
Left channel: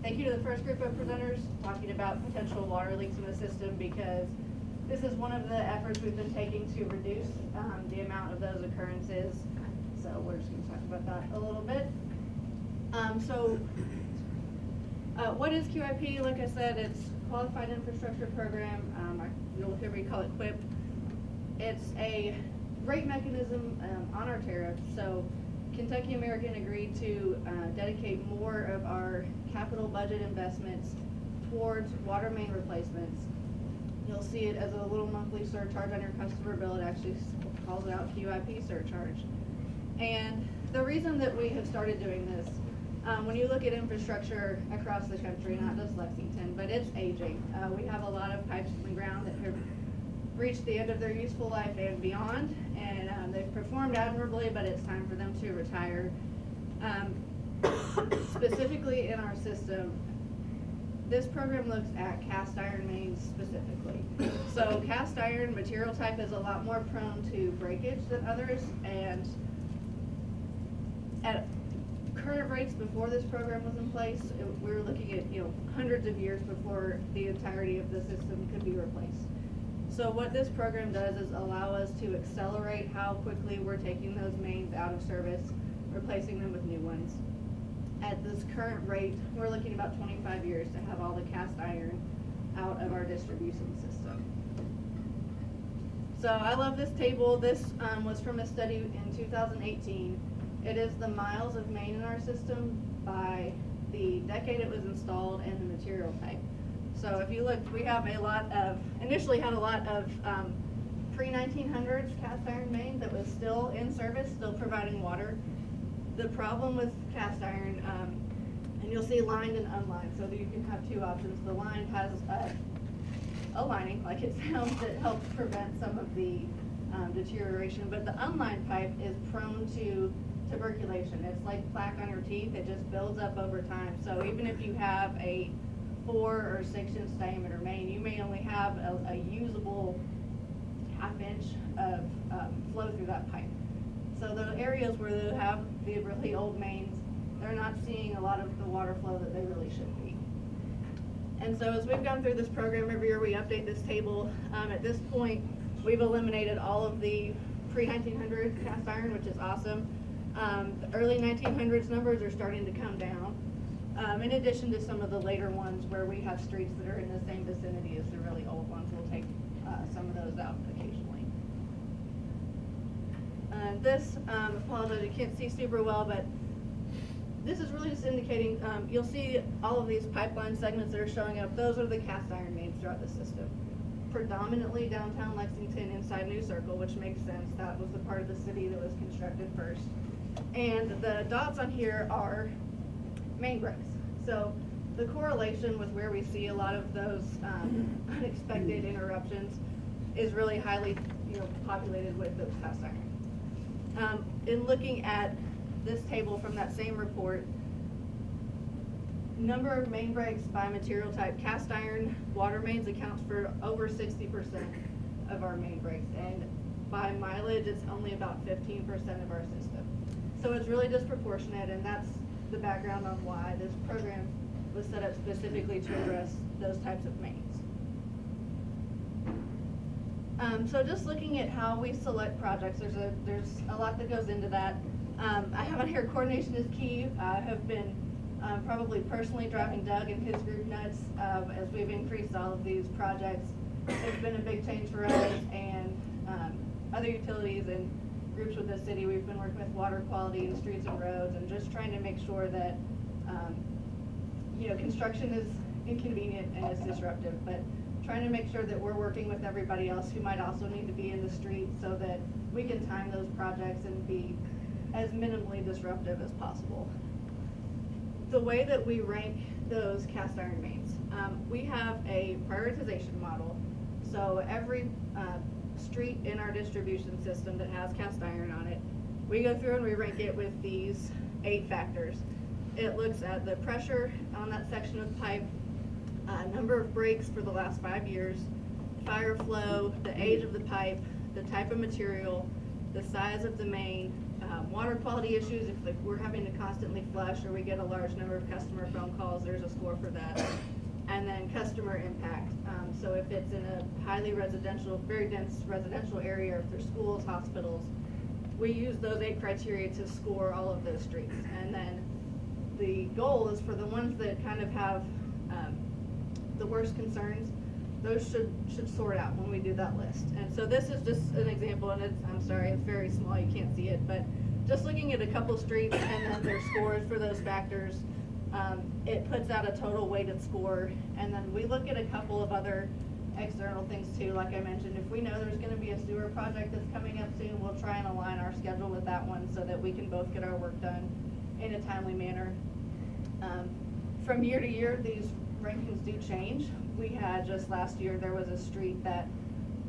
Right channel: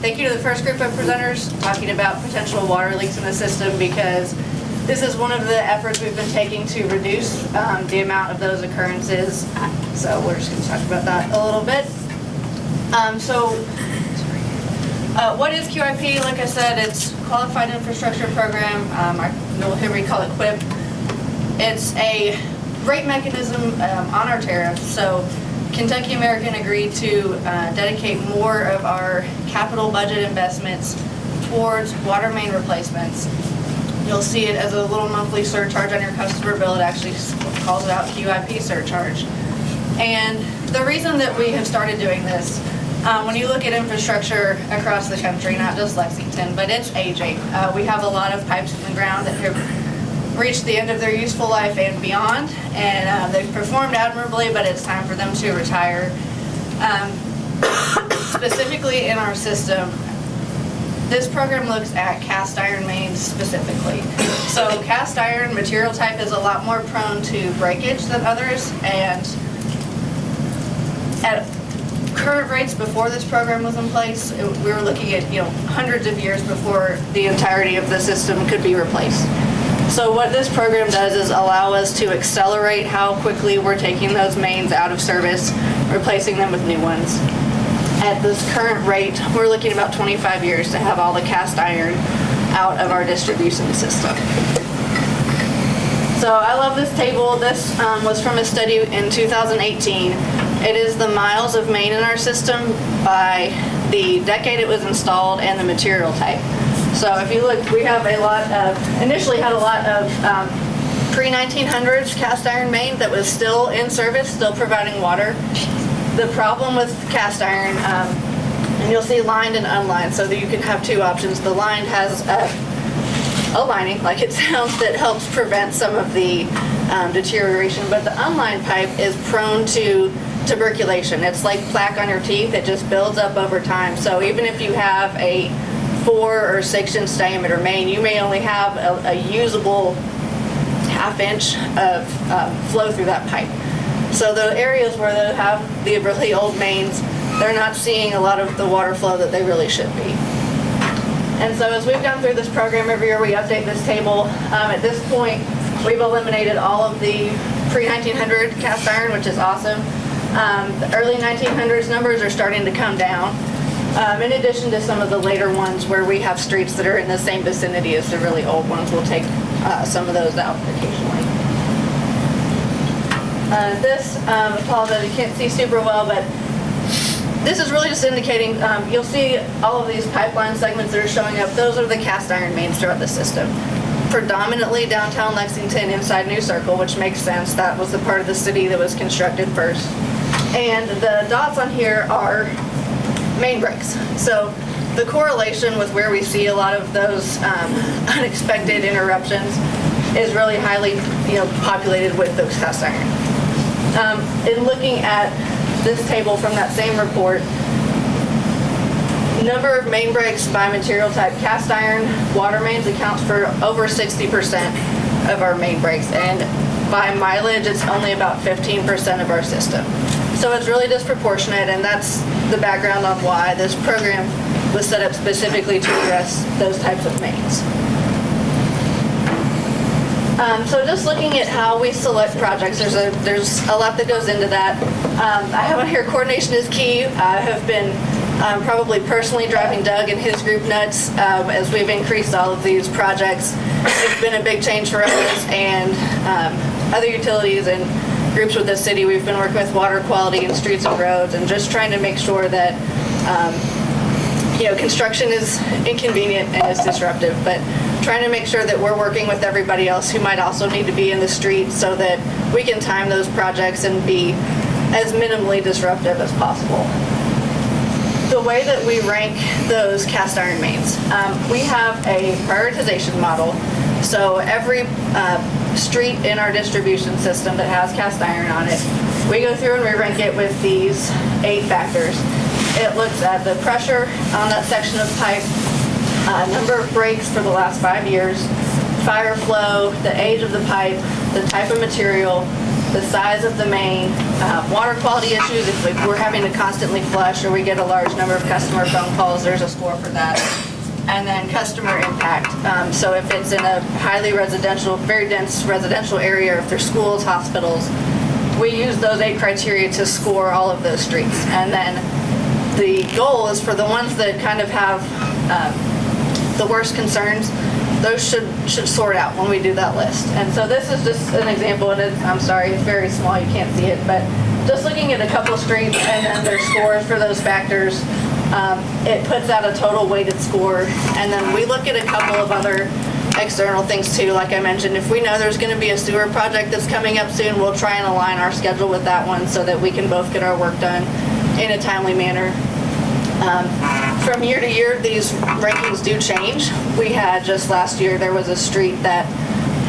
thank you to the first group of presenters talking about potential water leaks in the system, because This is one of the efforts we've been taking to reduce the amount of those occurrences. So we're just going to talk about that a little bit. What is QIP? Like I said, it's Qualified Infrastructure Program. You'll hear me call it Qip. It's a rate mechanism on our tariff. So Kentucky American agreed to dedicate more of our capital budget investments towards water main replacements. You'll see it as a little monthly surcharge on your customer bill. It actually calls it out QIP surcharge. And the reason that we have started doing this, when you look at infrastructure across the country, not just Lexington, but it's aging. We have a lot of pipes in the ground that have reached the end of their useful life and beyond, and they've performed admirably, but it's time for them to retire. Specifically in our system, this program looks at cast iron mains specifically. So cast iron material type is a lot more prone to breakage than others, and at current rates before this program was in place, we were looking at hundreds of years before the entirety of the system could be replaced. So what this program does is allow us to accelerate how quickly we're taking those mains out of service, replacing them with new ones. At this current rate, we're looking at about 25 years to have all the cast iron out of our distribution system. So I love this table. This was from a study in 2018. It is the miles of main in our system by the decade it was installed and the material type. So if you look, we have initially had a lot of pre-1900s cast iron main that was still in service, still providing water. The problem with cast iron, and you'll see lined and unlined, so that you can have two options. The lined has a lining, like it sounds, that helps prevent some of the deterioration, but the unlined pipe is prone to tuberculation. It's like plaque on your teeth. It just builds up over time. So even if you have a 4 or 6 inch diameter main, you may only have a usable ½ inch of flow through that pipe. So the areas where they have the really old mains, they're not seeing a lot of the water flow that they really should be. And so as we've gone through this program every year, we update this table. At this point, we've eliminated all of the pre-1900 cast iron, which is awesome. The early 1900s numbers are starting to come down, in addition to some of the later ones where we have streets that are in the same vicinity as the really old ones. We'll take some of those out occasionally. Apologize, you can't see super well, but this is really just indicating, you'll see all of these pipeline segments that are showing up. Those are the cast iron mains throughout the system. Predominantly downtown Lexington inside New Circle, which makes sense. That was the part of the city that was constructed first. And the dots on here are main breaks. So the correlation with where we see a lot of those unexpected interruptions is really highly populated with those cast iron. In looking at this table from that same report, number of main breaks by material type, cast iron water mains accounts for over 60% of our main breaks, and by mileage it's only about 15% of our system. So it's really disproportionate, and that's the background on why this program was set up specifically to address those types of mains. So just looking at how we select projects, there's a lot that goes into that. I have on here coordination is key. I have been probably personally driving Doug and his group nuts as we've increased all of these projects. It's been a big change for us and other utilities and groups with the city. We've been working with water quality and streets and roads and just trying to make sure that construction is inconvenient and is disruptive, but trying to make sure that we're working with everybody else who might also need to be in the street so that we can time those projects and be as minimally disruptive as possible. The way that we rank those cast iron mains, we have a prioritization model. So every street in our distribution system that has cast iron on it, we go through and we rank it with these 8 factors. It looks at the pressure on that section of pipe, number of breaks for the last 5 years, fire flow, the age of the pipe, the type of material, the size of the main, water quality issues. If we're having to constantly flush or we get a large number of customer phone calls, there's a score for that. and then customer impact. So if it's in a highly residential, very dense residential area, or if there's schools, hospitals, we use those 8 criteria to score all of those streets. And then the goal is for the ones that kind of have the worst concerns, those should sort out when we do that list. And so this is just an example, and I'm sorry, it's very small, you can't see it, but just looking at a couple of streets and then their scores for those factors, it puts out a total weighted score. And then we look at a couple of other external things too. Like I mentioned, if we know there's going to be a sewer project that's coming up soon, we'll try and align our schedule with that one so that we can both get our work done in a timely manner. From year to year, these rankings do change. We had just last year, there was a street that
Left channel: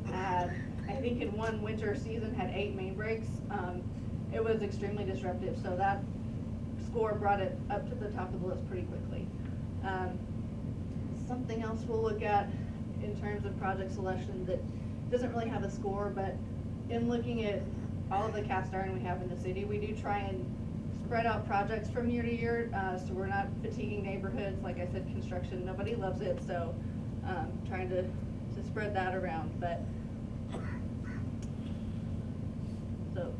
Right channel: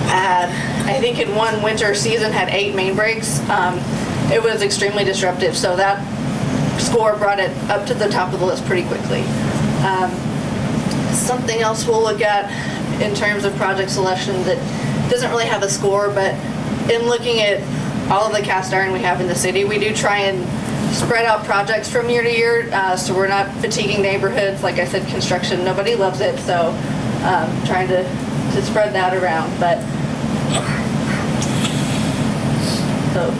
had, I think in one winter season, had 8 main breaks. It was extremely disruptive, so that score brought it up to the top of the list pretty quickly. Something else we'll look at in terms of project selection that doesn't really have a score, but in looking at all of the cast iron we have in the city, we do try and spread out projects from year to year, so we're not fatiguing neighborhoods. Like I said, construction, nobody loves it, so trying to spread that around. But so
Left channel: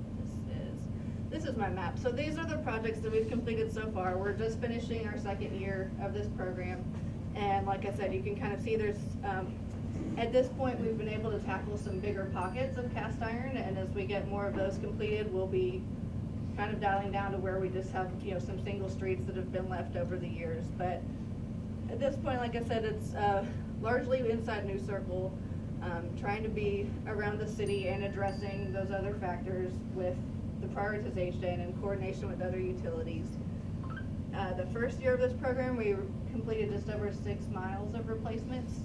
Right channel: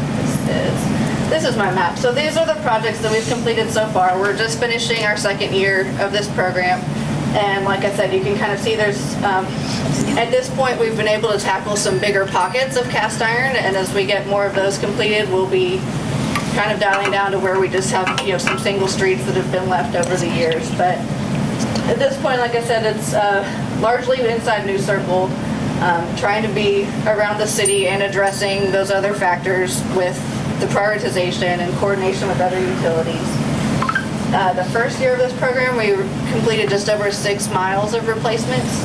this is my map. So these are the projects that we've completed so far. We're just finishing our 2nd year of this program. And like I said, you can kind of see there's, at this point, we've been able to tackle some bigger pockets of cast iron. And as we get more of those completed, we'll be kind of dialing down to where we just have, some single streets that have been left over the years. But at this point, like I said, it's largely inside New Circle, trying to be around the city and addressing those other factors with the prioritization and coordination with other utilities. The first year of this program, we completed just over 6 miles of replacements.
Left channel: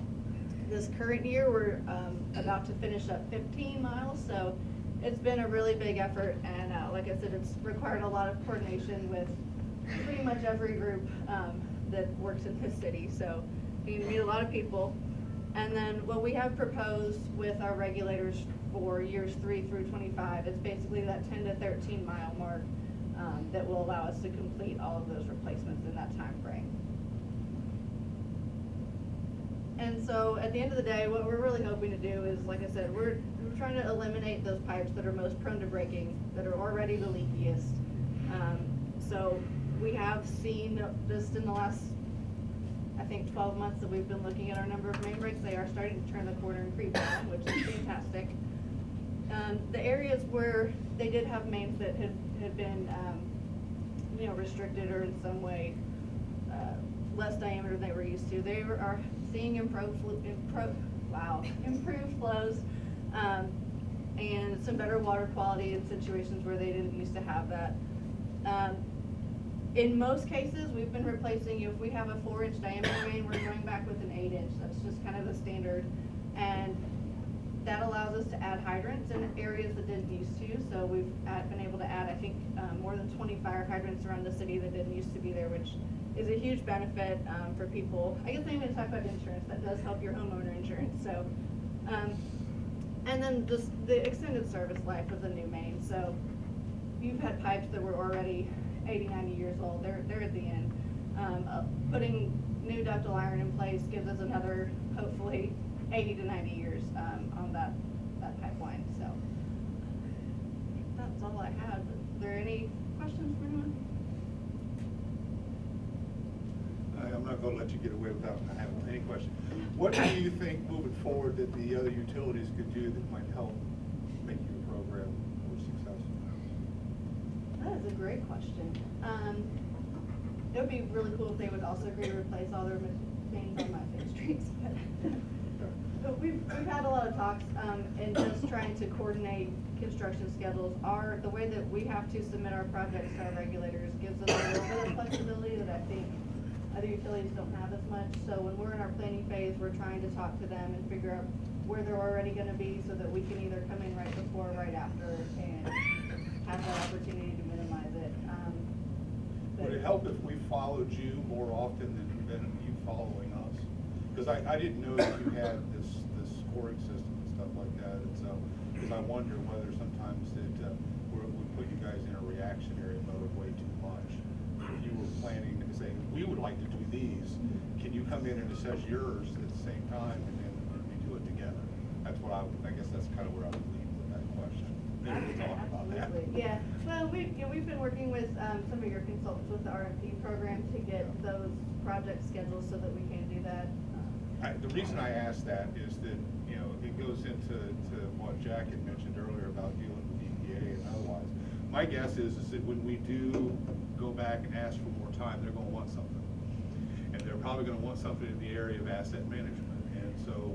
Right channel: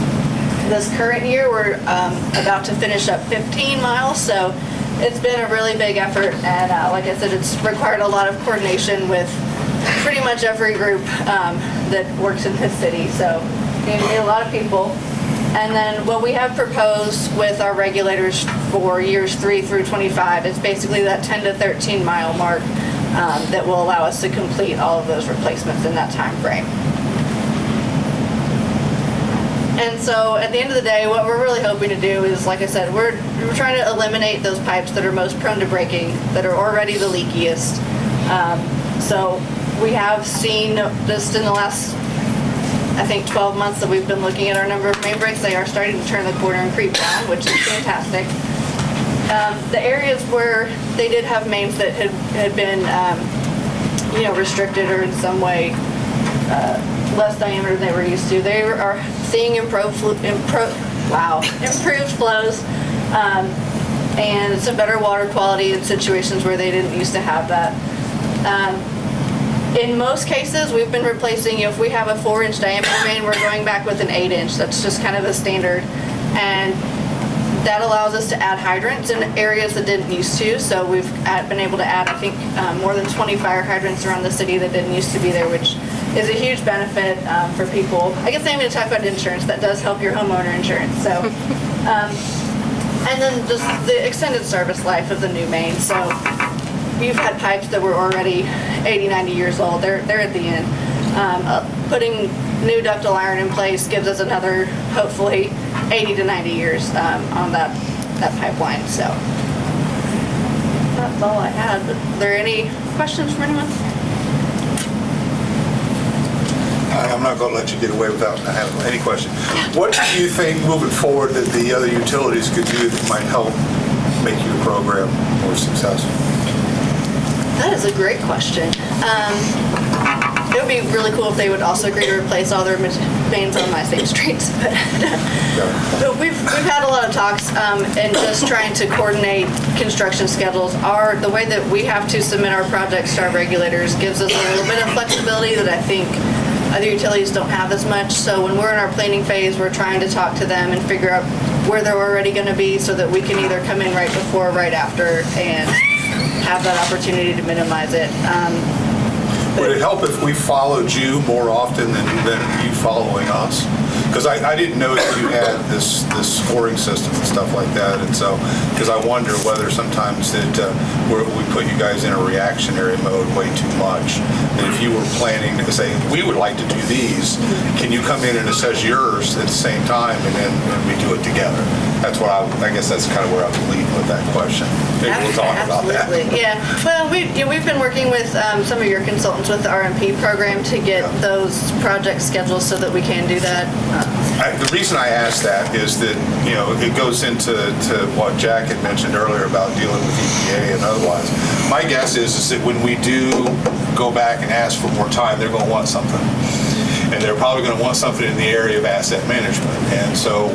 This current year, we're about to finish up 15 miles, so it's been a really big effort, and like I said, it's required a lot of coordination with pretty much every group that works in this city, so you need a lot of people. And then what we have proposed with our regulators for years 3 through 25 is basically that 10 to 13 mile mark that will allow us to complete all of those replacements in that time frame. And so at the end of the day, what we're really hoping to do is, like I said, we're trying to eliminate those pipes that are most prone to breaking, that are already the leakiest. So we have seen just in the last, I think, 12 months that we've been looking at our number of main breaks, they are starting to turn the corner and creep down, which is fantastic. The areas where they did have mains that had been, restricted or in some way less diameter than they were used to, they are seeing improved flows and some better water quality in situations where they didn't used to have that. In most cases, we've been replacing, if we have a 4-inch diameter main, we're going back with an 8-inch. That's just kind of a standard. And that allows us to add hydrants in areas that didn't used to. So we've been able to add, I think, more than 20 fire hydrants around the city that didn't used to be there, which is a huge benefit for people. I guess I'm going to talk about insurance. That does help your homeowner insurance. So, and then just the extended service life of the new main. So you've had pipes that were already 80, 90 years old. They're at the end. Putting new ductile iron in place gives us another, hopefully, 80 to 90 years on that pipeline. So that's all I had. But are there any questions from anyone? I'm not going to let you get away without having any question. What do you think moving forward that the other utilities could do that might help make your program more successful? That is a great question. It would be really cool if they would also agree to replace all their mains on my same streets. But we've had a lot of talks and just trying to coordinate construction schedules. The way that we have to submit our projects to our regulators gives us a little bit of flexibility that I think other utilities don't have as much. So when we're in our planning phase, we're trying to talk to them and figure out where they're already going to be so that we can either come in right before or right after and have that opportunity to minimize it. Would it help if we followed you more often than you following us? Because I didn't know that you had this scoring system and stuff like that, and so, because I wonder whether sometimes that we put you guys in a reactionary mode way too much. And if you were planning to say, we would like to do these, can you come in and assess yours at the same time, and then we do it together? That's what I guess that's kind of where I was leading with that question. Maybe we'll talk about that. Absolutely, yeah. Well, we've been working with some of your consultants with the RMP program to get those projects scheduled so that we can do that. The reason I asked that is that, it goes into what Jack had mentioned earlier about dealing with EPA and otherwise. My guess is that when we do go back and ask for more time, they're going to want something. And they're probably going to want something in the area of asset management. And so,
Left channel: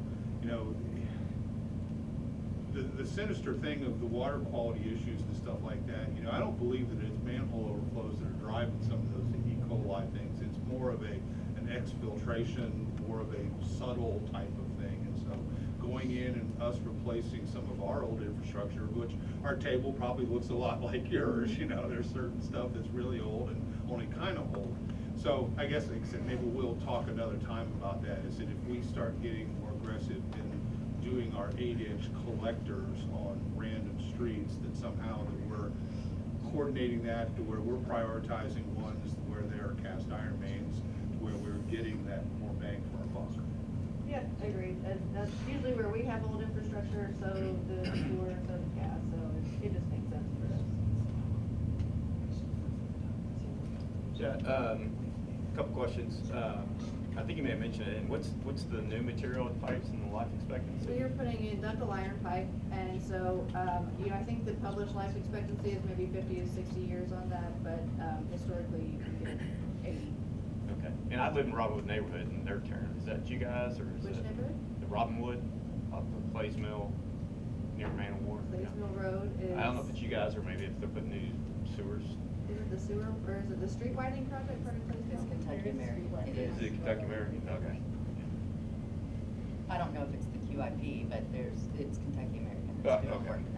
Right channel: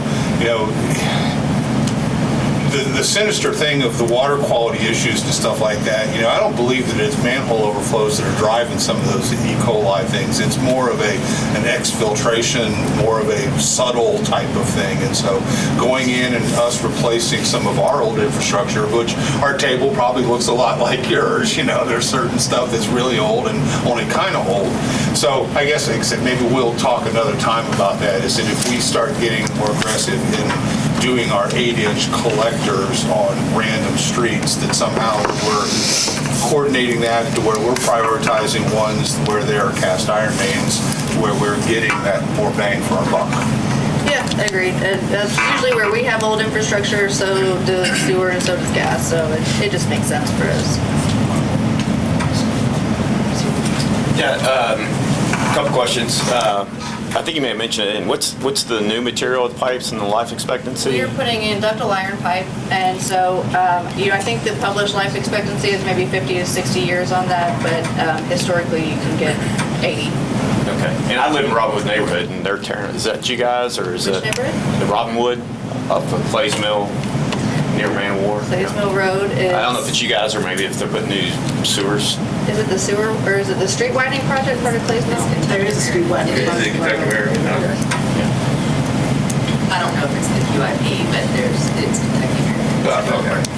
the sinister thing of the water quality issues and stuff like that, I don't believe that it's manhole overflows that are driving some of those E. coli things. It's more of an exfiltration, more of a subtle type of thing. And so going in and us replacing some of our old infrastructure, which our table probably looks a lot like yours, there's certain stuff that's really old and only kind of old. So I guess, like I said, maybe we'll talk another time about that, is that if we start getting more aggressive in doing our 8-inch collectors on random streets, that somehow we're coordinating that to where we're prioritizing ones where there are cast iron mains, where we're getting that more bang for our buck. Yeah, agreed. That's usually where we have old infrastructure, so does sewer and so does gas, so it just makes sense for us. Yeah, a couple questions. I think you may have mentioned it. And what's the new material with pipes and the life expectancy? We are putting in ductile iron pipe, and so I think the published life expectancy is maybe 50 to 60 years on that, but historically you can get 80. Okay. And I live in Robinwood neighborhood, and they're tearing. Is that you guys, or is Which it neighborhood? the Robinwood up at Clays Mill near Man of War? Clays Mill Road is. I don't know if it's you guys or maybe if they're putting new sewers. Is it the sewer, or is it the street widening project part of Clays Mill? There is a street widening project. I don't know if it's the QIP, but it's Kentucky American.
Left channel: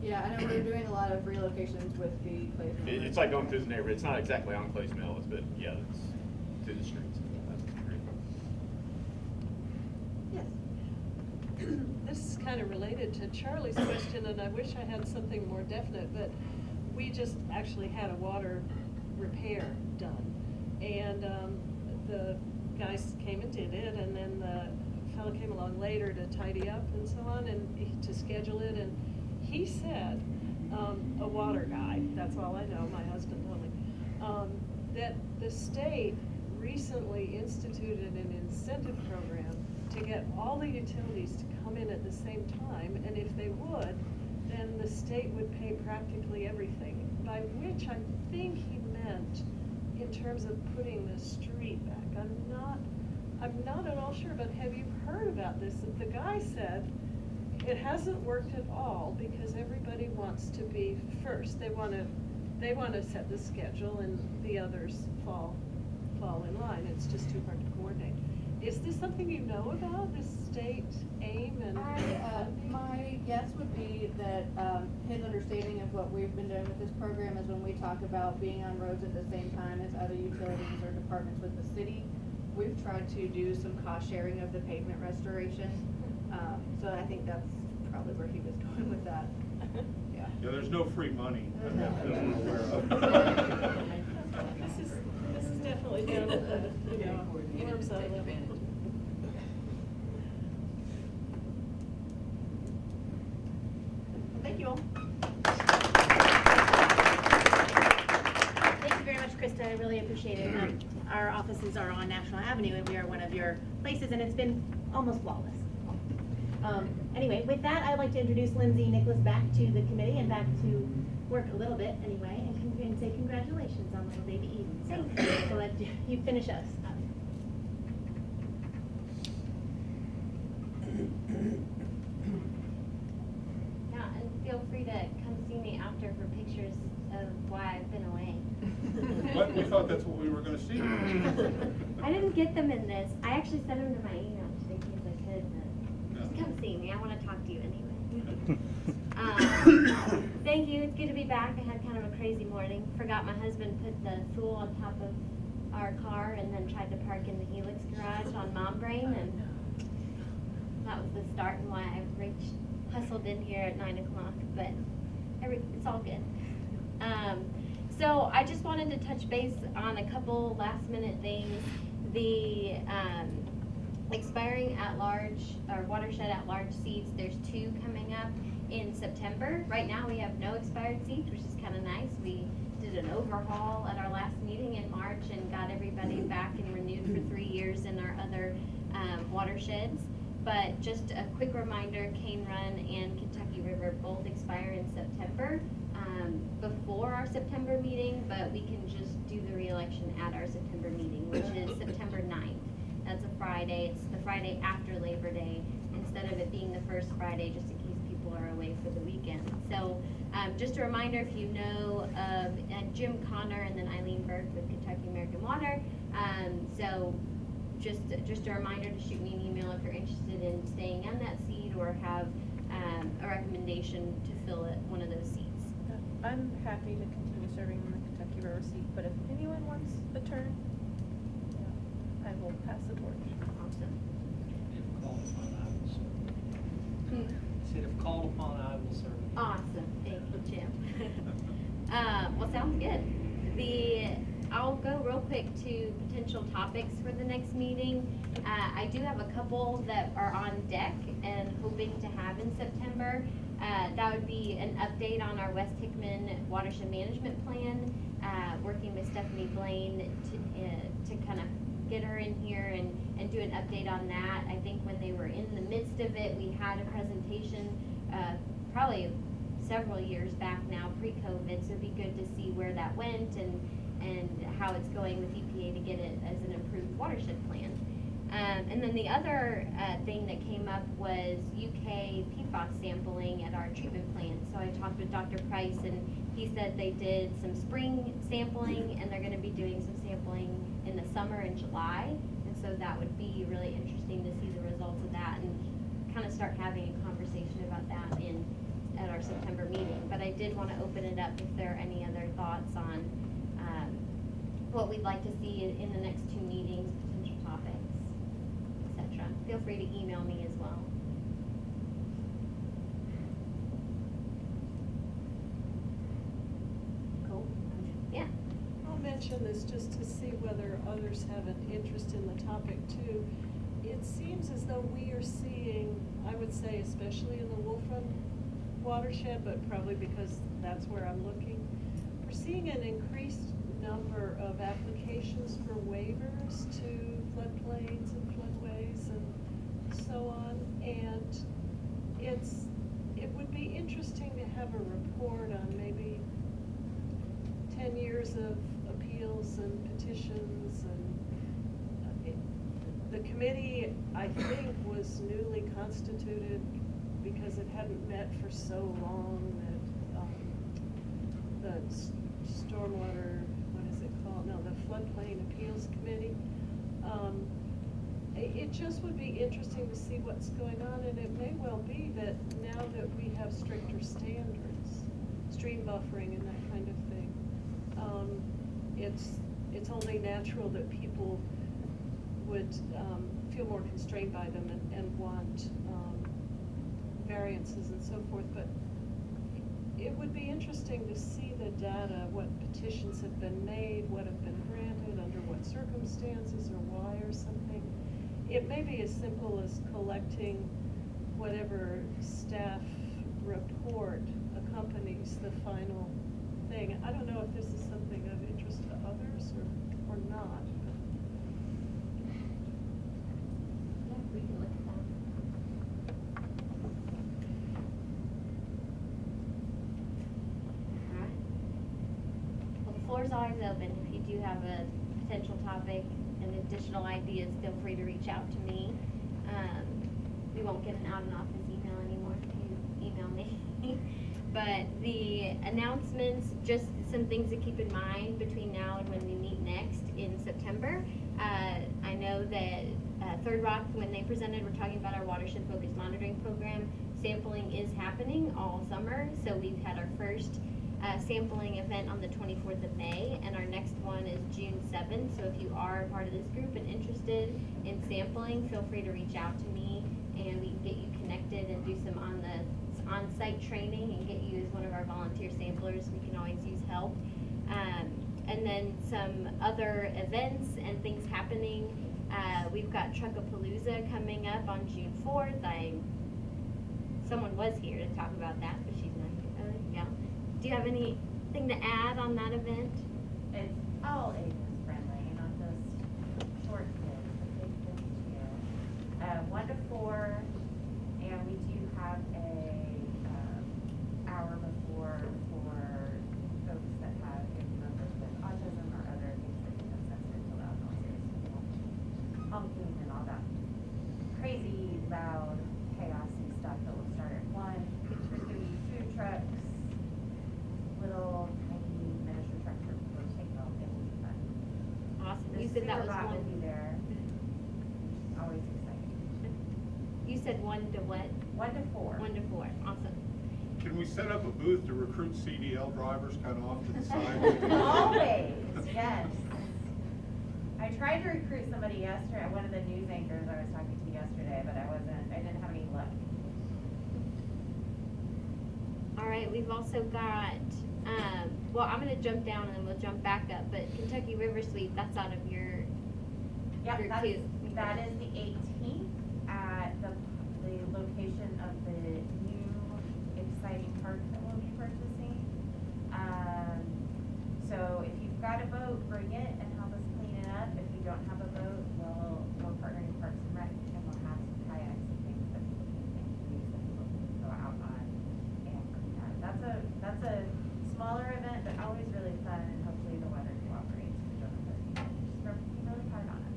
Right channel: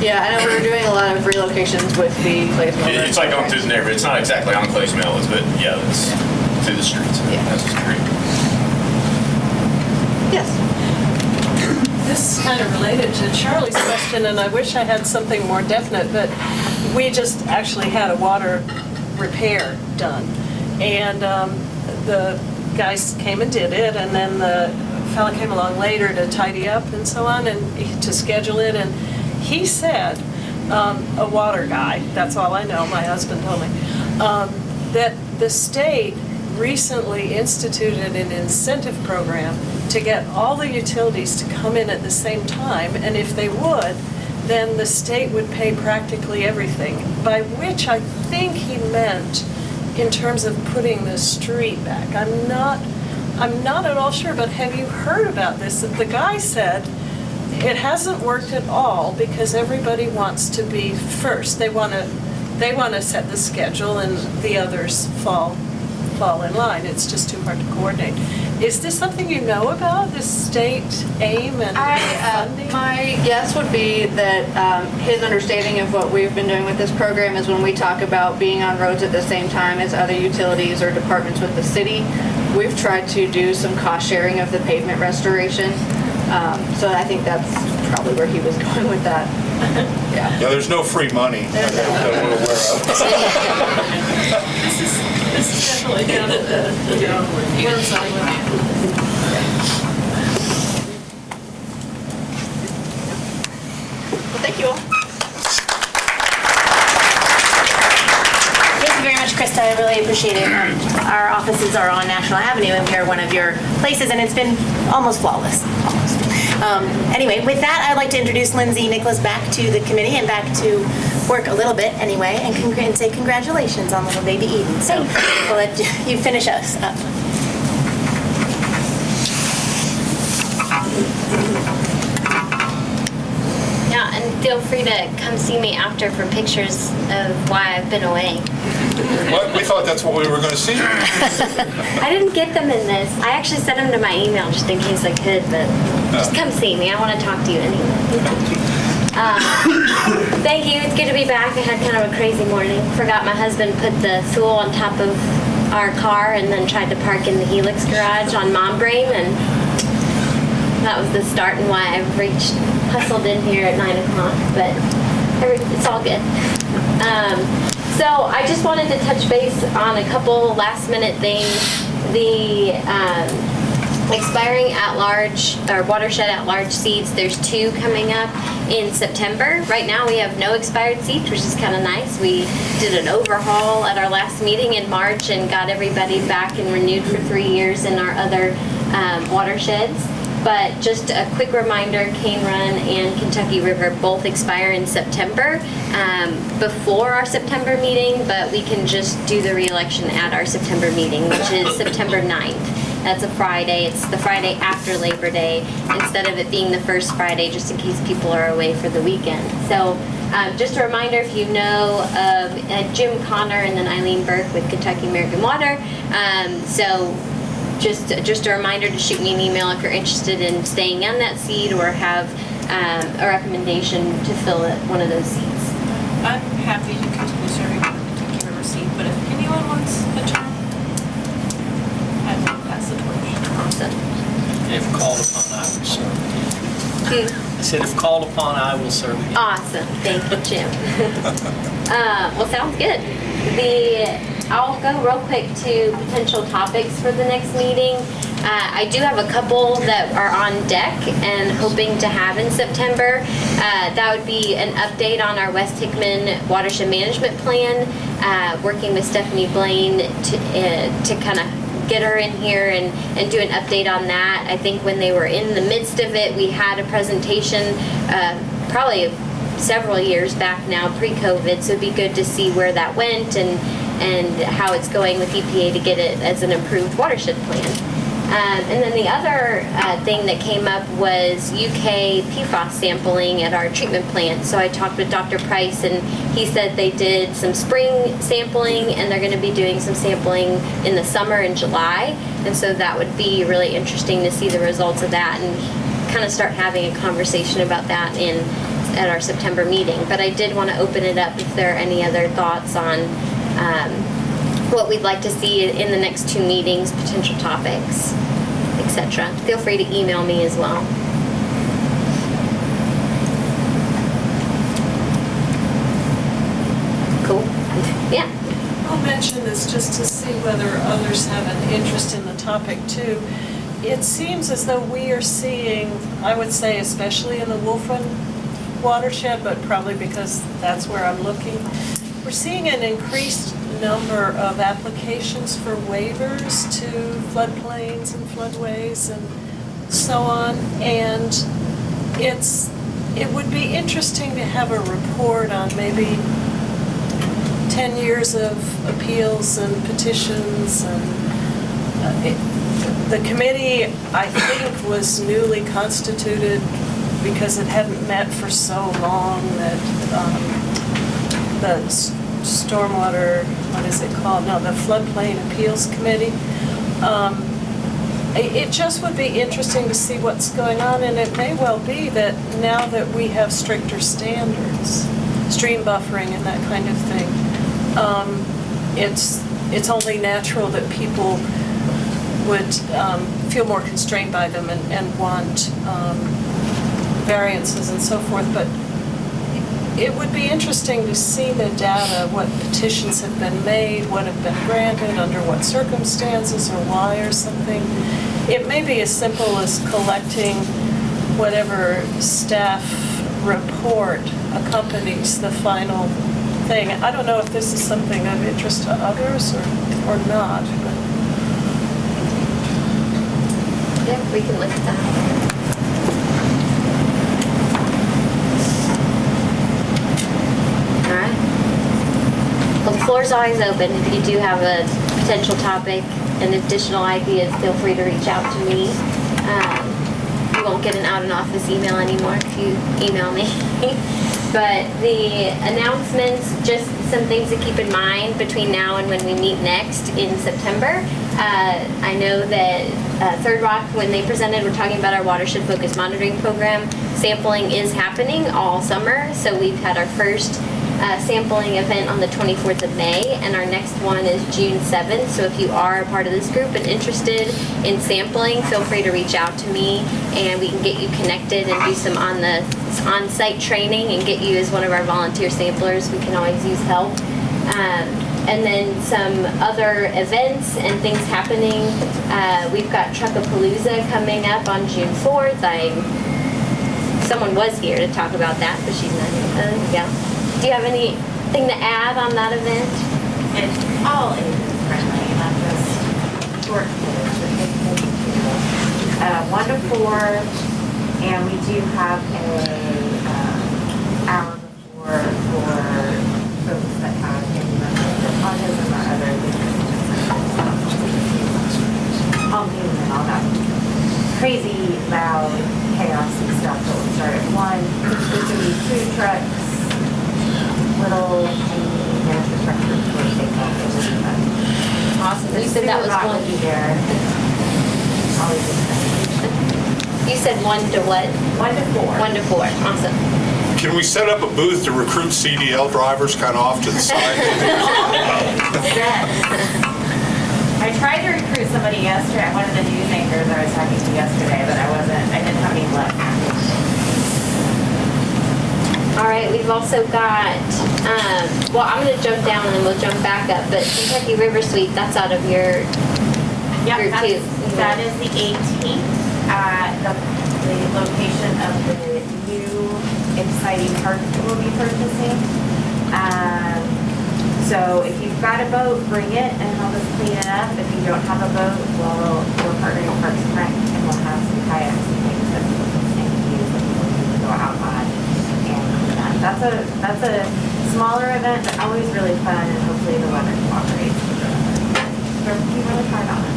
Yeah, I know we're doing a lot of relocations with the Clays Mill Road. It's like going through the neighborhood. It's not exactly on Clays Mill, but yeah, it's through the streets. Yeah. That's the street. Yes. This is kind of related to Charlie's question, and I wish I had something more definite, but we just actually had a water repair done. And the guys came and did it, and then the fella came along later to tidy up and so on, and to schedule it. And he said, a water guy, that's all I know, my husband told me, that the state recently instituted an incentive program to get all the utilities to come in at the same time, and if they would, then the state would pay practically everything, by which I think he meant in terms of putting the street back. I'm not at all sure, but have you heard about this? The guy said it hasn't worked at all because everybody wants to be first. They want to set the schedule, and the others fall in line. It's just too hard to coordinate. Is this something you know about, this state aim and funding? My guess would be that his understanding of what we've been doing with this program is when we talk about being on roads at the same time as other utilities or departments with the city, we've tried to do some cost sharing of the pavement restoration. So I think that's probably where he was going with that. Yeah. Yeah, there's no free money that we're aware of. This is definitely down at the worms I went. Well, thank you all. Thank you very much, Krista. I really appreciate it. Our offices are on National Avenue, and we are one of your places, and it's been almost flawless. Almost. Anyway, with that, I'd like to introduce Lindsay Nicholas back to the committee and back to work a little bit anyway, and say congratulations on little baby Eden. So we'll let you finish us up. Yeah, and feel free to come see me after for pictures of why I've been away. What? We thought that's what we were going to see. I didn't get them in this. I actually sent them to my email just in case I could, but just come see me. I want to talk to you anyway. Thank you. It's good to be back. I had kind of a crazy morning. Forgot my husband put the stool on top of our car and then tried to park in the Helix garage on Mom Brain, and that was the start and why I hustled in here at 9 o'clock, but it's all good. So I just wanted to touch base on a couple last minute things. The expiring at-large, or Watershed at-large seats, there's 2 coming up in September. Right now we have no expired seats, which is kind of nice. We did an overhaul at our last meeting in March and got everybody back and renewed for 3 years in our other watersheds. But just a quick reminder, Cane Run and Kentucky River both expire in September before our September meeting, but we can just do the re-election at our September meeting, which is September 9th. That's a Friday. It's the Friday after Labor Day instead of it being the first Friday, just in case people are away for the weekend. So just a reminder, if you know of Jim Connor and then Eileen Burke with Kentucky American Water. So just a reminder to shoot me an email if you're interested in staying on that seat or have a recommendation to fill one of those seats. I'm happy to continue serving on the Kentucky River seat, but if anyone wants a term, I will pass the torch. Awesome. If called upon, I will serve. I said, if called upon, I will serve again. Awesome. Thank you, Jim. Well, sounds good. I'll go real quick to potential topics for the next meeting. I do have a couple that are on deck and hoping to have in September. That would be an update on our West Hickman Watershed Management Plan, working with Stephanie Blaine to kind of get her in here and do an update on that. I think when they were in the midst of it, we had a presentation probably several years back now, pre-COVID, so it'd be good to see where that went and how it's going with EPA to get it as an approved watershed plan. And then the other thing that came up was UK PFAS sampling at our treatment plant. So I talked with Dr. Price, and he said they did some spring sampling, and they're going to be doing some sampling in the summer in July. And so that would be really interesting to see the results of that and kind of start having a conversation about that at our September meeting. But I did want to open it up if there are any other thoughts on what we'd like to see in the next 2 meetings, potential topics, etc. Feel free to email me as well. Cool. Yeah. I'll mention this just to see whether others have an interest in the topic too. It seems as though we are seeing, I would say especially in the Wolf Run watershed, but probably because that's where I'm looking, we're seeing an increased number of applications for waivers to floodplains and floodways and so on. And it would be interesting to have a report on maybe 10 years of appeals and petitions. And the committee, I think, was newly constituted because it hadn't met for so long that the Stormwater, what is it called? No, the Floodplain Appeals Committee. It just would be interesting to see what's going on, and it may well be that now that we have stricter standards, stream buffering and that kind of thing, it's only natural that people would feel more constrained by them and want variances and so forth. But it would be interesting to see the data, what petitions have been made, what have been granted, under what circumstances or why or something. It may be as simple as collecting whatever staff report accompanies the final thing. I don't know if this is something of interest to others or not. But. Yeah, we can look at that. The floor's always open. If you do have a potential topic and additional ideas, feel free to reach out to me. You won't get an out-of-office email anymore if you email me. But the announcements, just some things to keep in mind between now and when we meet next in September. I know that Third Rock, when they presented, we're talking about our watershed focused monitoring program. Sampling is happening all summer, so we've had our first sampling event on the 24th of May, and our next one is June 7th. So if you are a part of this group and interested in sampling, feel free to reach out to me, and we can get you connected and do some on-site training and get you as one of our volunteer samplers. We can always use help. And then some other events and things happening. We've got Truckapalooza coming up on June 4th. Someone was here to talk about that, but she's not here. Yeah. Do you have anything to add on that event? It's all ages friendly, not just short kids, but big kids too. 1 to 4, and we do have a hour before for folks that have autism or other and all that crazy loud chaos and stuff that will start at 1. There's going to be food trucks, little tiny miniature structures where they go. It will be fun. Awesome. The You said that was sewer rock one. will be there. Always exciting. You said 1 to what? 1 to 4. 1 to 4. Awesome. Can we set up a booth to recruit CDL drivers kind of off to the side? I tried to recruit somebody yesterday, one of the news anchors I was talking to yesterday, but I didn't have any luck. All right, we've also got, well, I'm going to jump down and we'll jump back up, but Kentucky River Sweep, that's out of your group too. That is the 18th at the location of the new exciting park that we'll be purchasing. So if you've got a boat, bring it and help us clean it up. If you don't have a boat, we're partnering with Parks and Rec, and we'll have some kayaks and things that people can use that people can go out on. And that's a smaller event, but always really fun, and hopefully the weather cooperates. We're working really hard on it.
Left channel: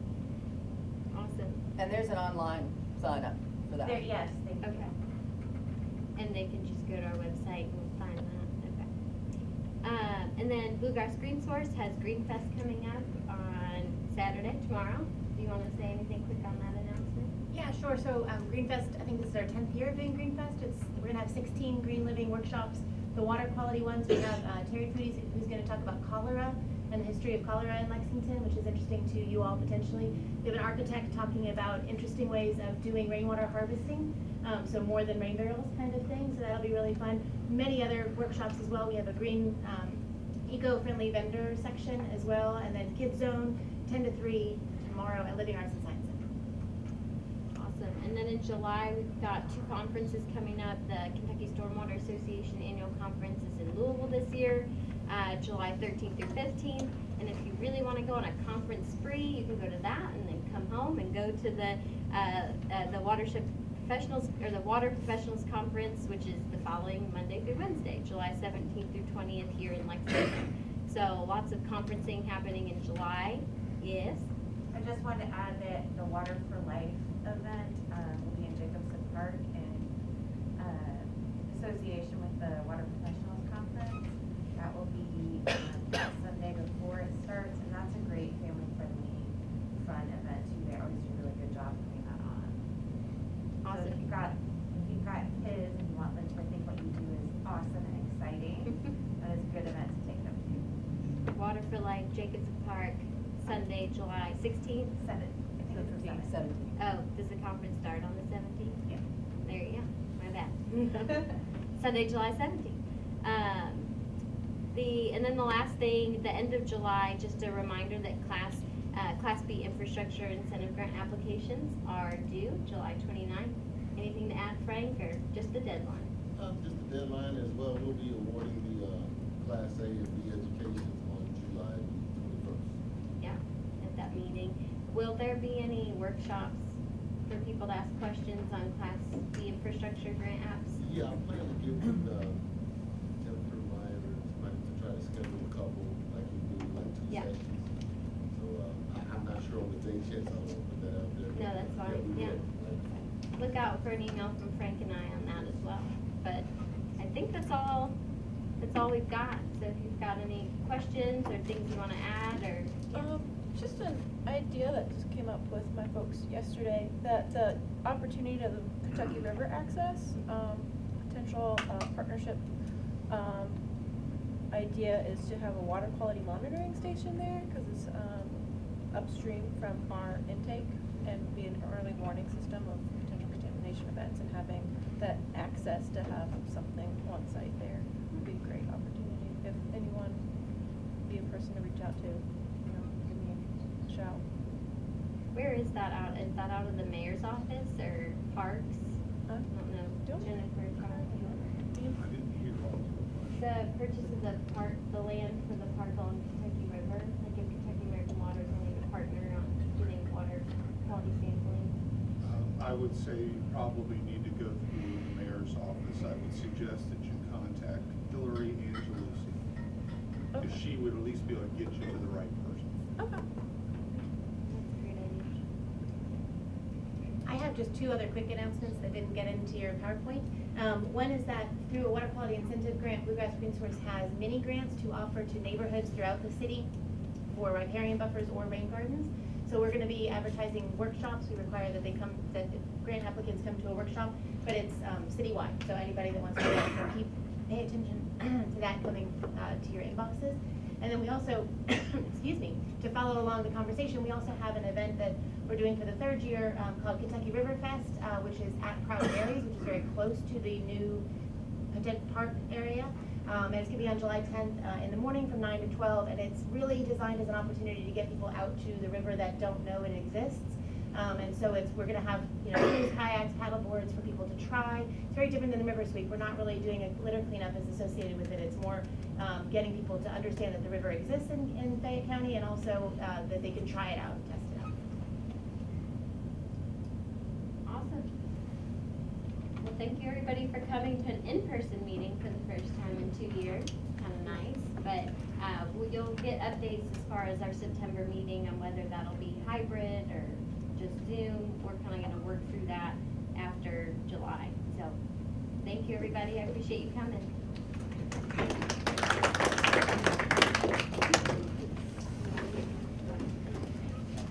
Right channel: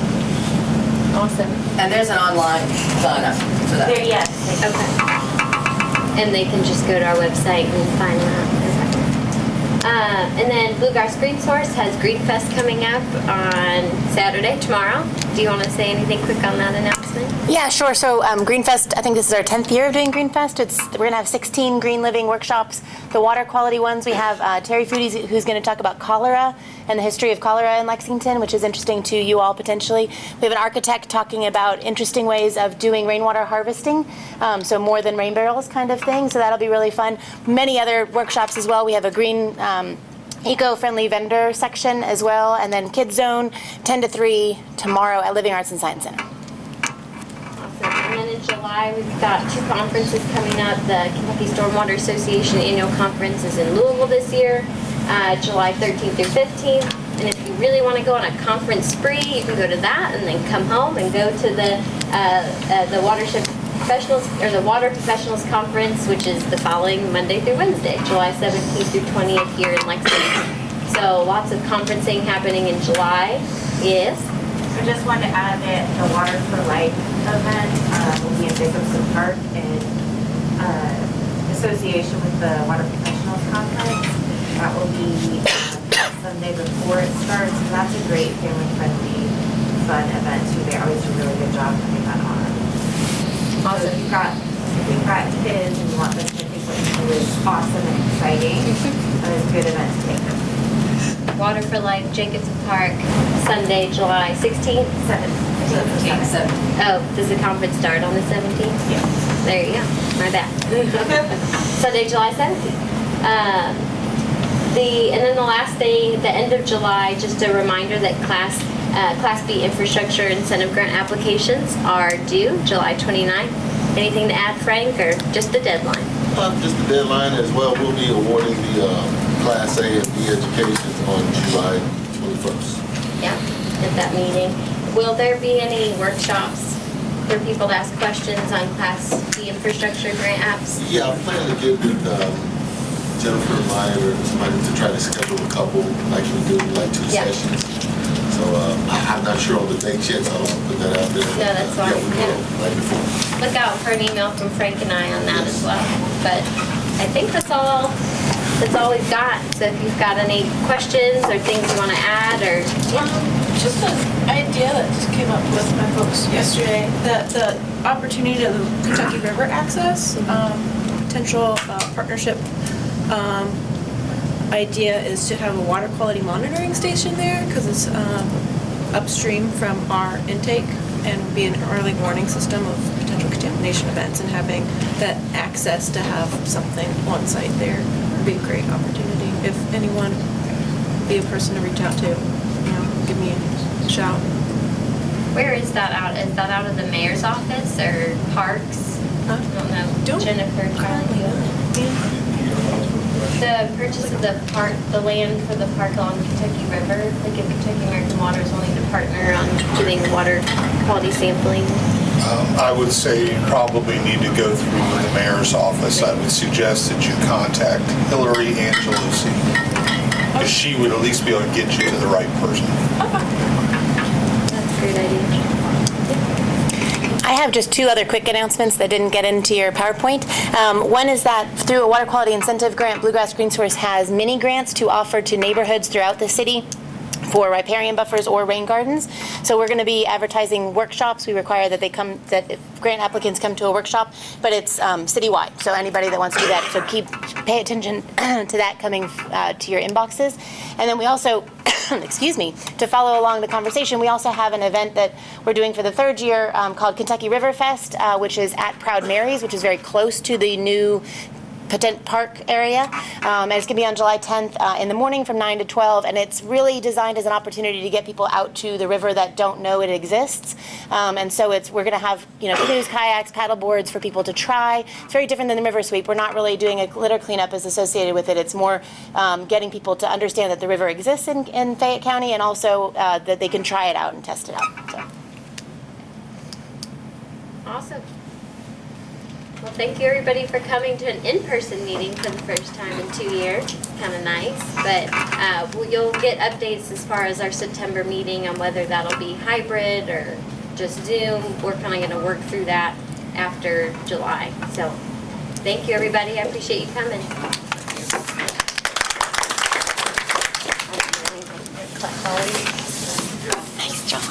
Awesome. And there's an online sign up for that. There, yes. Okay. And they can just go to our website and find that. And then Bluegrass Green Source has Green Fest coming up on Saturday, tomorrow. Do you want to say anything quick on that announcement? Yeah, sure. So Greenfest, I think this is our 10th year of doing Greenfest. We're going to have 16 green living workshops. The water quality ones, we have Terry Foodies, who's going to talk about cholera and the history of cholera in Lexington, which is interesting to you all potentially. We have an architect talking about interesting ways of doing rainwater harvesting, so more than rain barrels kind of thing. So that'll be really fun. Many other workshops as well. We have a green eco-friendly vendor section as well, and then Kids Zone 10 to 3 tomorrow at Living Arts and Science Center. And then in July, we've got 2 conferences coming up. The Kentucky Stormwater Association Annual Conference is in Louisville this year, July 13th through 15th. And if you really want to go on a conference spree, you can go to that and then come home and go to the Watershed Professionals, or the Water Professionals Conference, which is the following Monday through Wednesday, July 17th through 20th here in Lexington. So lots of conferencing happening in July. Yes? I just wanted to add that the Water for Life event will be in Jacobson Park in association with the Water Professionals Conference. That will be Sunday before it starts, and that's a great family-friendly, fun event too. They always do a really good job putting that on. Also, if you've got kids and you want them to think what you do is awesome and exciting, that is a good event to take them. Water for Life, Jacobson Park, Sunday, July 16th? 17th. Oh, does the conference start on the 17th? Yeah. There you go. My bad. Sunday, July 17th. And then the last thing, the end of July, just a reminder that Class B infrastructure incentive grant applications are due July 29th. Anything to add, Frank, or just the deadline? Just the deadline as well. We'll be awarding the Class A and B education on July 21st. Yeah, at that meeting. Will there be any workshops for people to ask questions on Class B infrastructure grant apps? Yeah, I'm planning to get with Jennifer Meyer or somebody to try to schedule a couple, like we do, like 2 sessions. So I'm not sure on the dates yet, so I don't want to put that out there. No, that's fine. Yeah, we will, right before. Look out for an email from Frank and I on that as well. But I think that's all we've got. So if you've got any questions or things you want to add, or Just an idea that just came up with my folks yesterday, that the opportunity of the Kentucky River access, potential partnership idea is to have a water quality monitoring station there because it's upstream from our intake and be an early warning system of potential contamination events, and having that access to have something on site there would be a great opportunity. If anyone be a person to reach out to, give me a shout. Where is that out? Is that out of the mayor's office or parks? I don't know. Jennifer, Charlie. The purchase of the land for the park along the Kentucky River, like if Kentucky American Water is wanting to partner on doing water quality sampling. I would say you probably need to go through the mayor's office. I would suggest that you contact Hillary Angelucci, because she would at least be able to get you to the right person. That's a great idea. I have just two other quick announcements that didn't get into your PowerPoint. One is that through a water quality incentive grant, Bluegrass Green Source has mini grants to offer to neighborhoods throughout the city for riparian buffers or rain gardens. So we're going to be advertising workshops. We require that that grant applicants come to a workshop, but it's citywide. So anybody that wants to do that, so pay attention to that coming to your inboxes. And then we also, excuse me, to follow along the conversation, we also have an event that we're doing for the third year called Kentucky River Fest, which is at Proud Mary's, which is very close to the new Patent Park area, and it's going to be on July 10th in the morning from 9 to 12, and it's really designed as an opportunity to get people out to the river that don't know it exists, and so we're going to have canoes, kayaks, paddle boards for people to try. It's very different than the river sweep. We're not really doing a litter cleanup as associated with it. It's more getting people to understand that the river exists in Fayette County, and also that they can try it out and test it out. So. Awesome. Well, thank you everybody for coming to an in-person meeting for the first time in 2 years. It's kind of nice, but you'll get updates as far as our September meeting on whether that'll be hybrid or just Zoom. We're kind of going to work through that after July. So thank you everybody. I appreciate you coming. Nice job.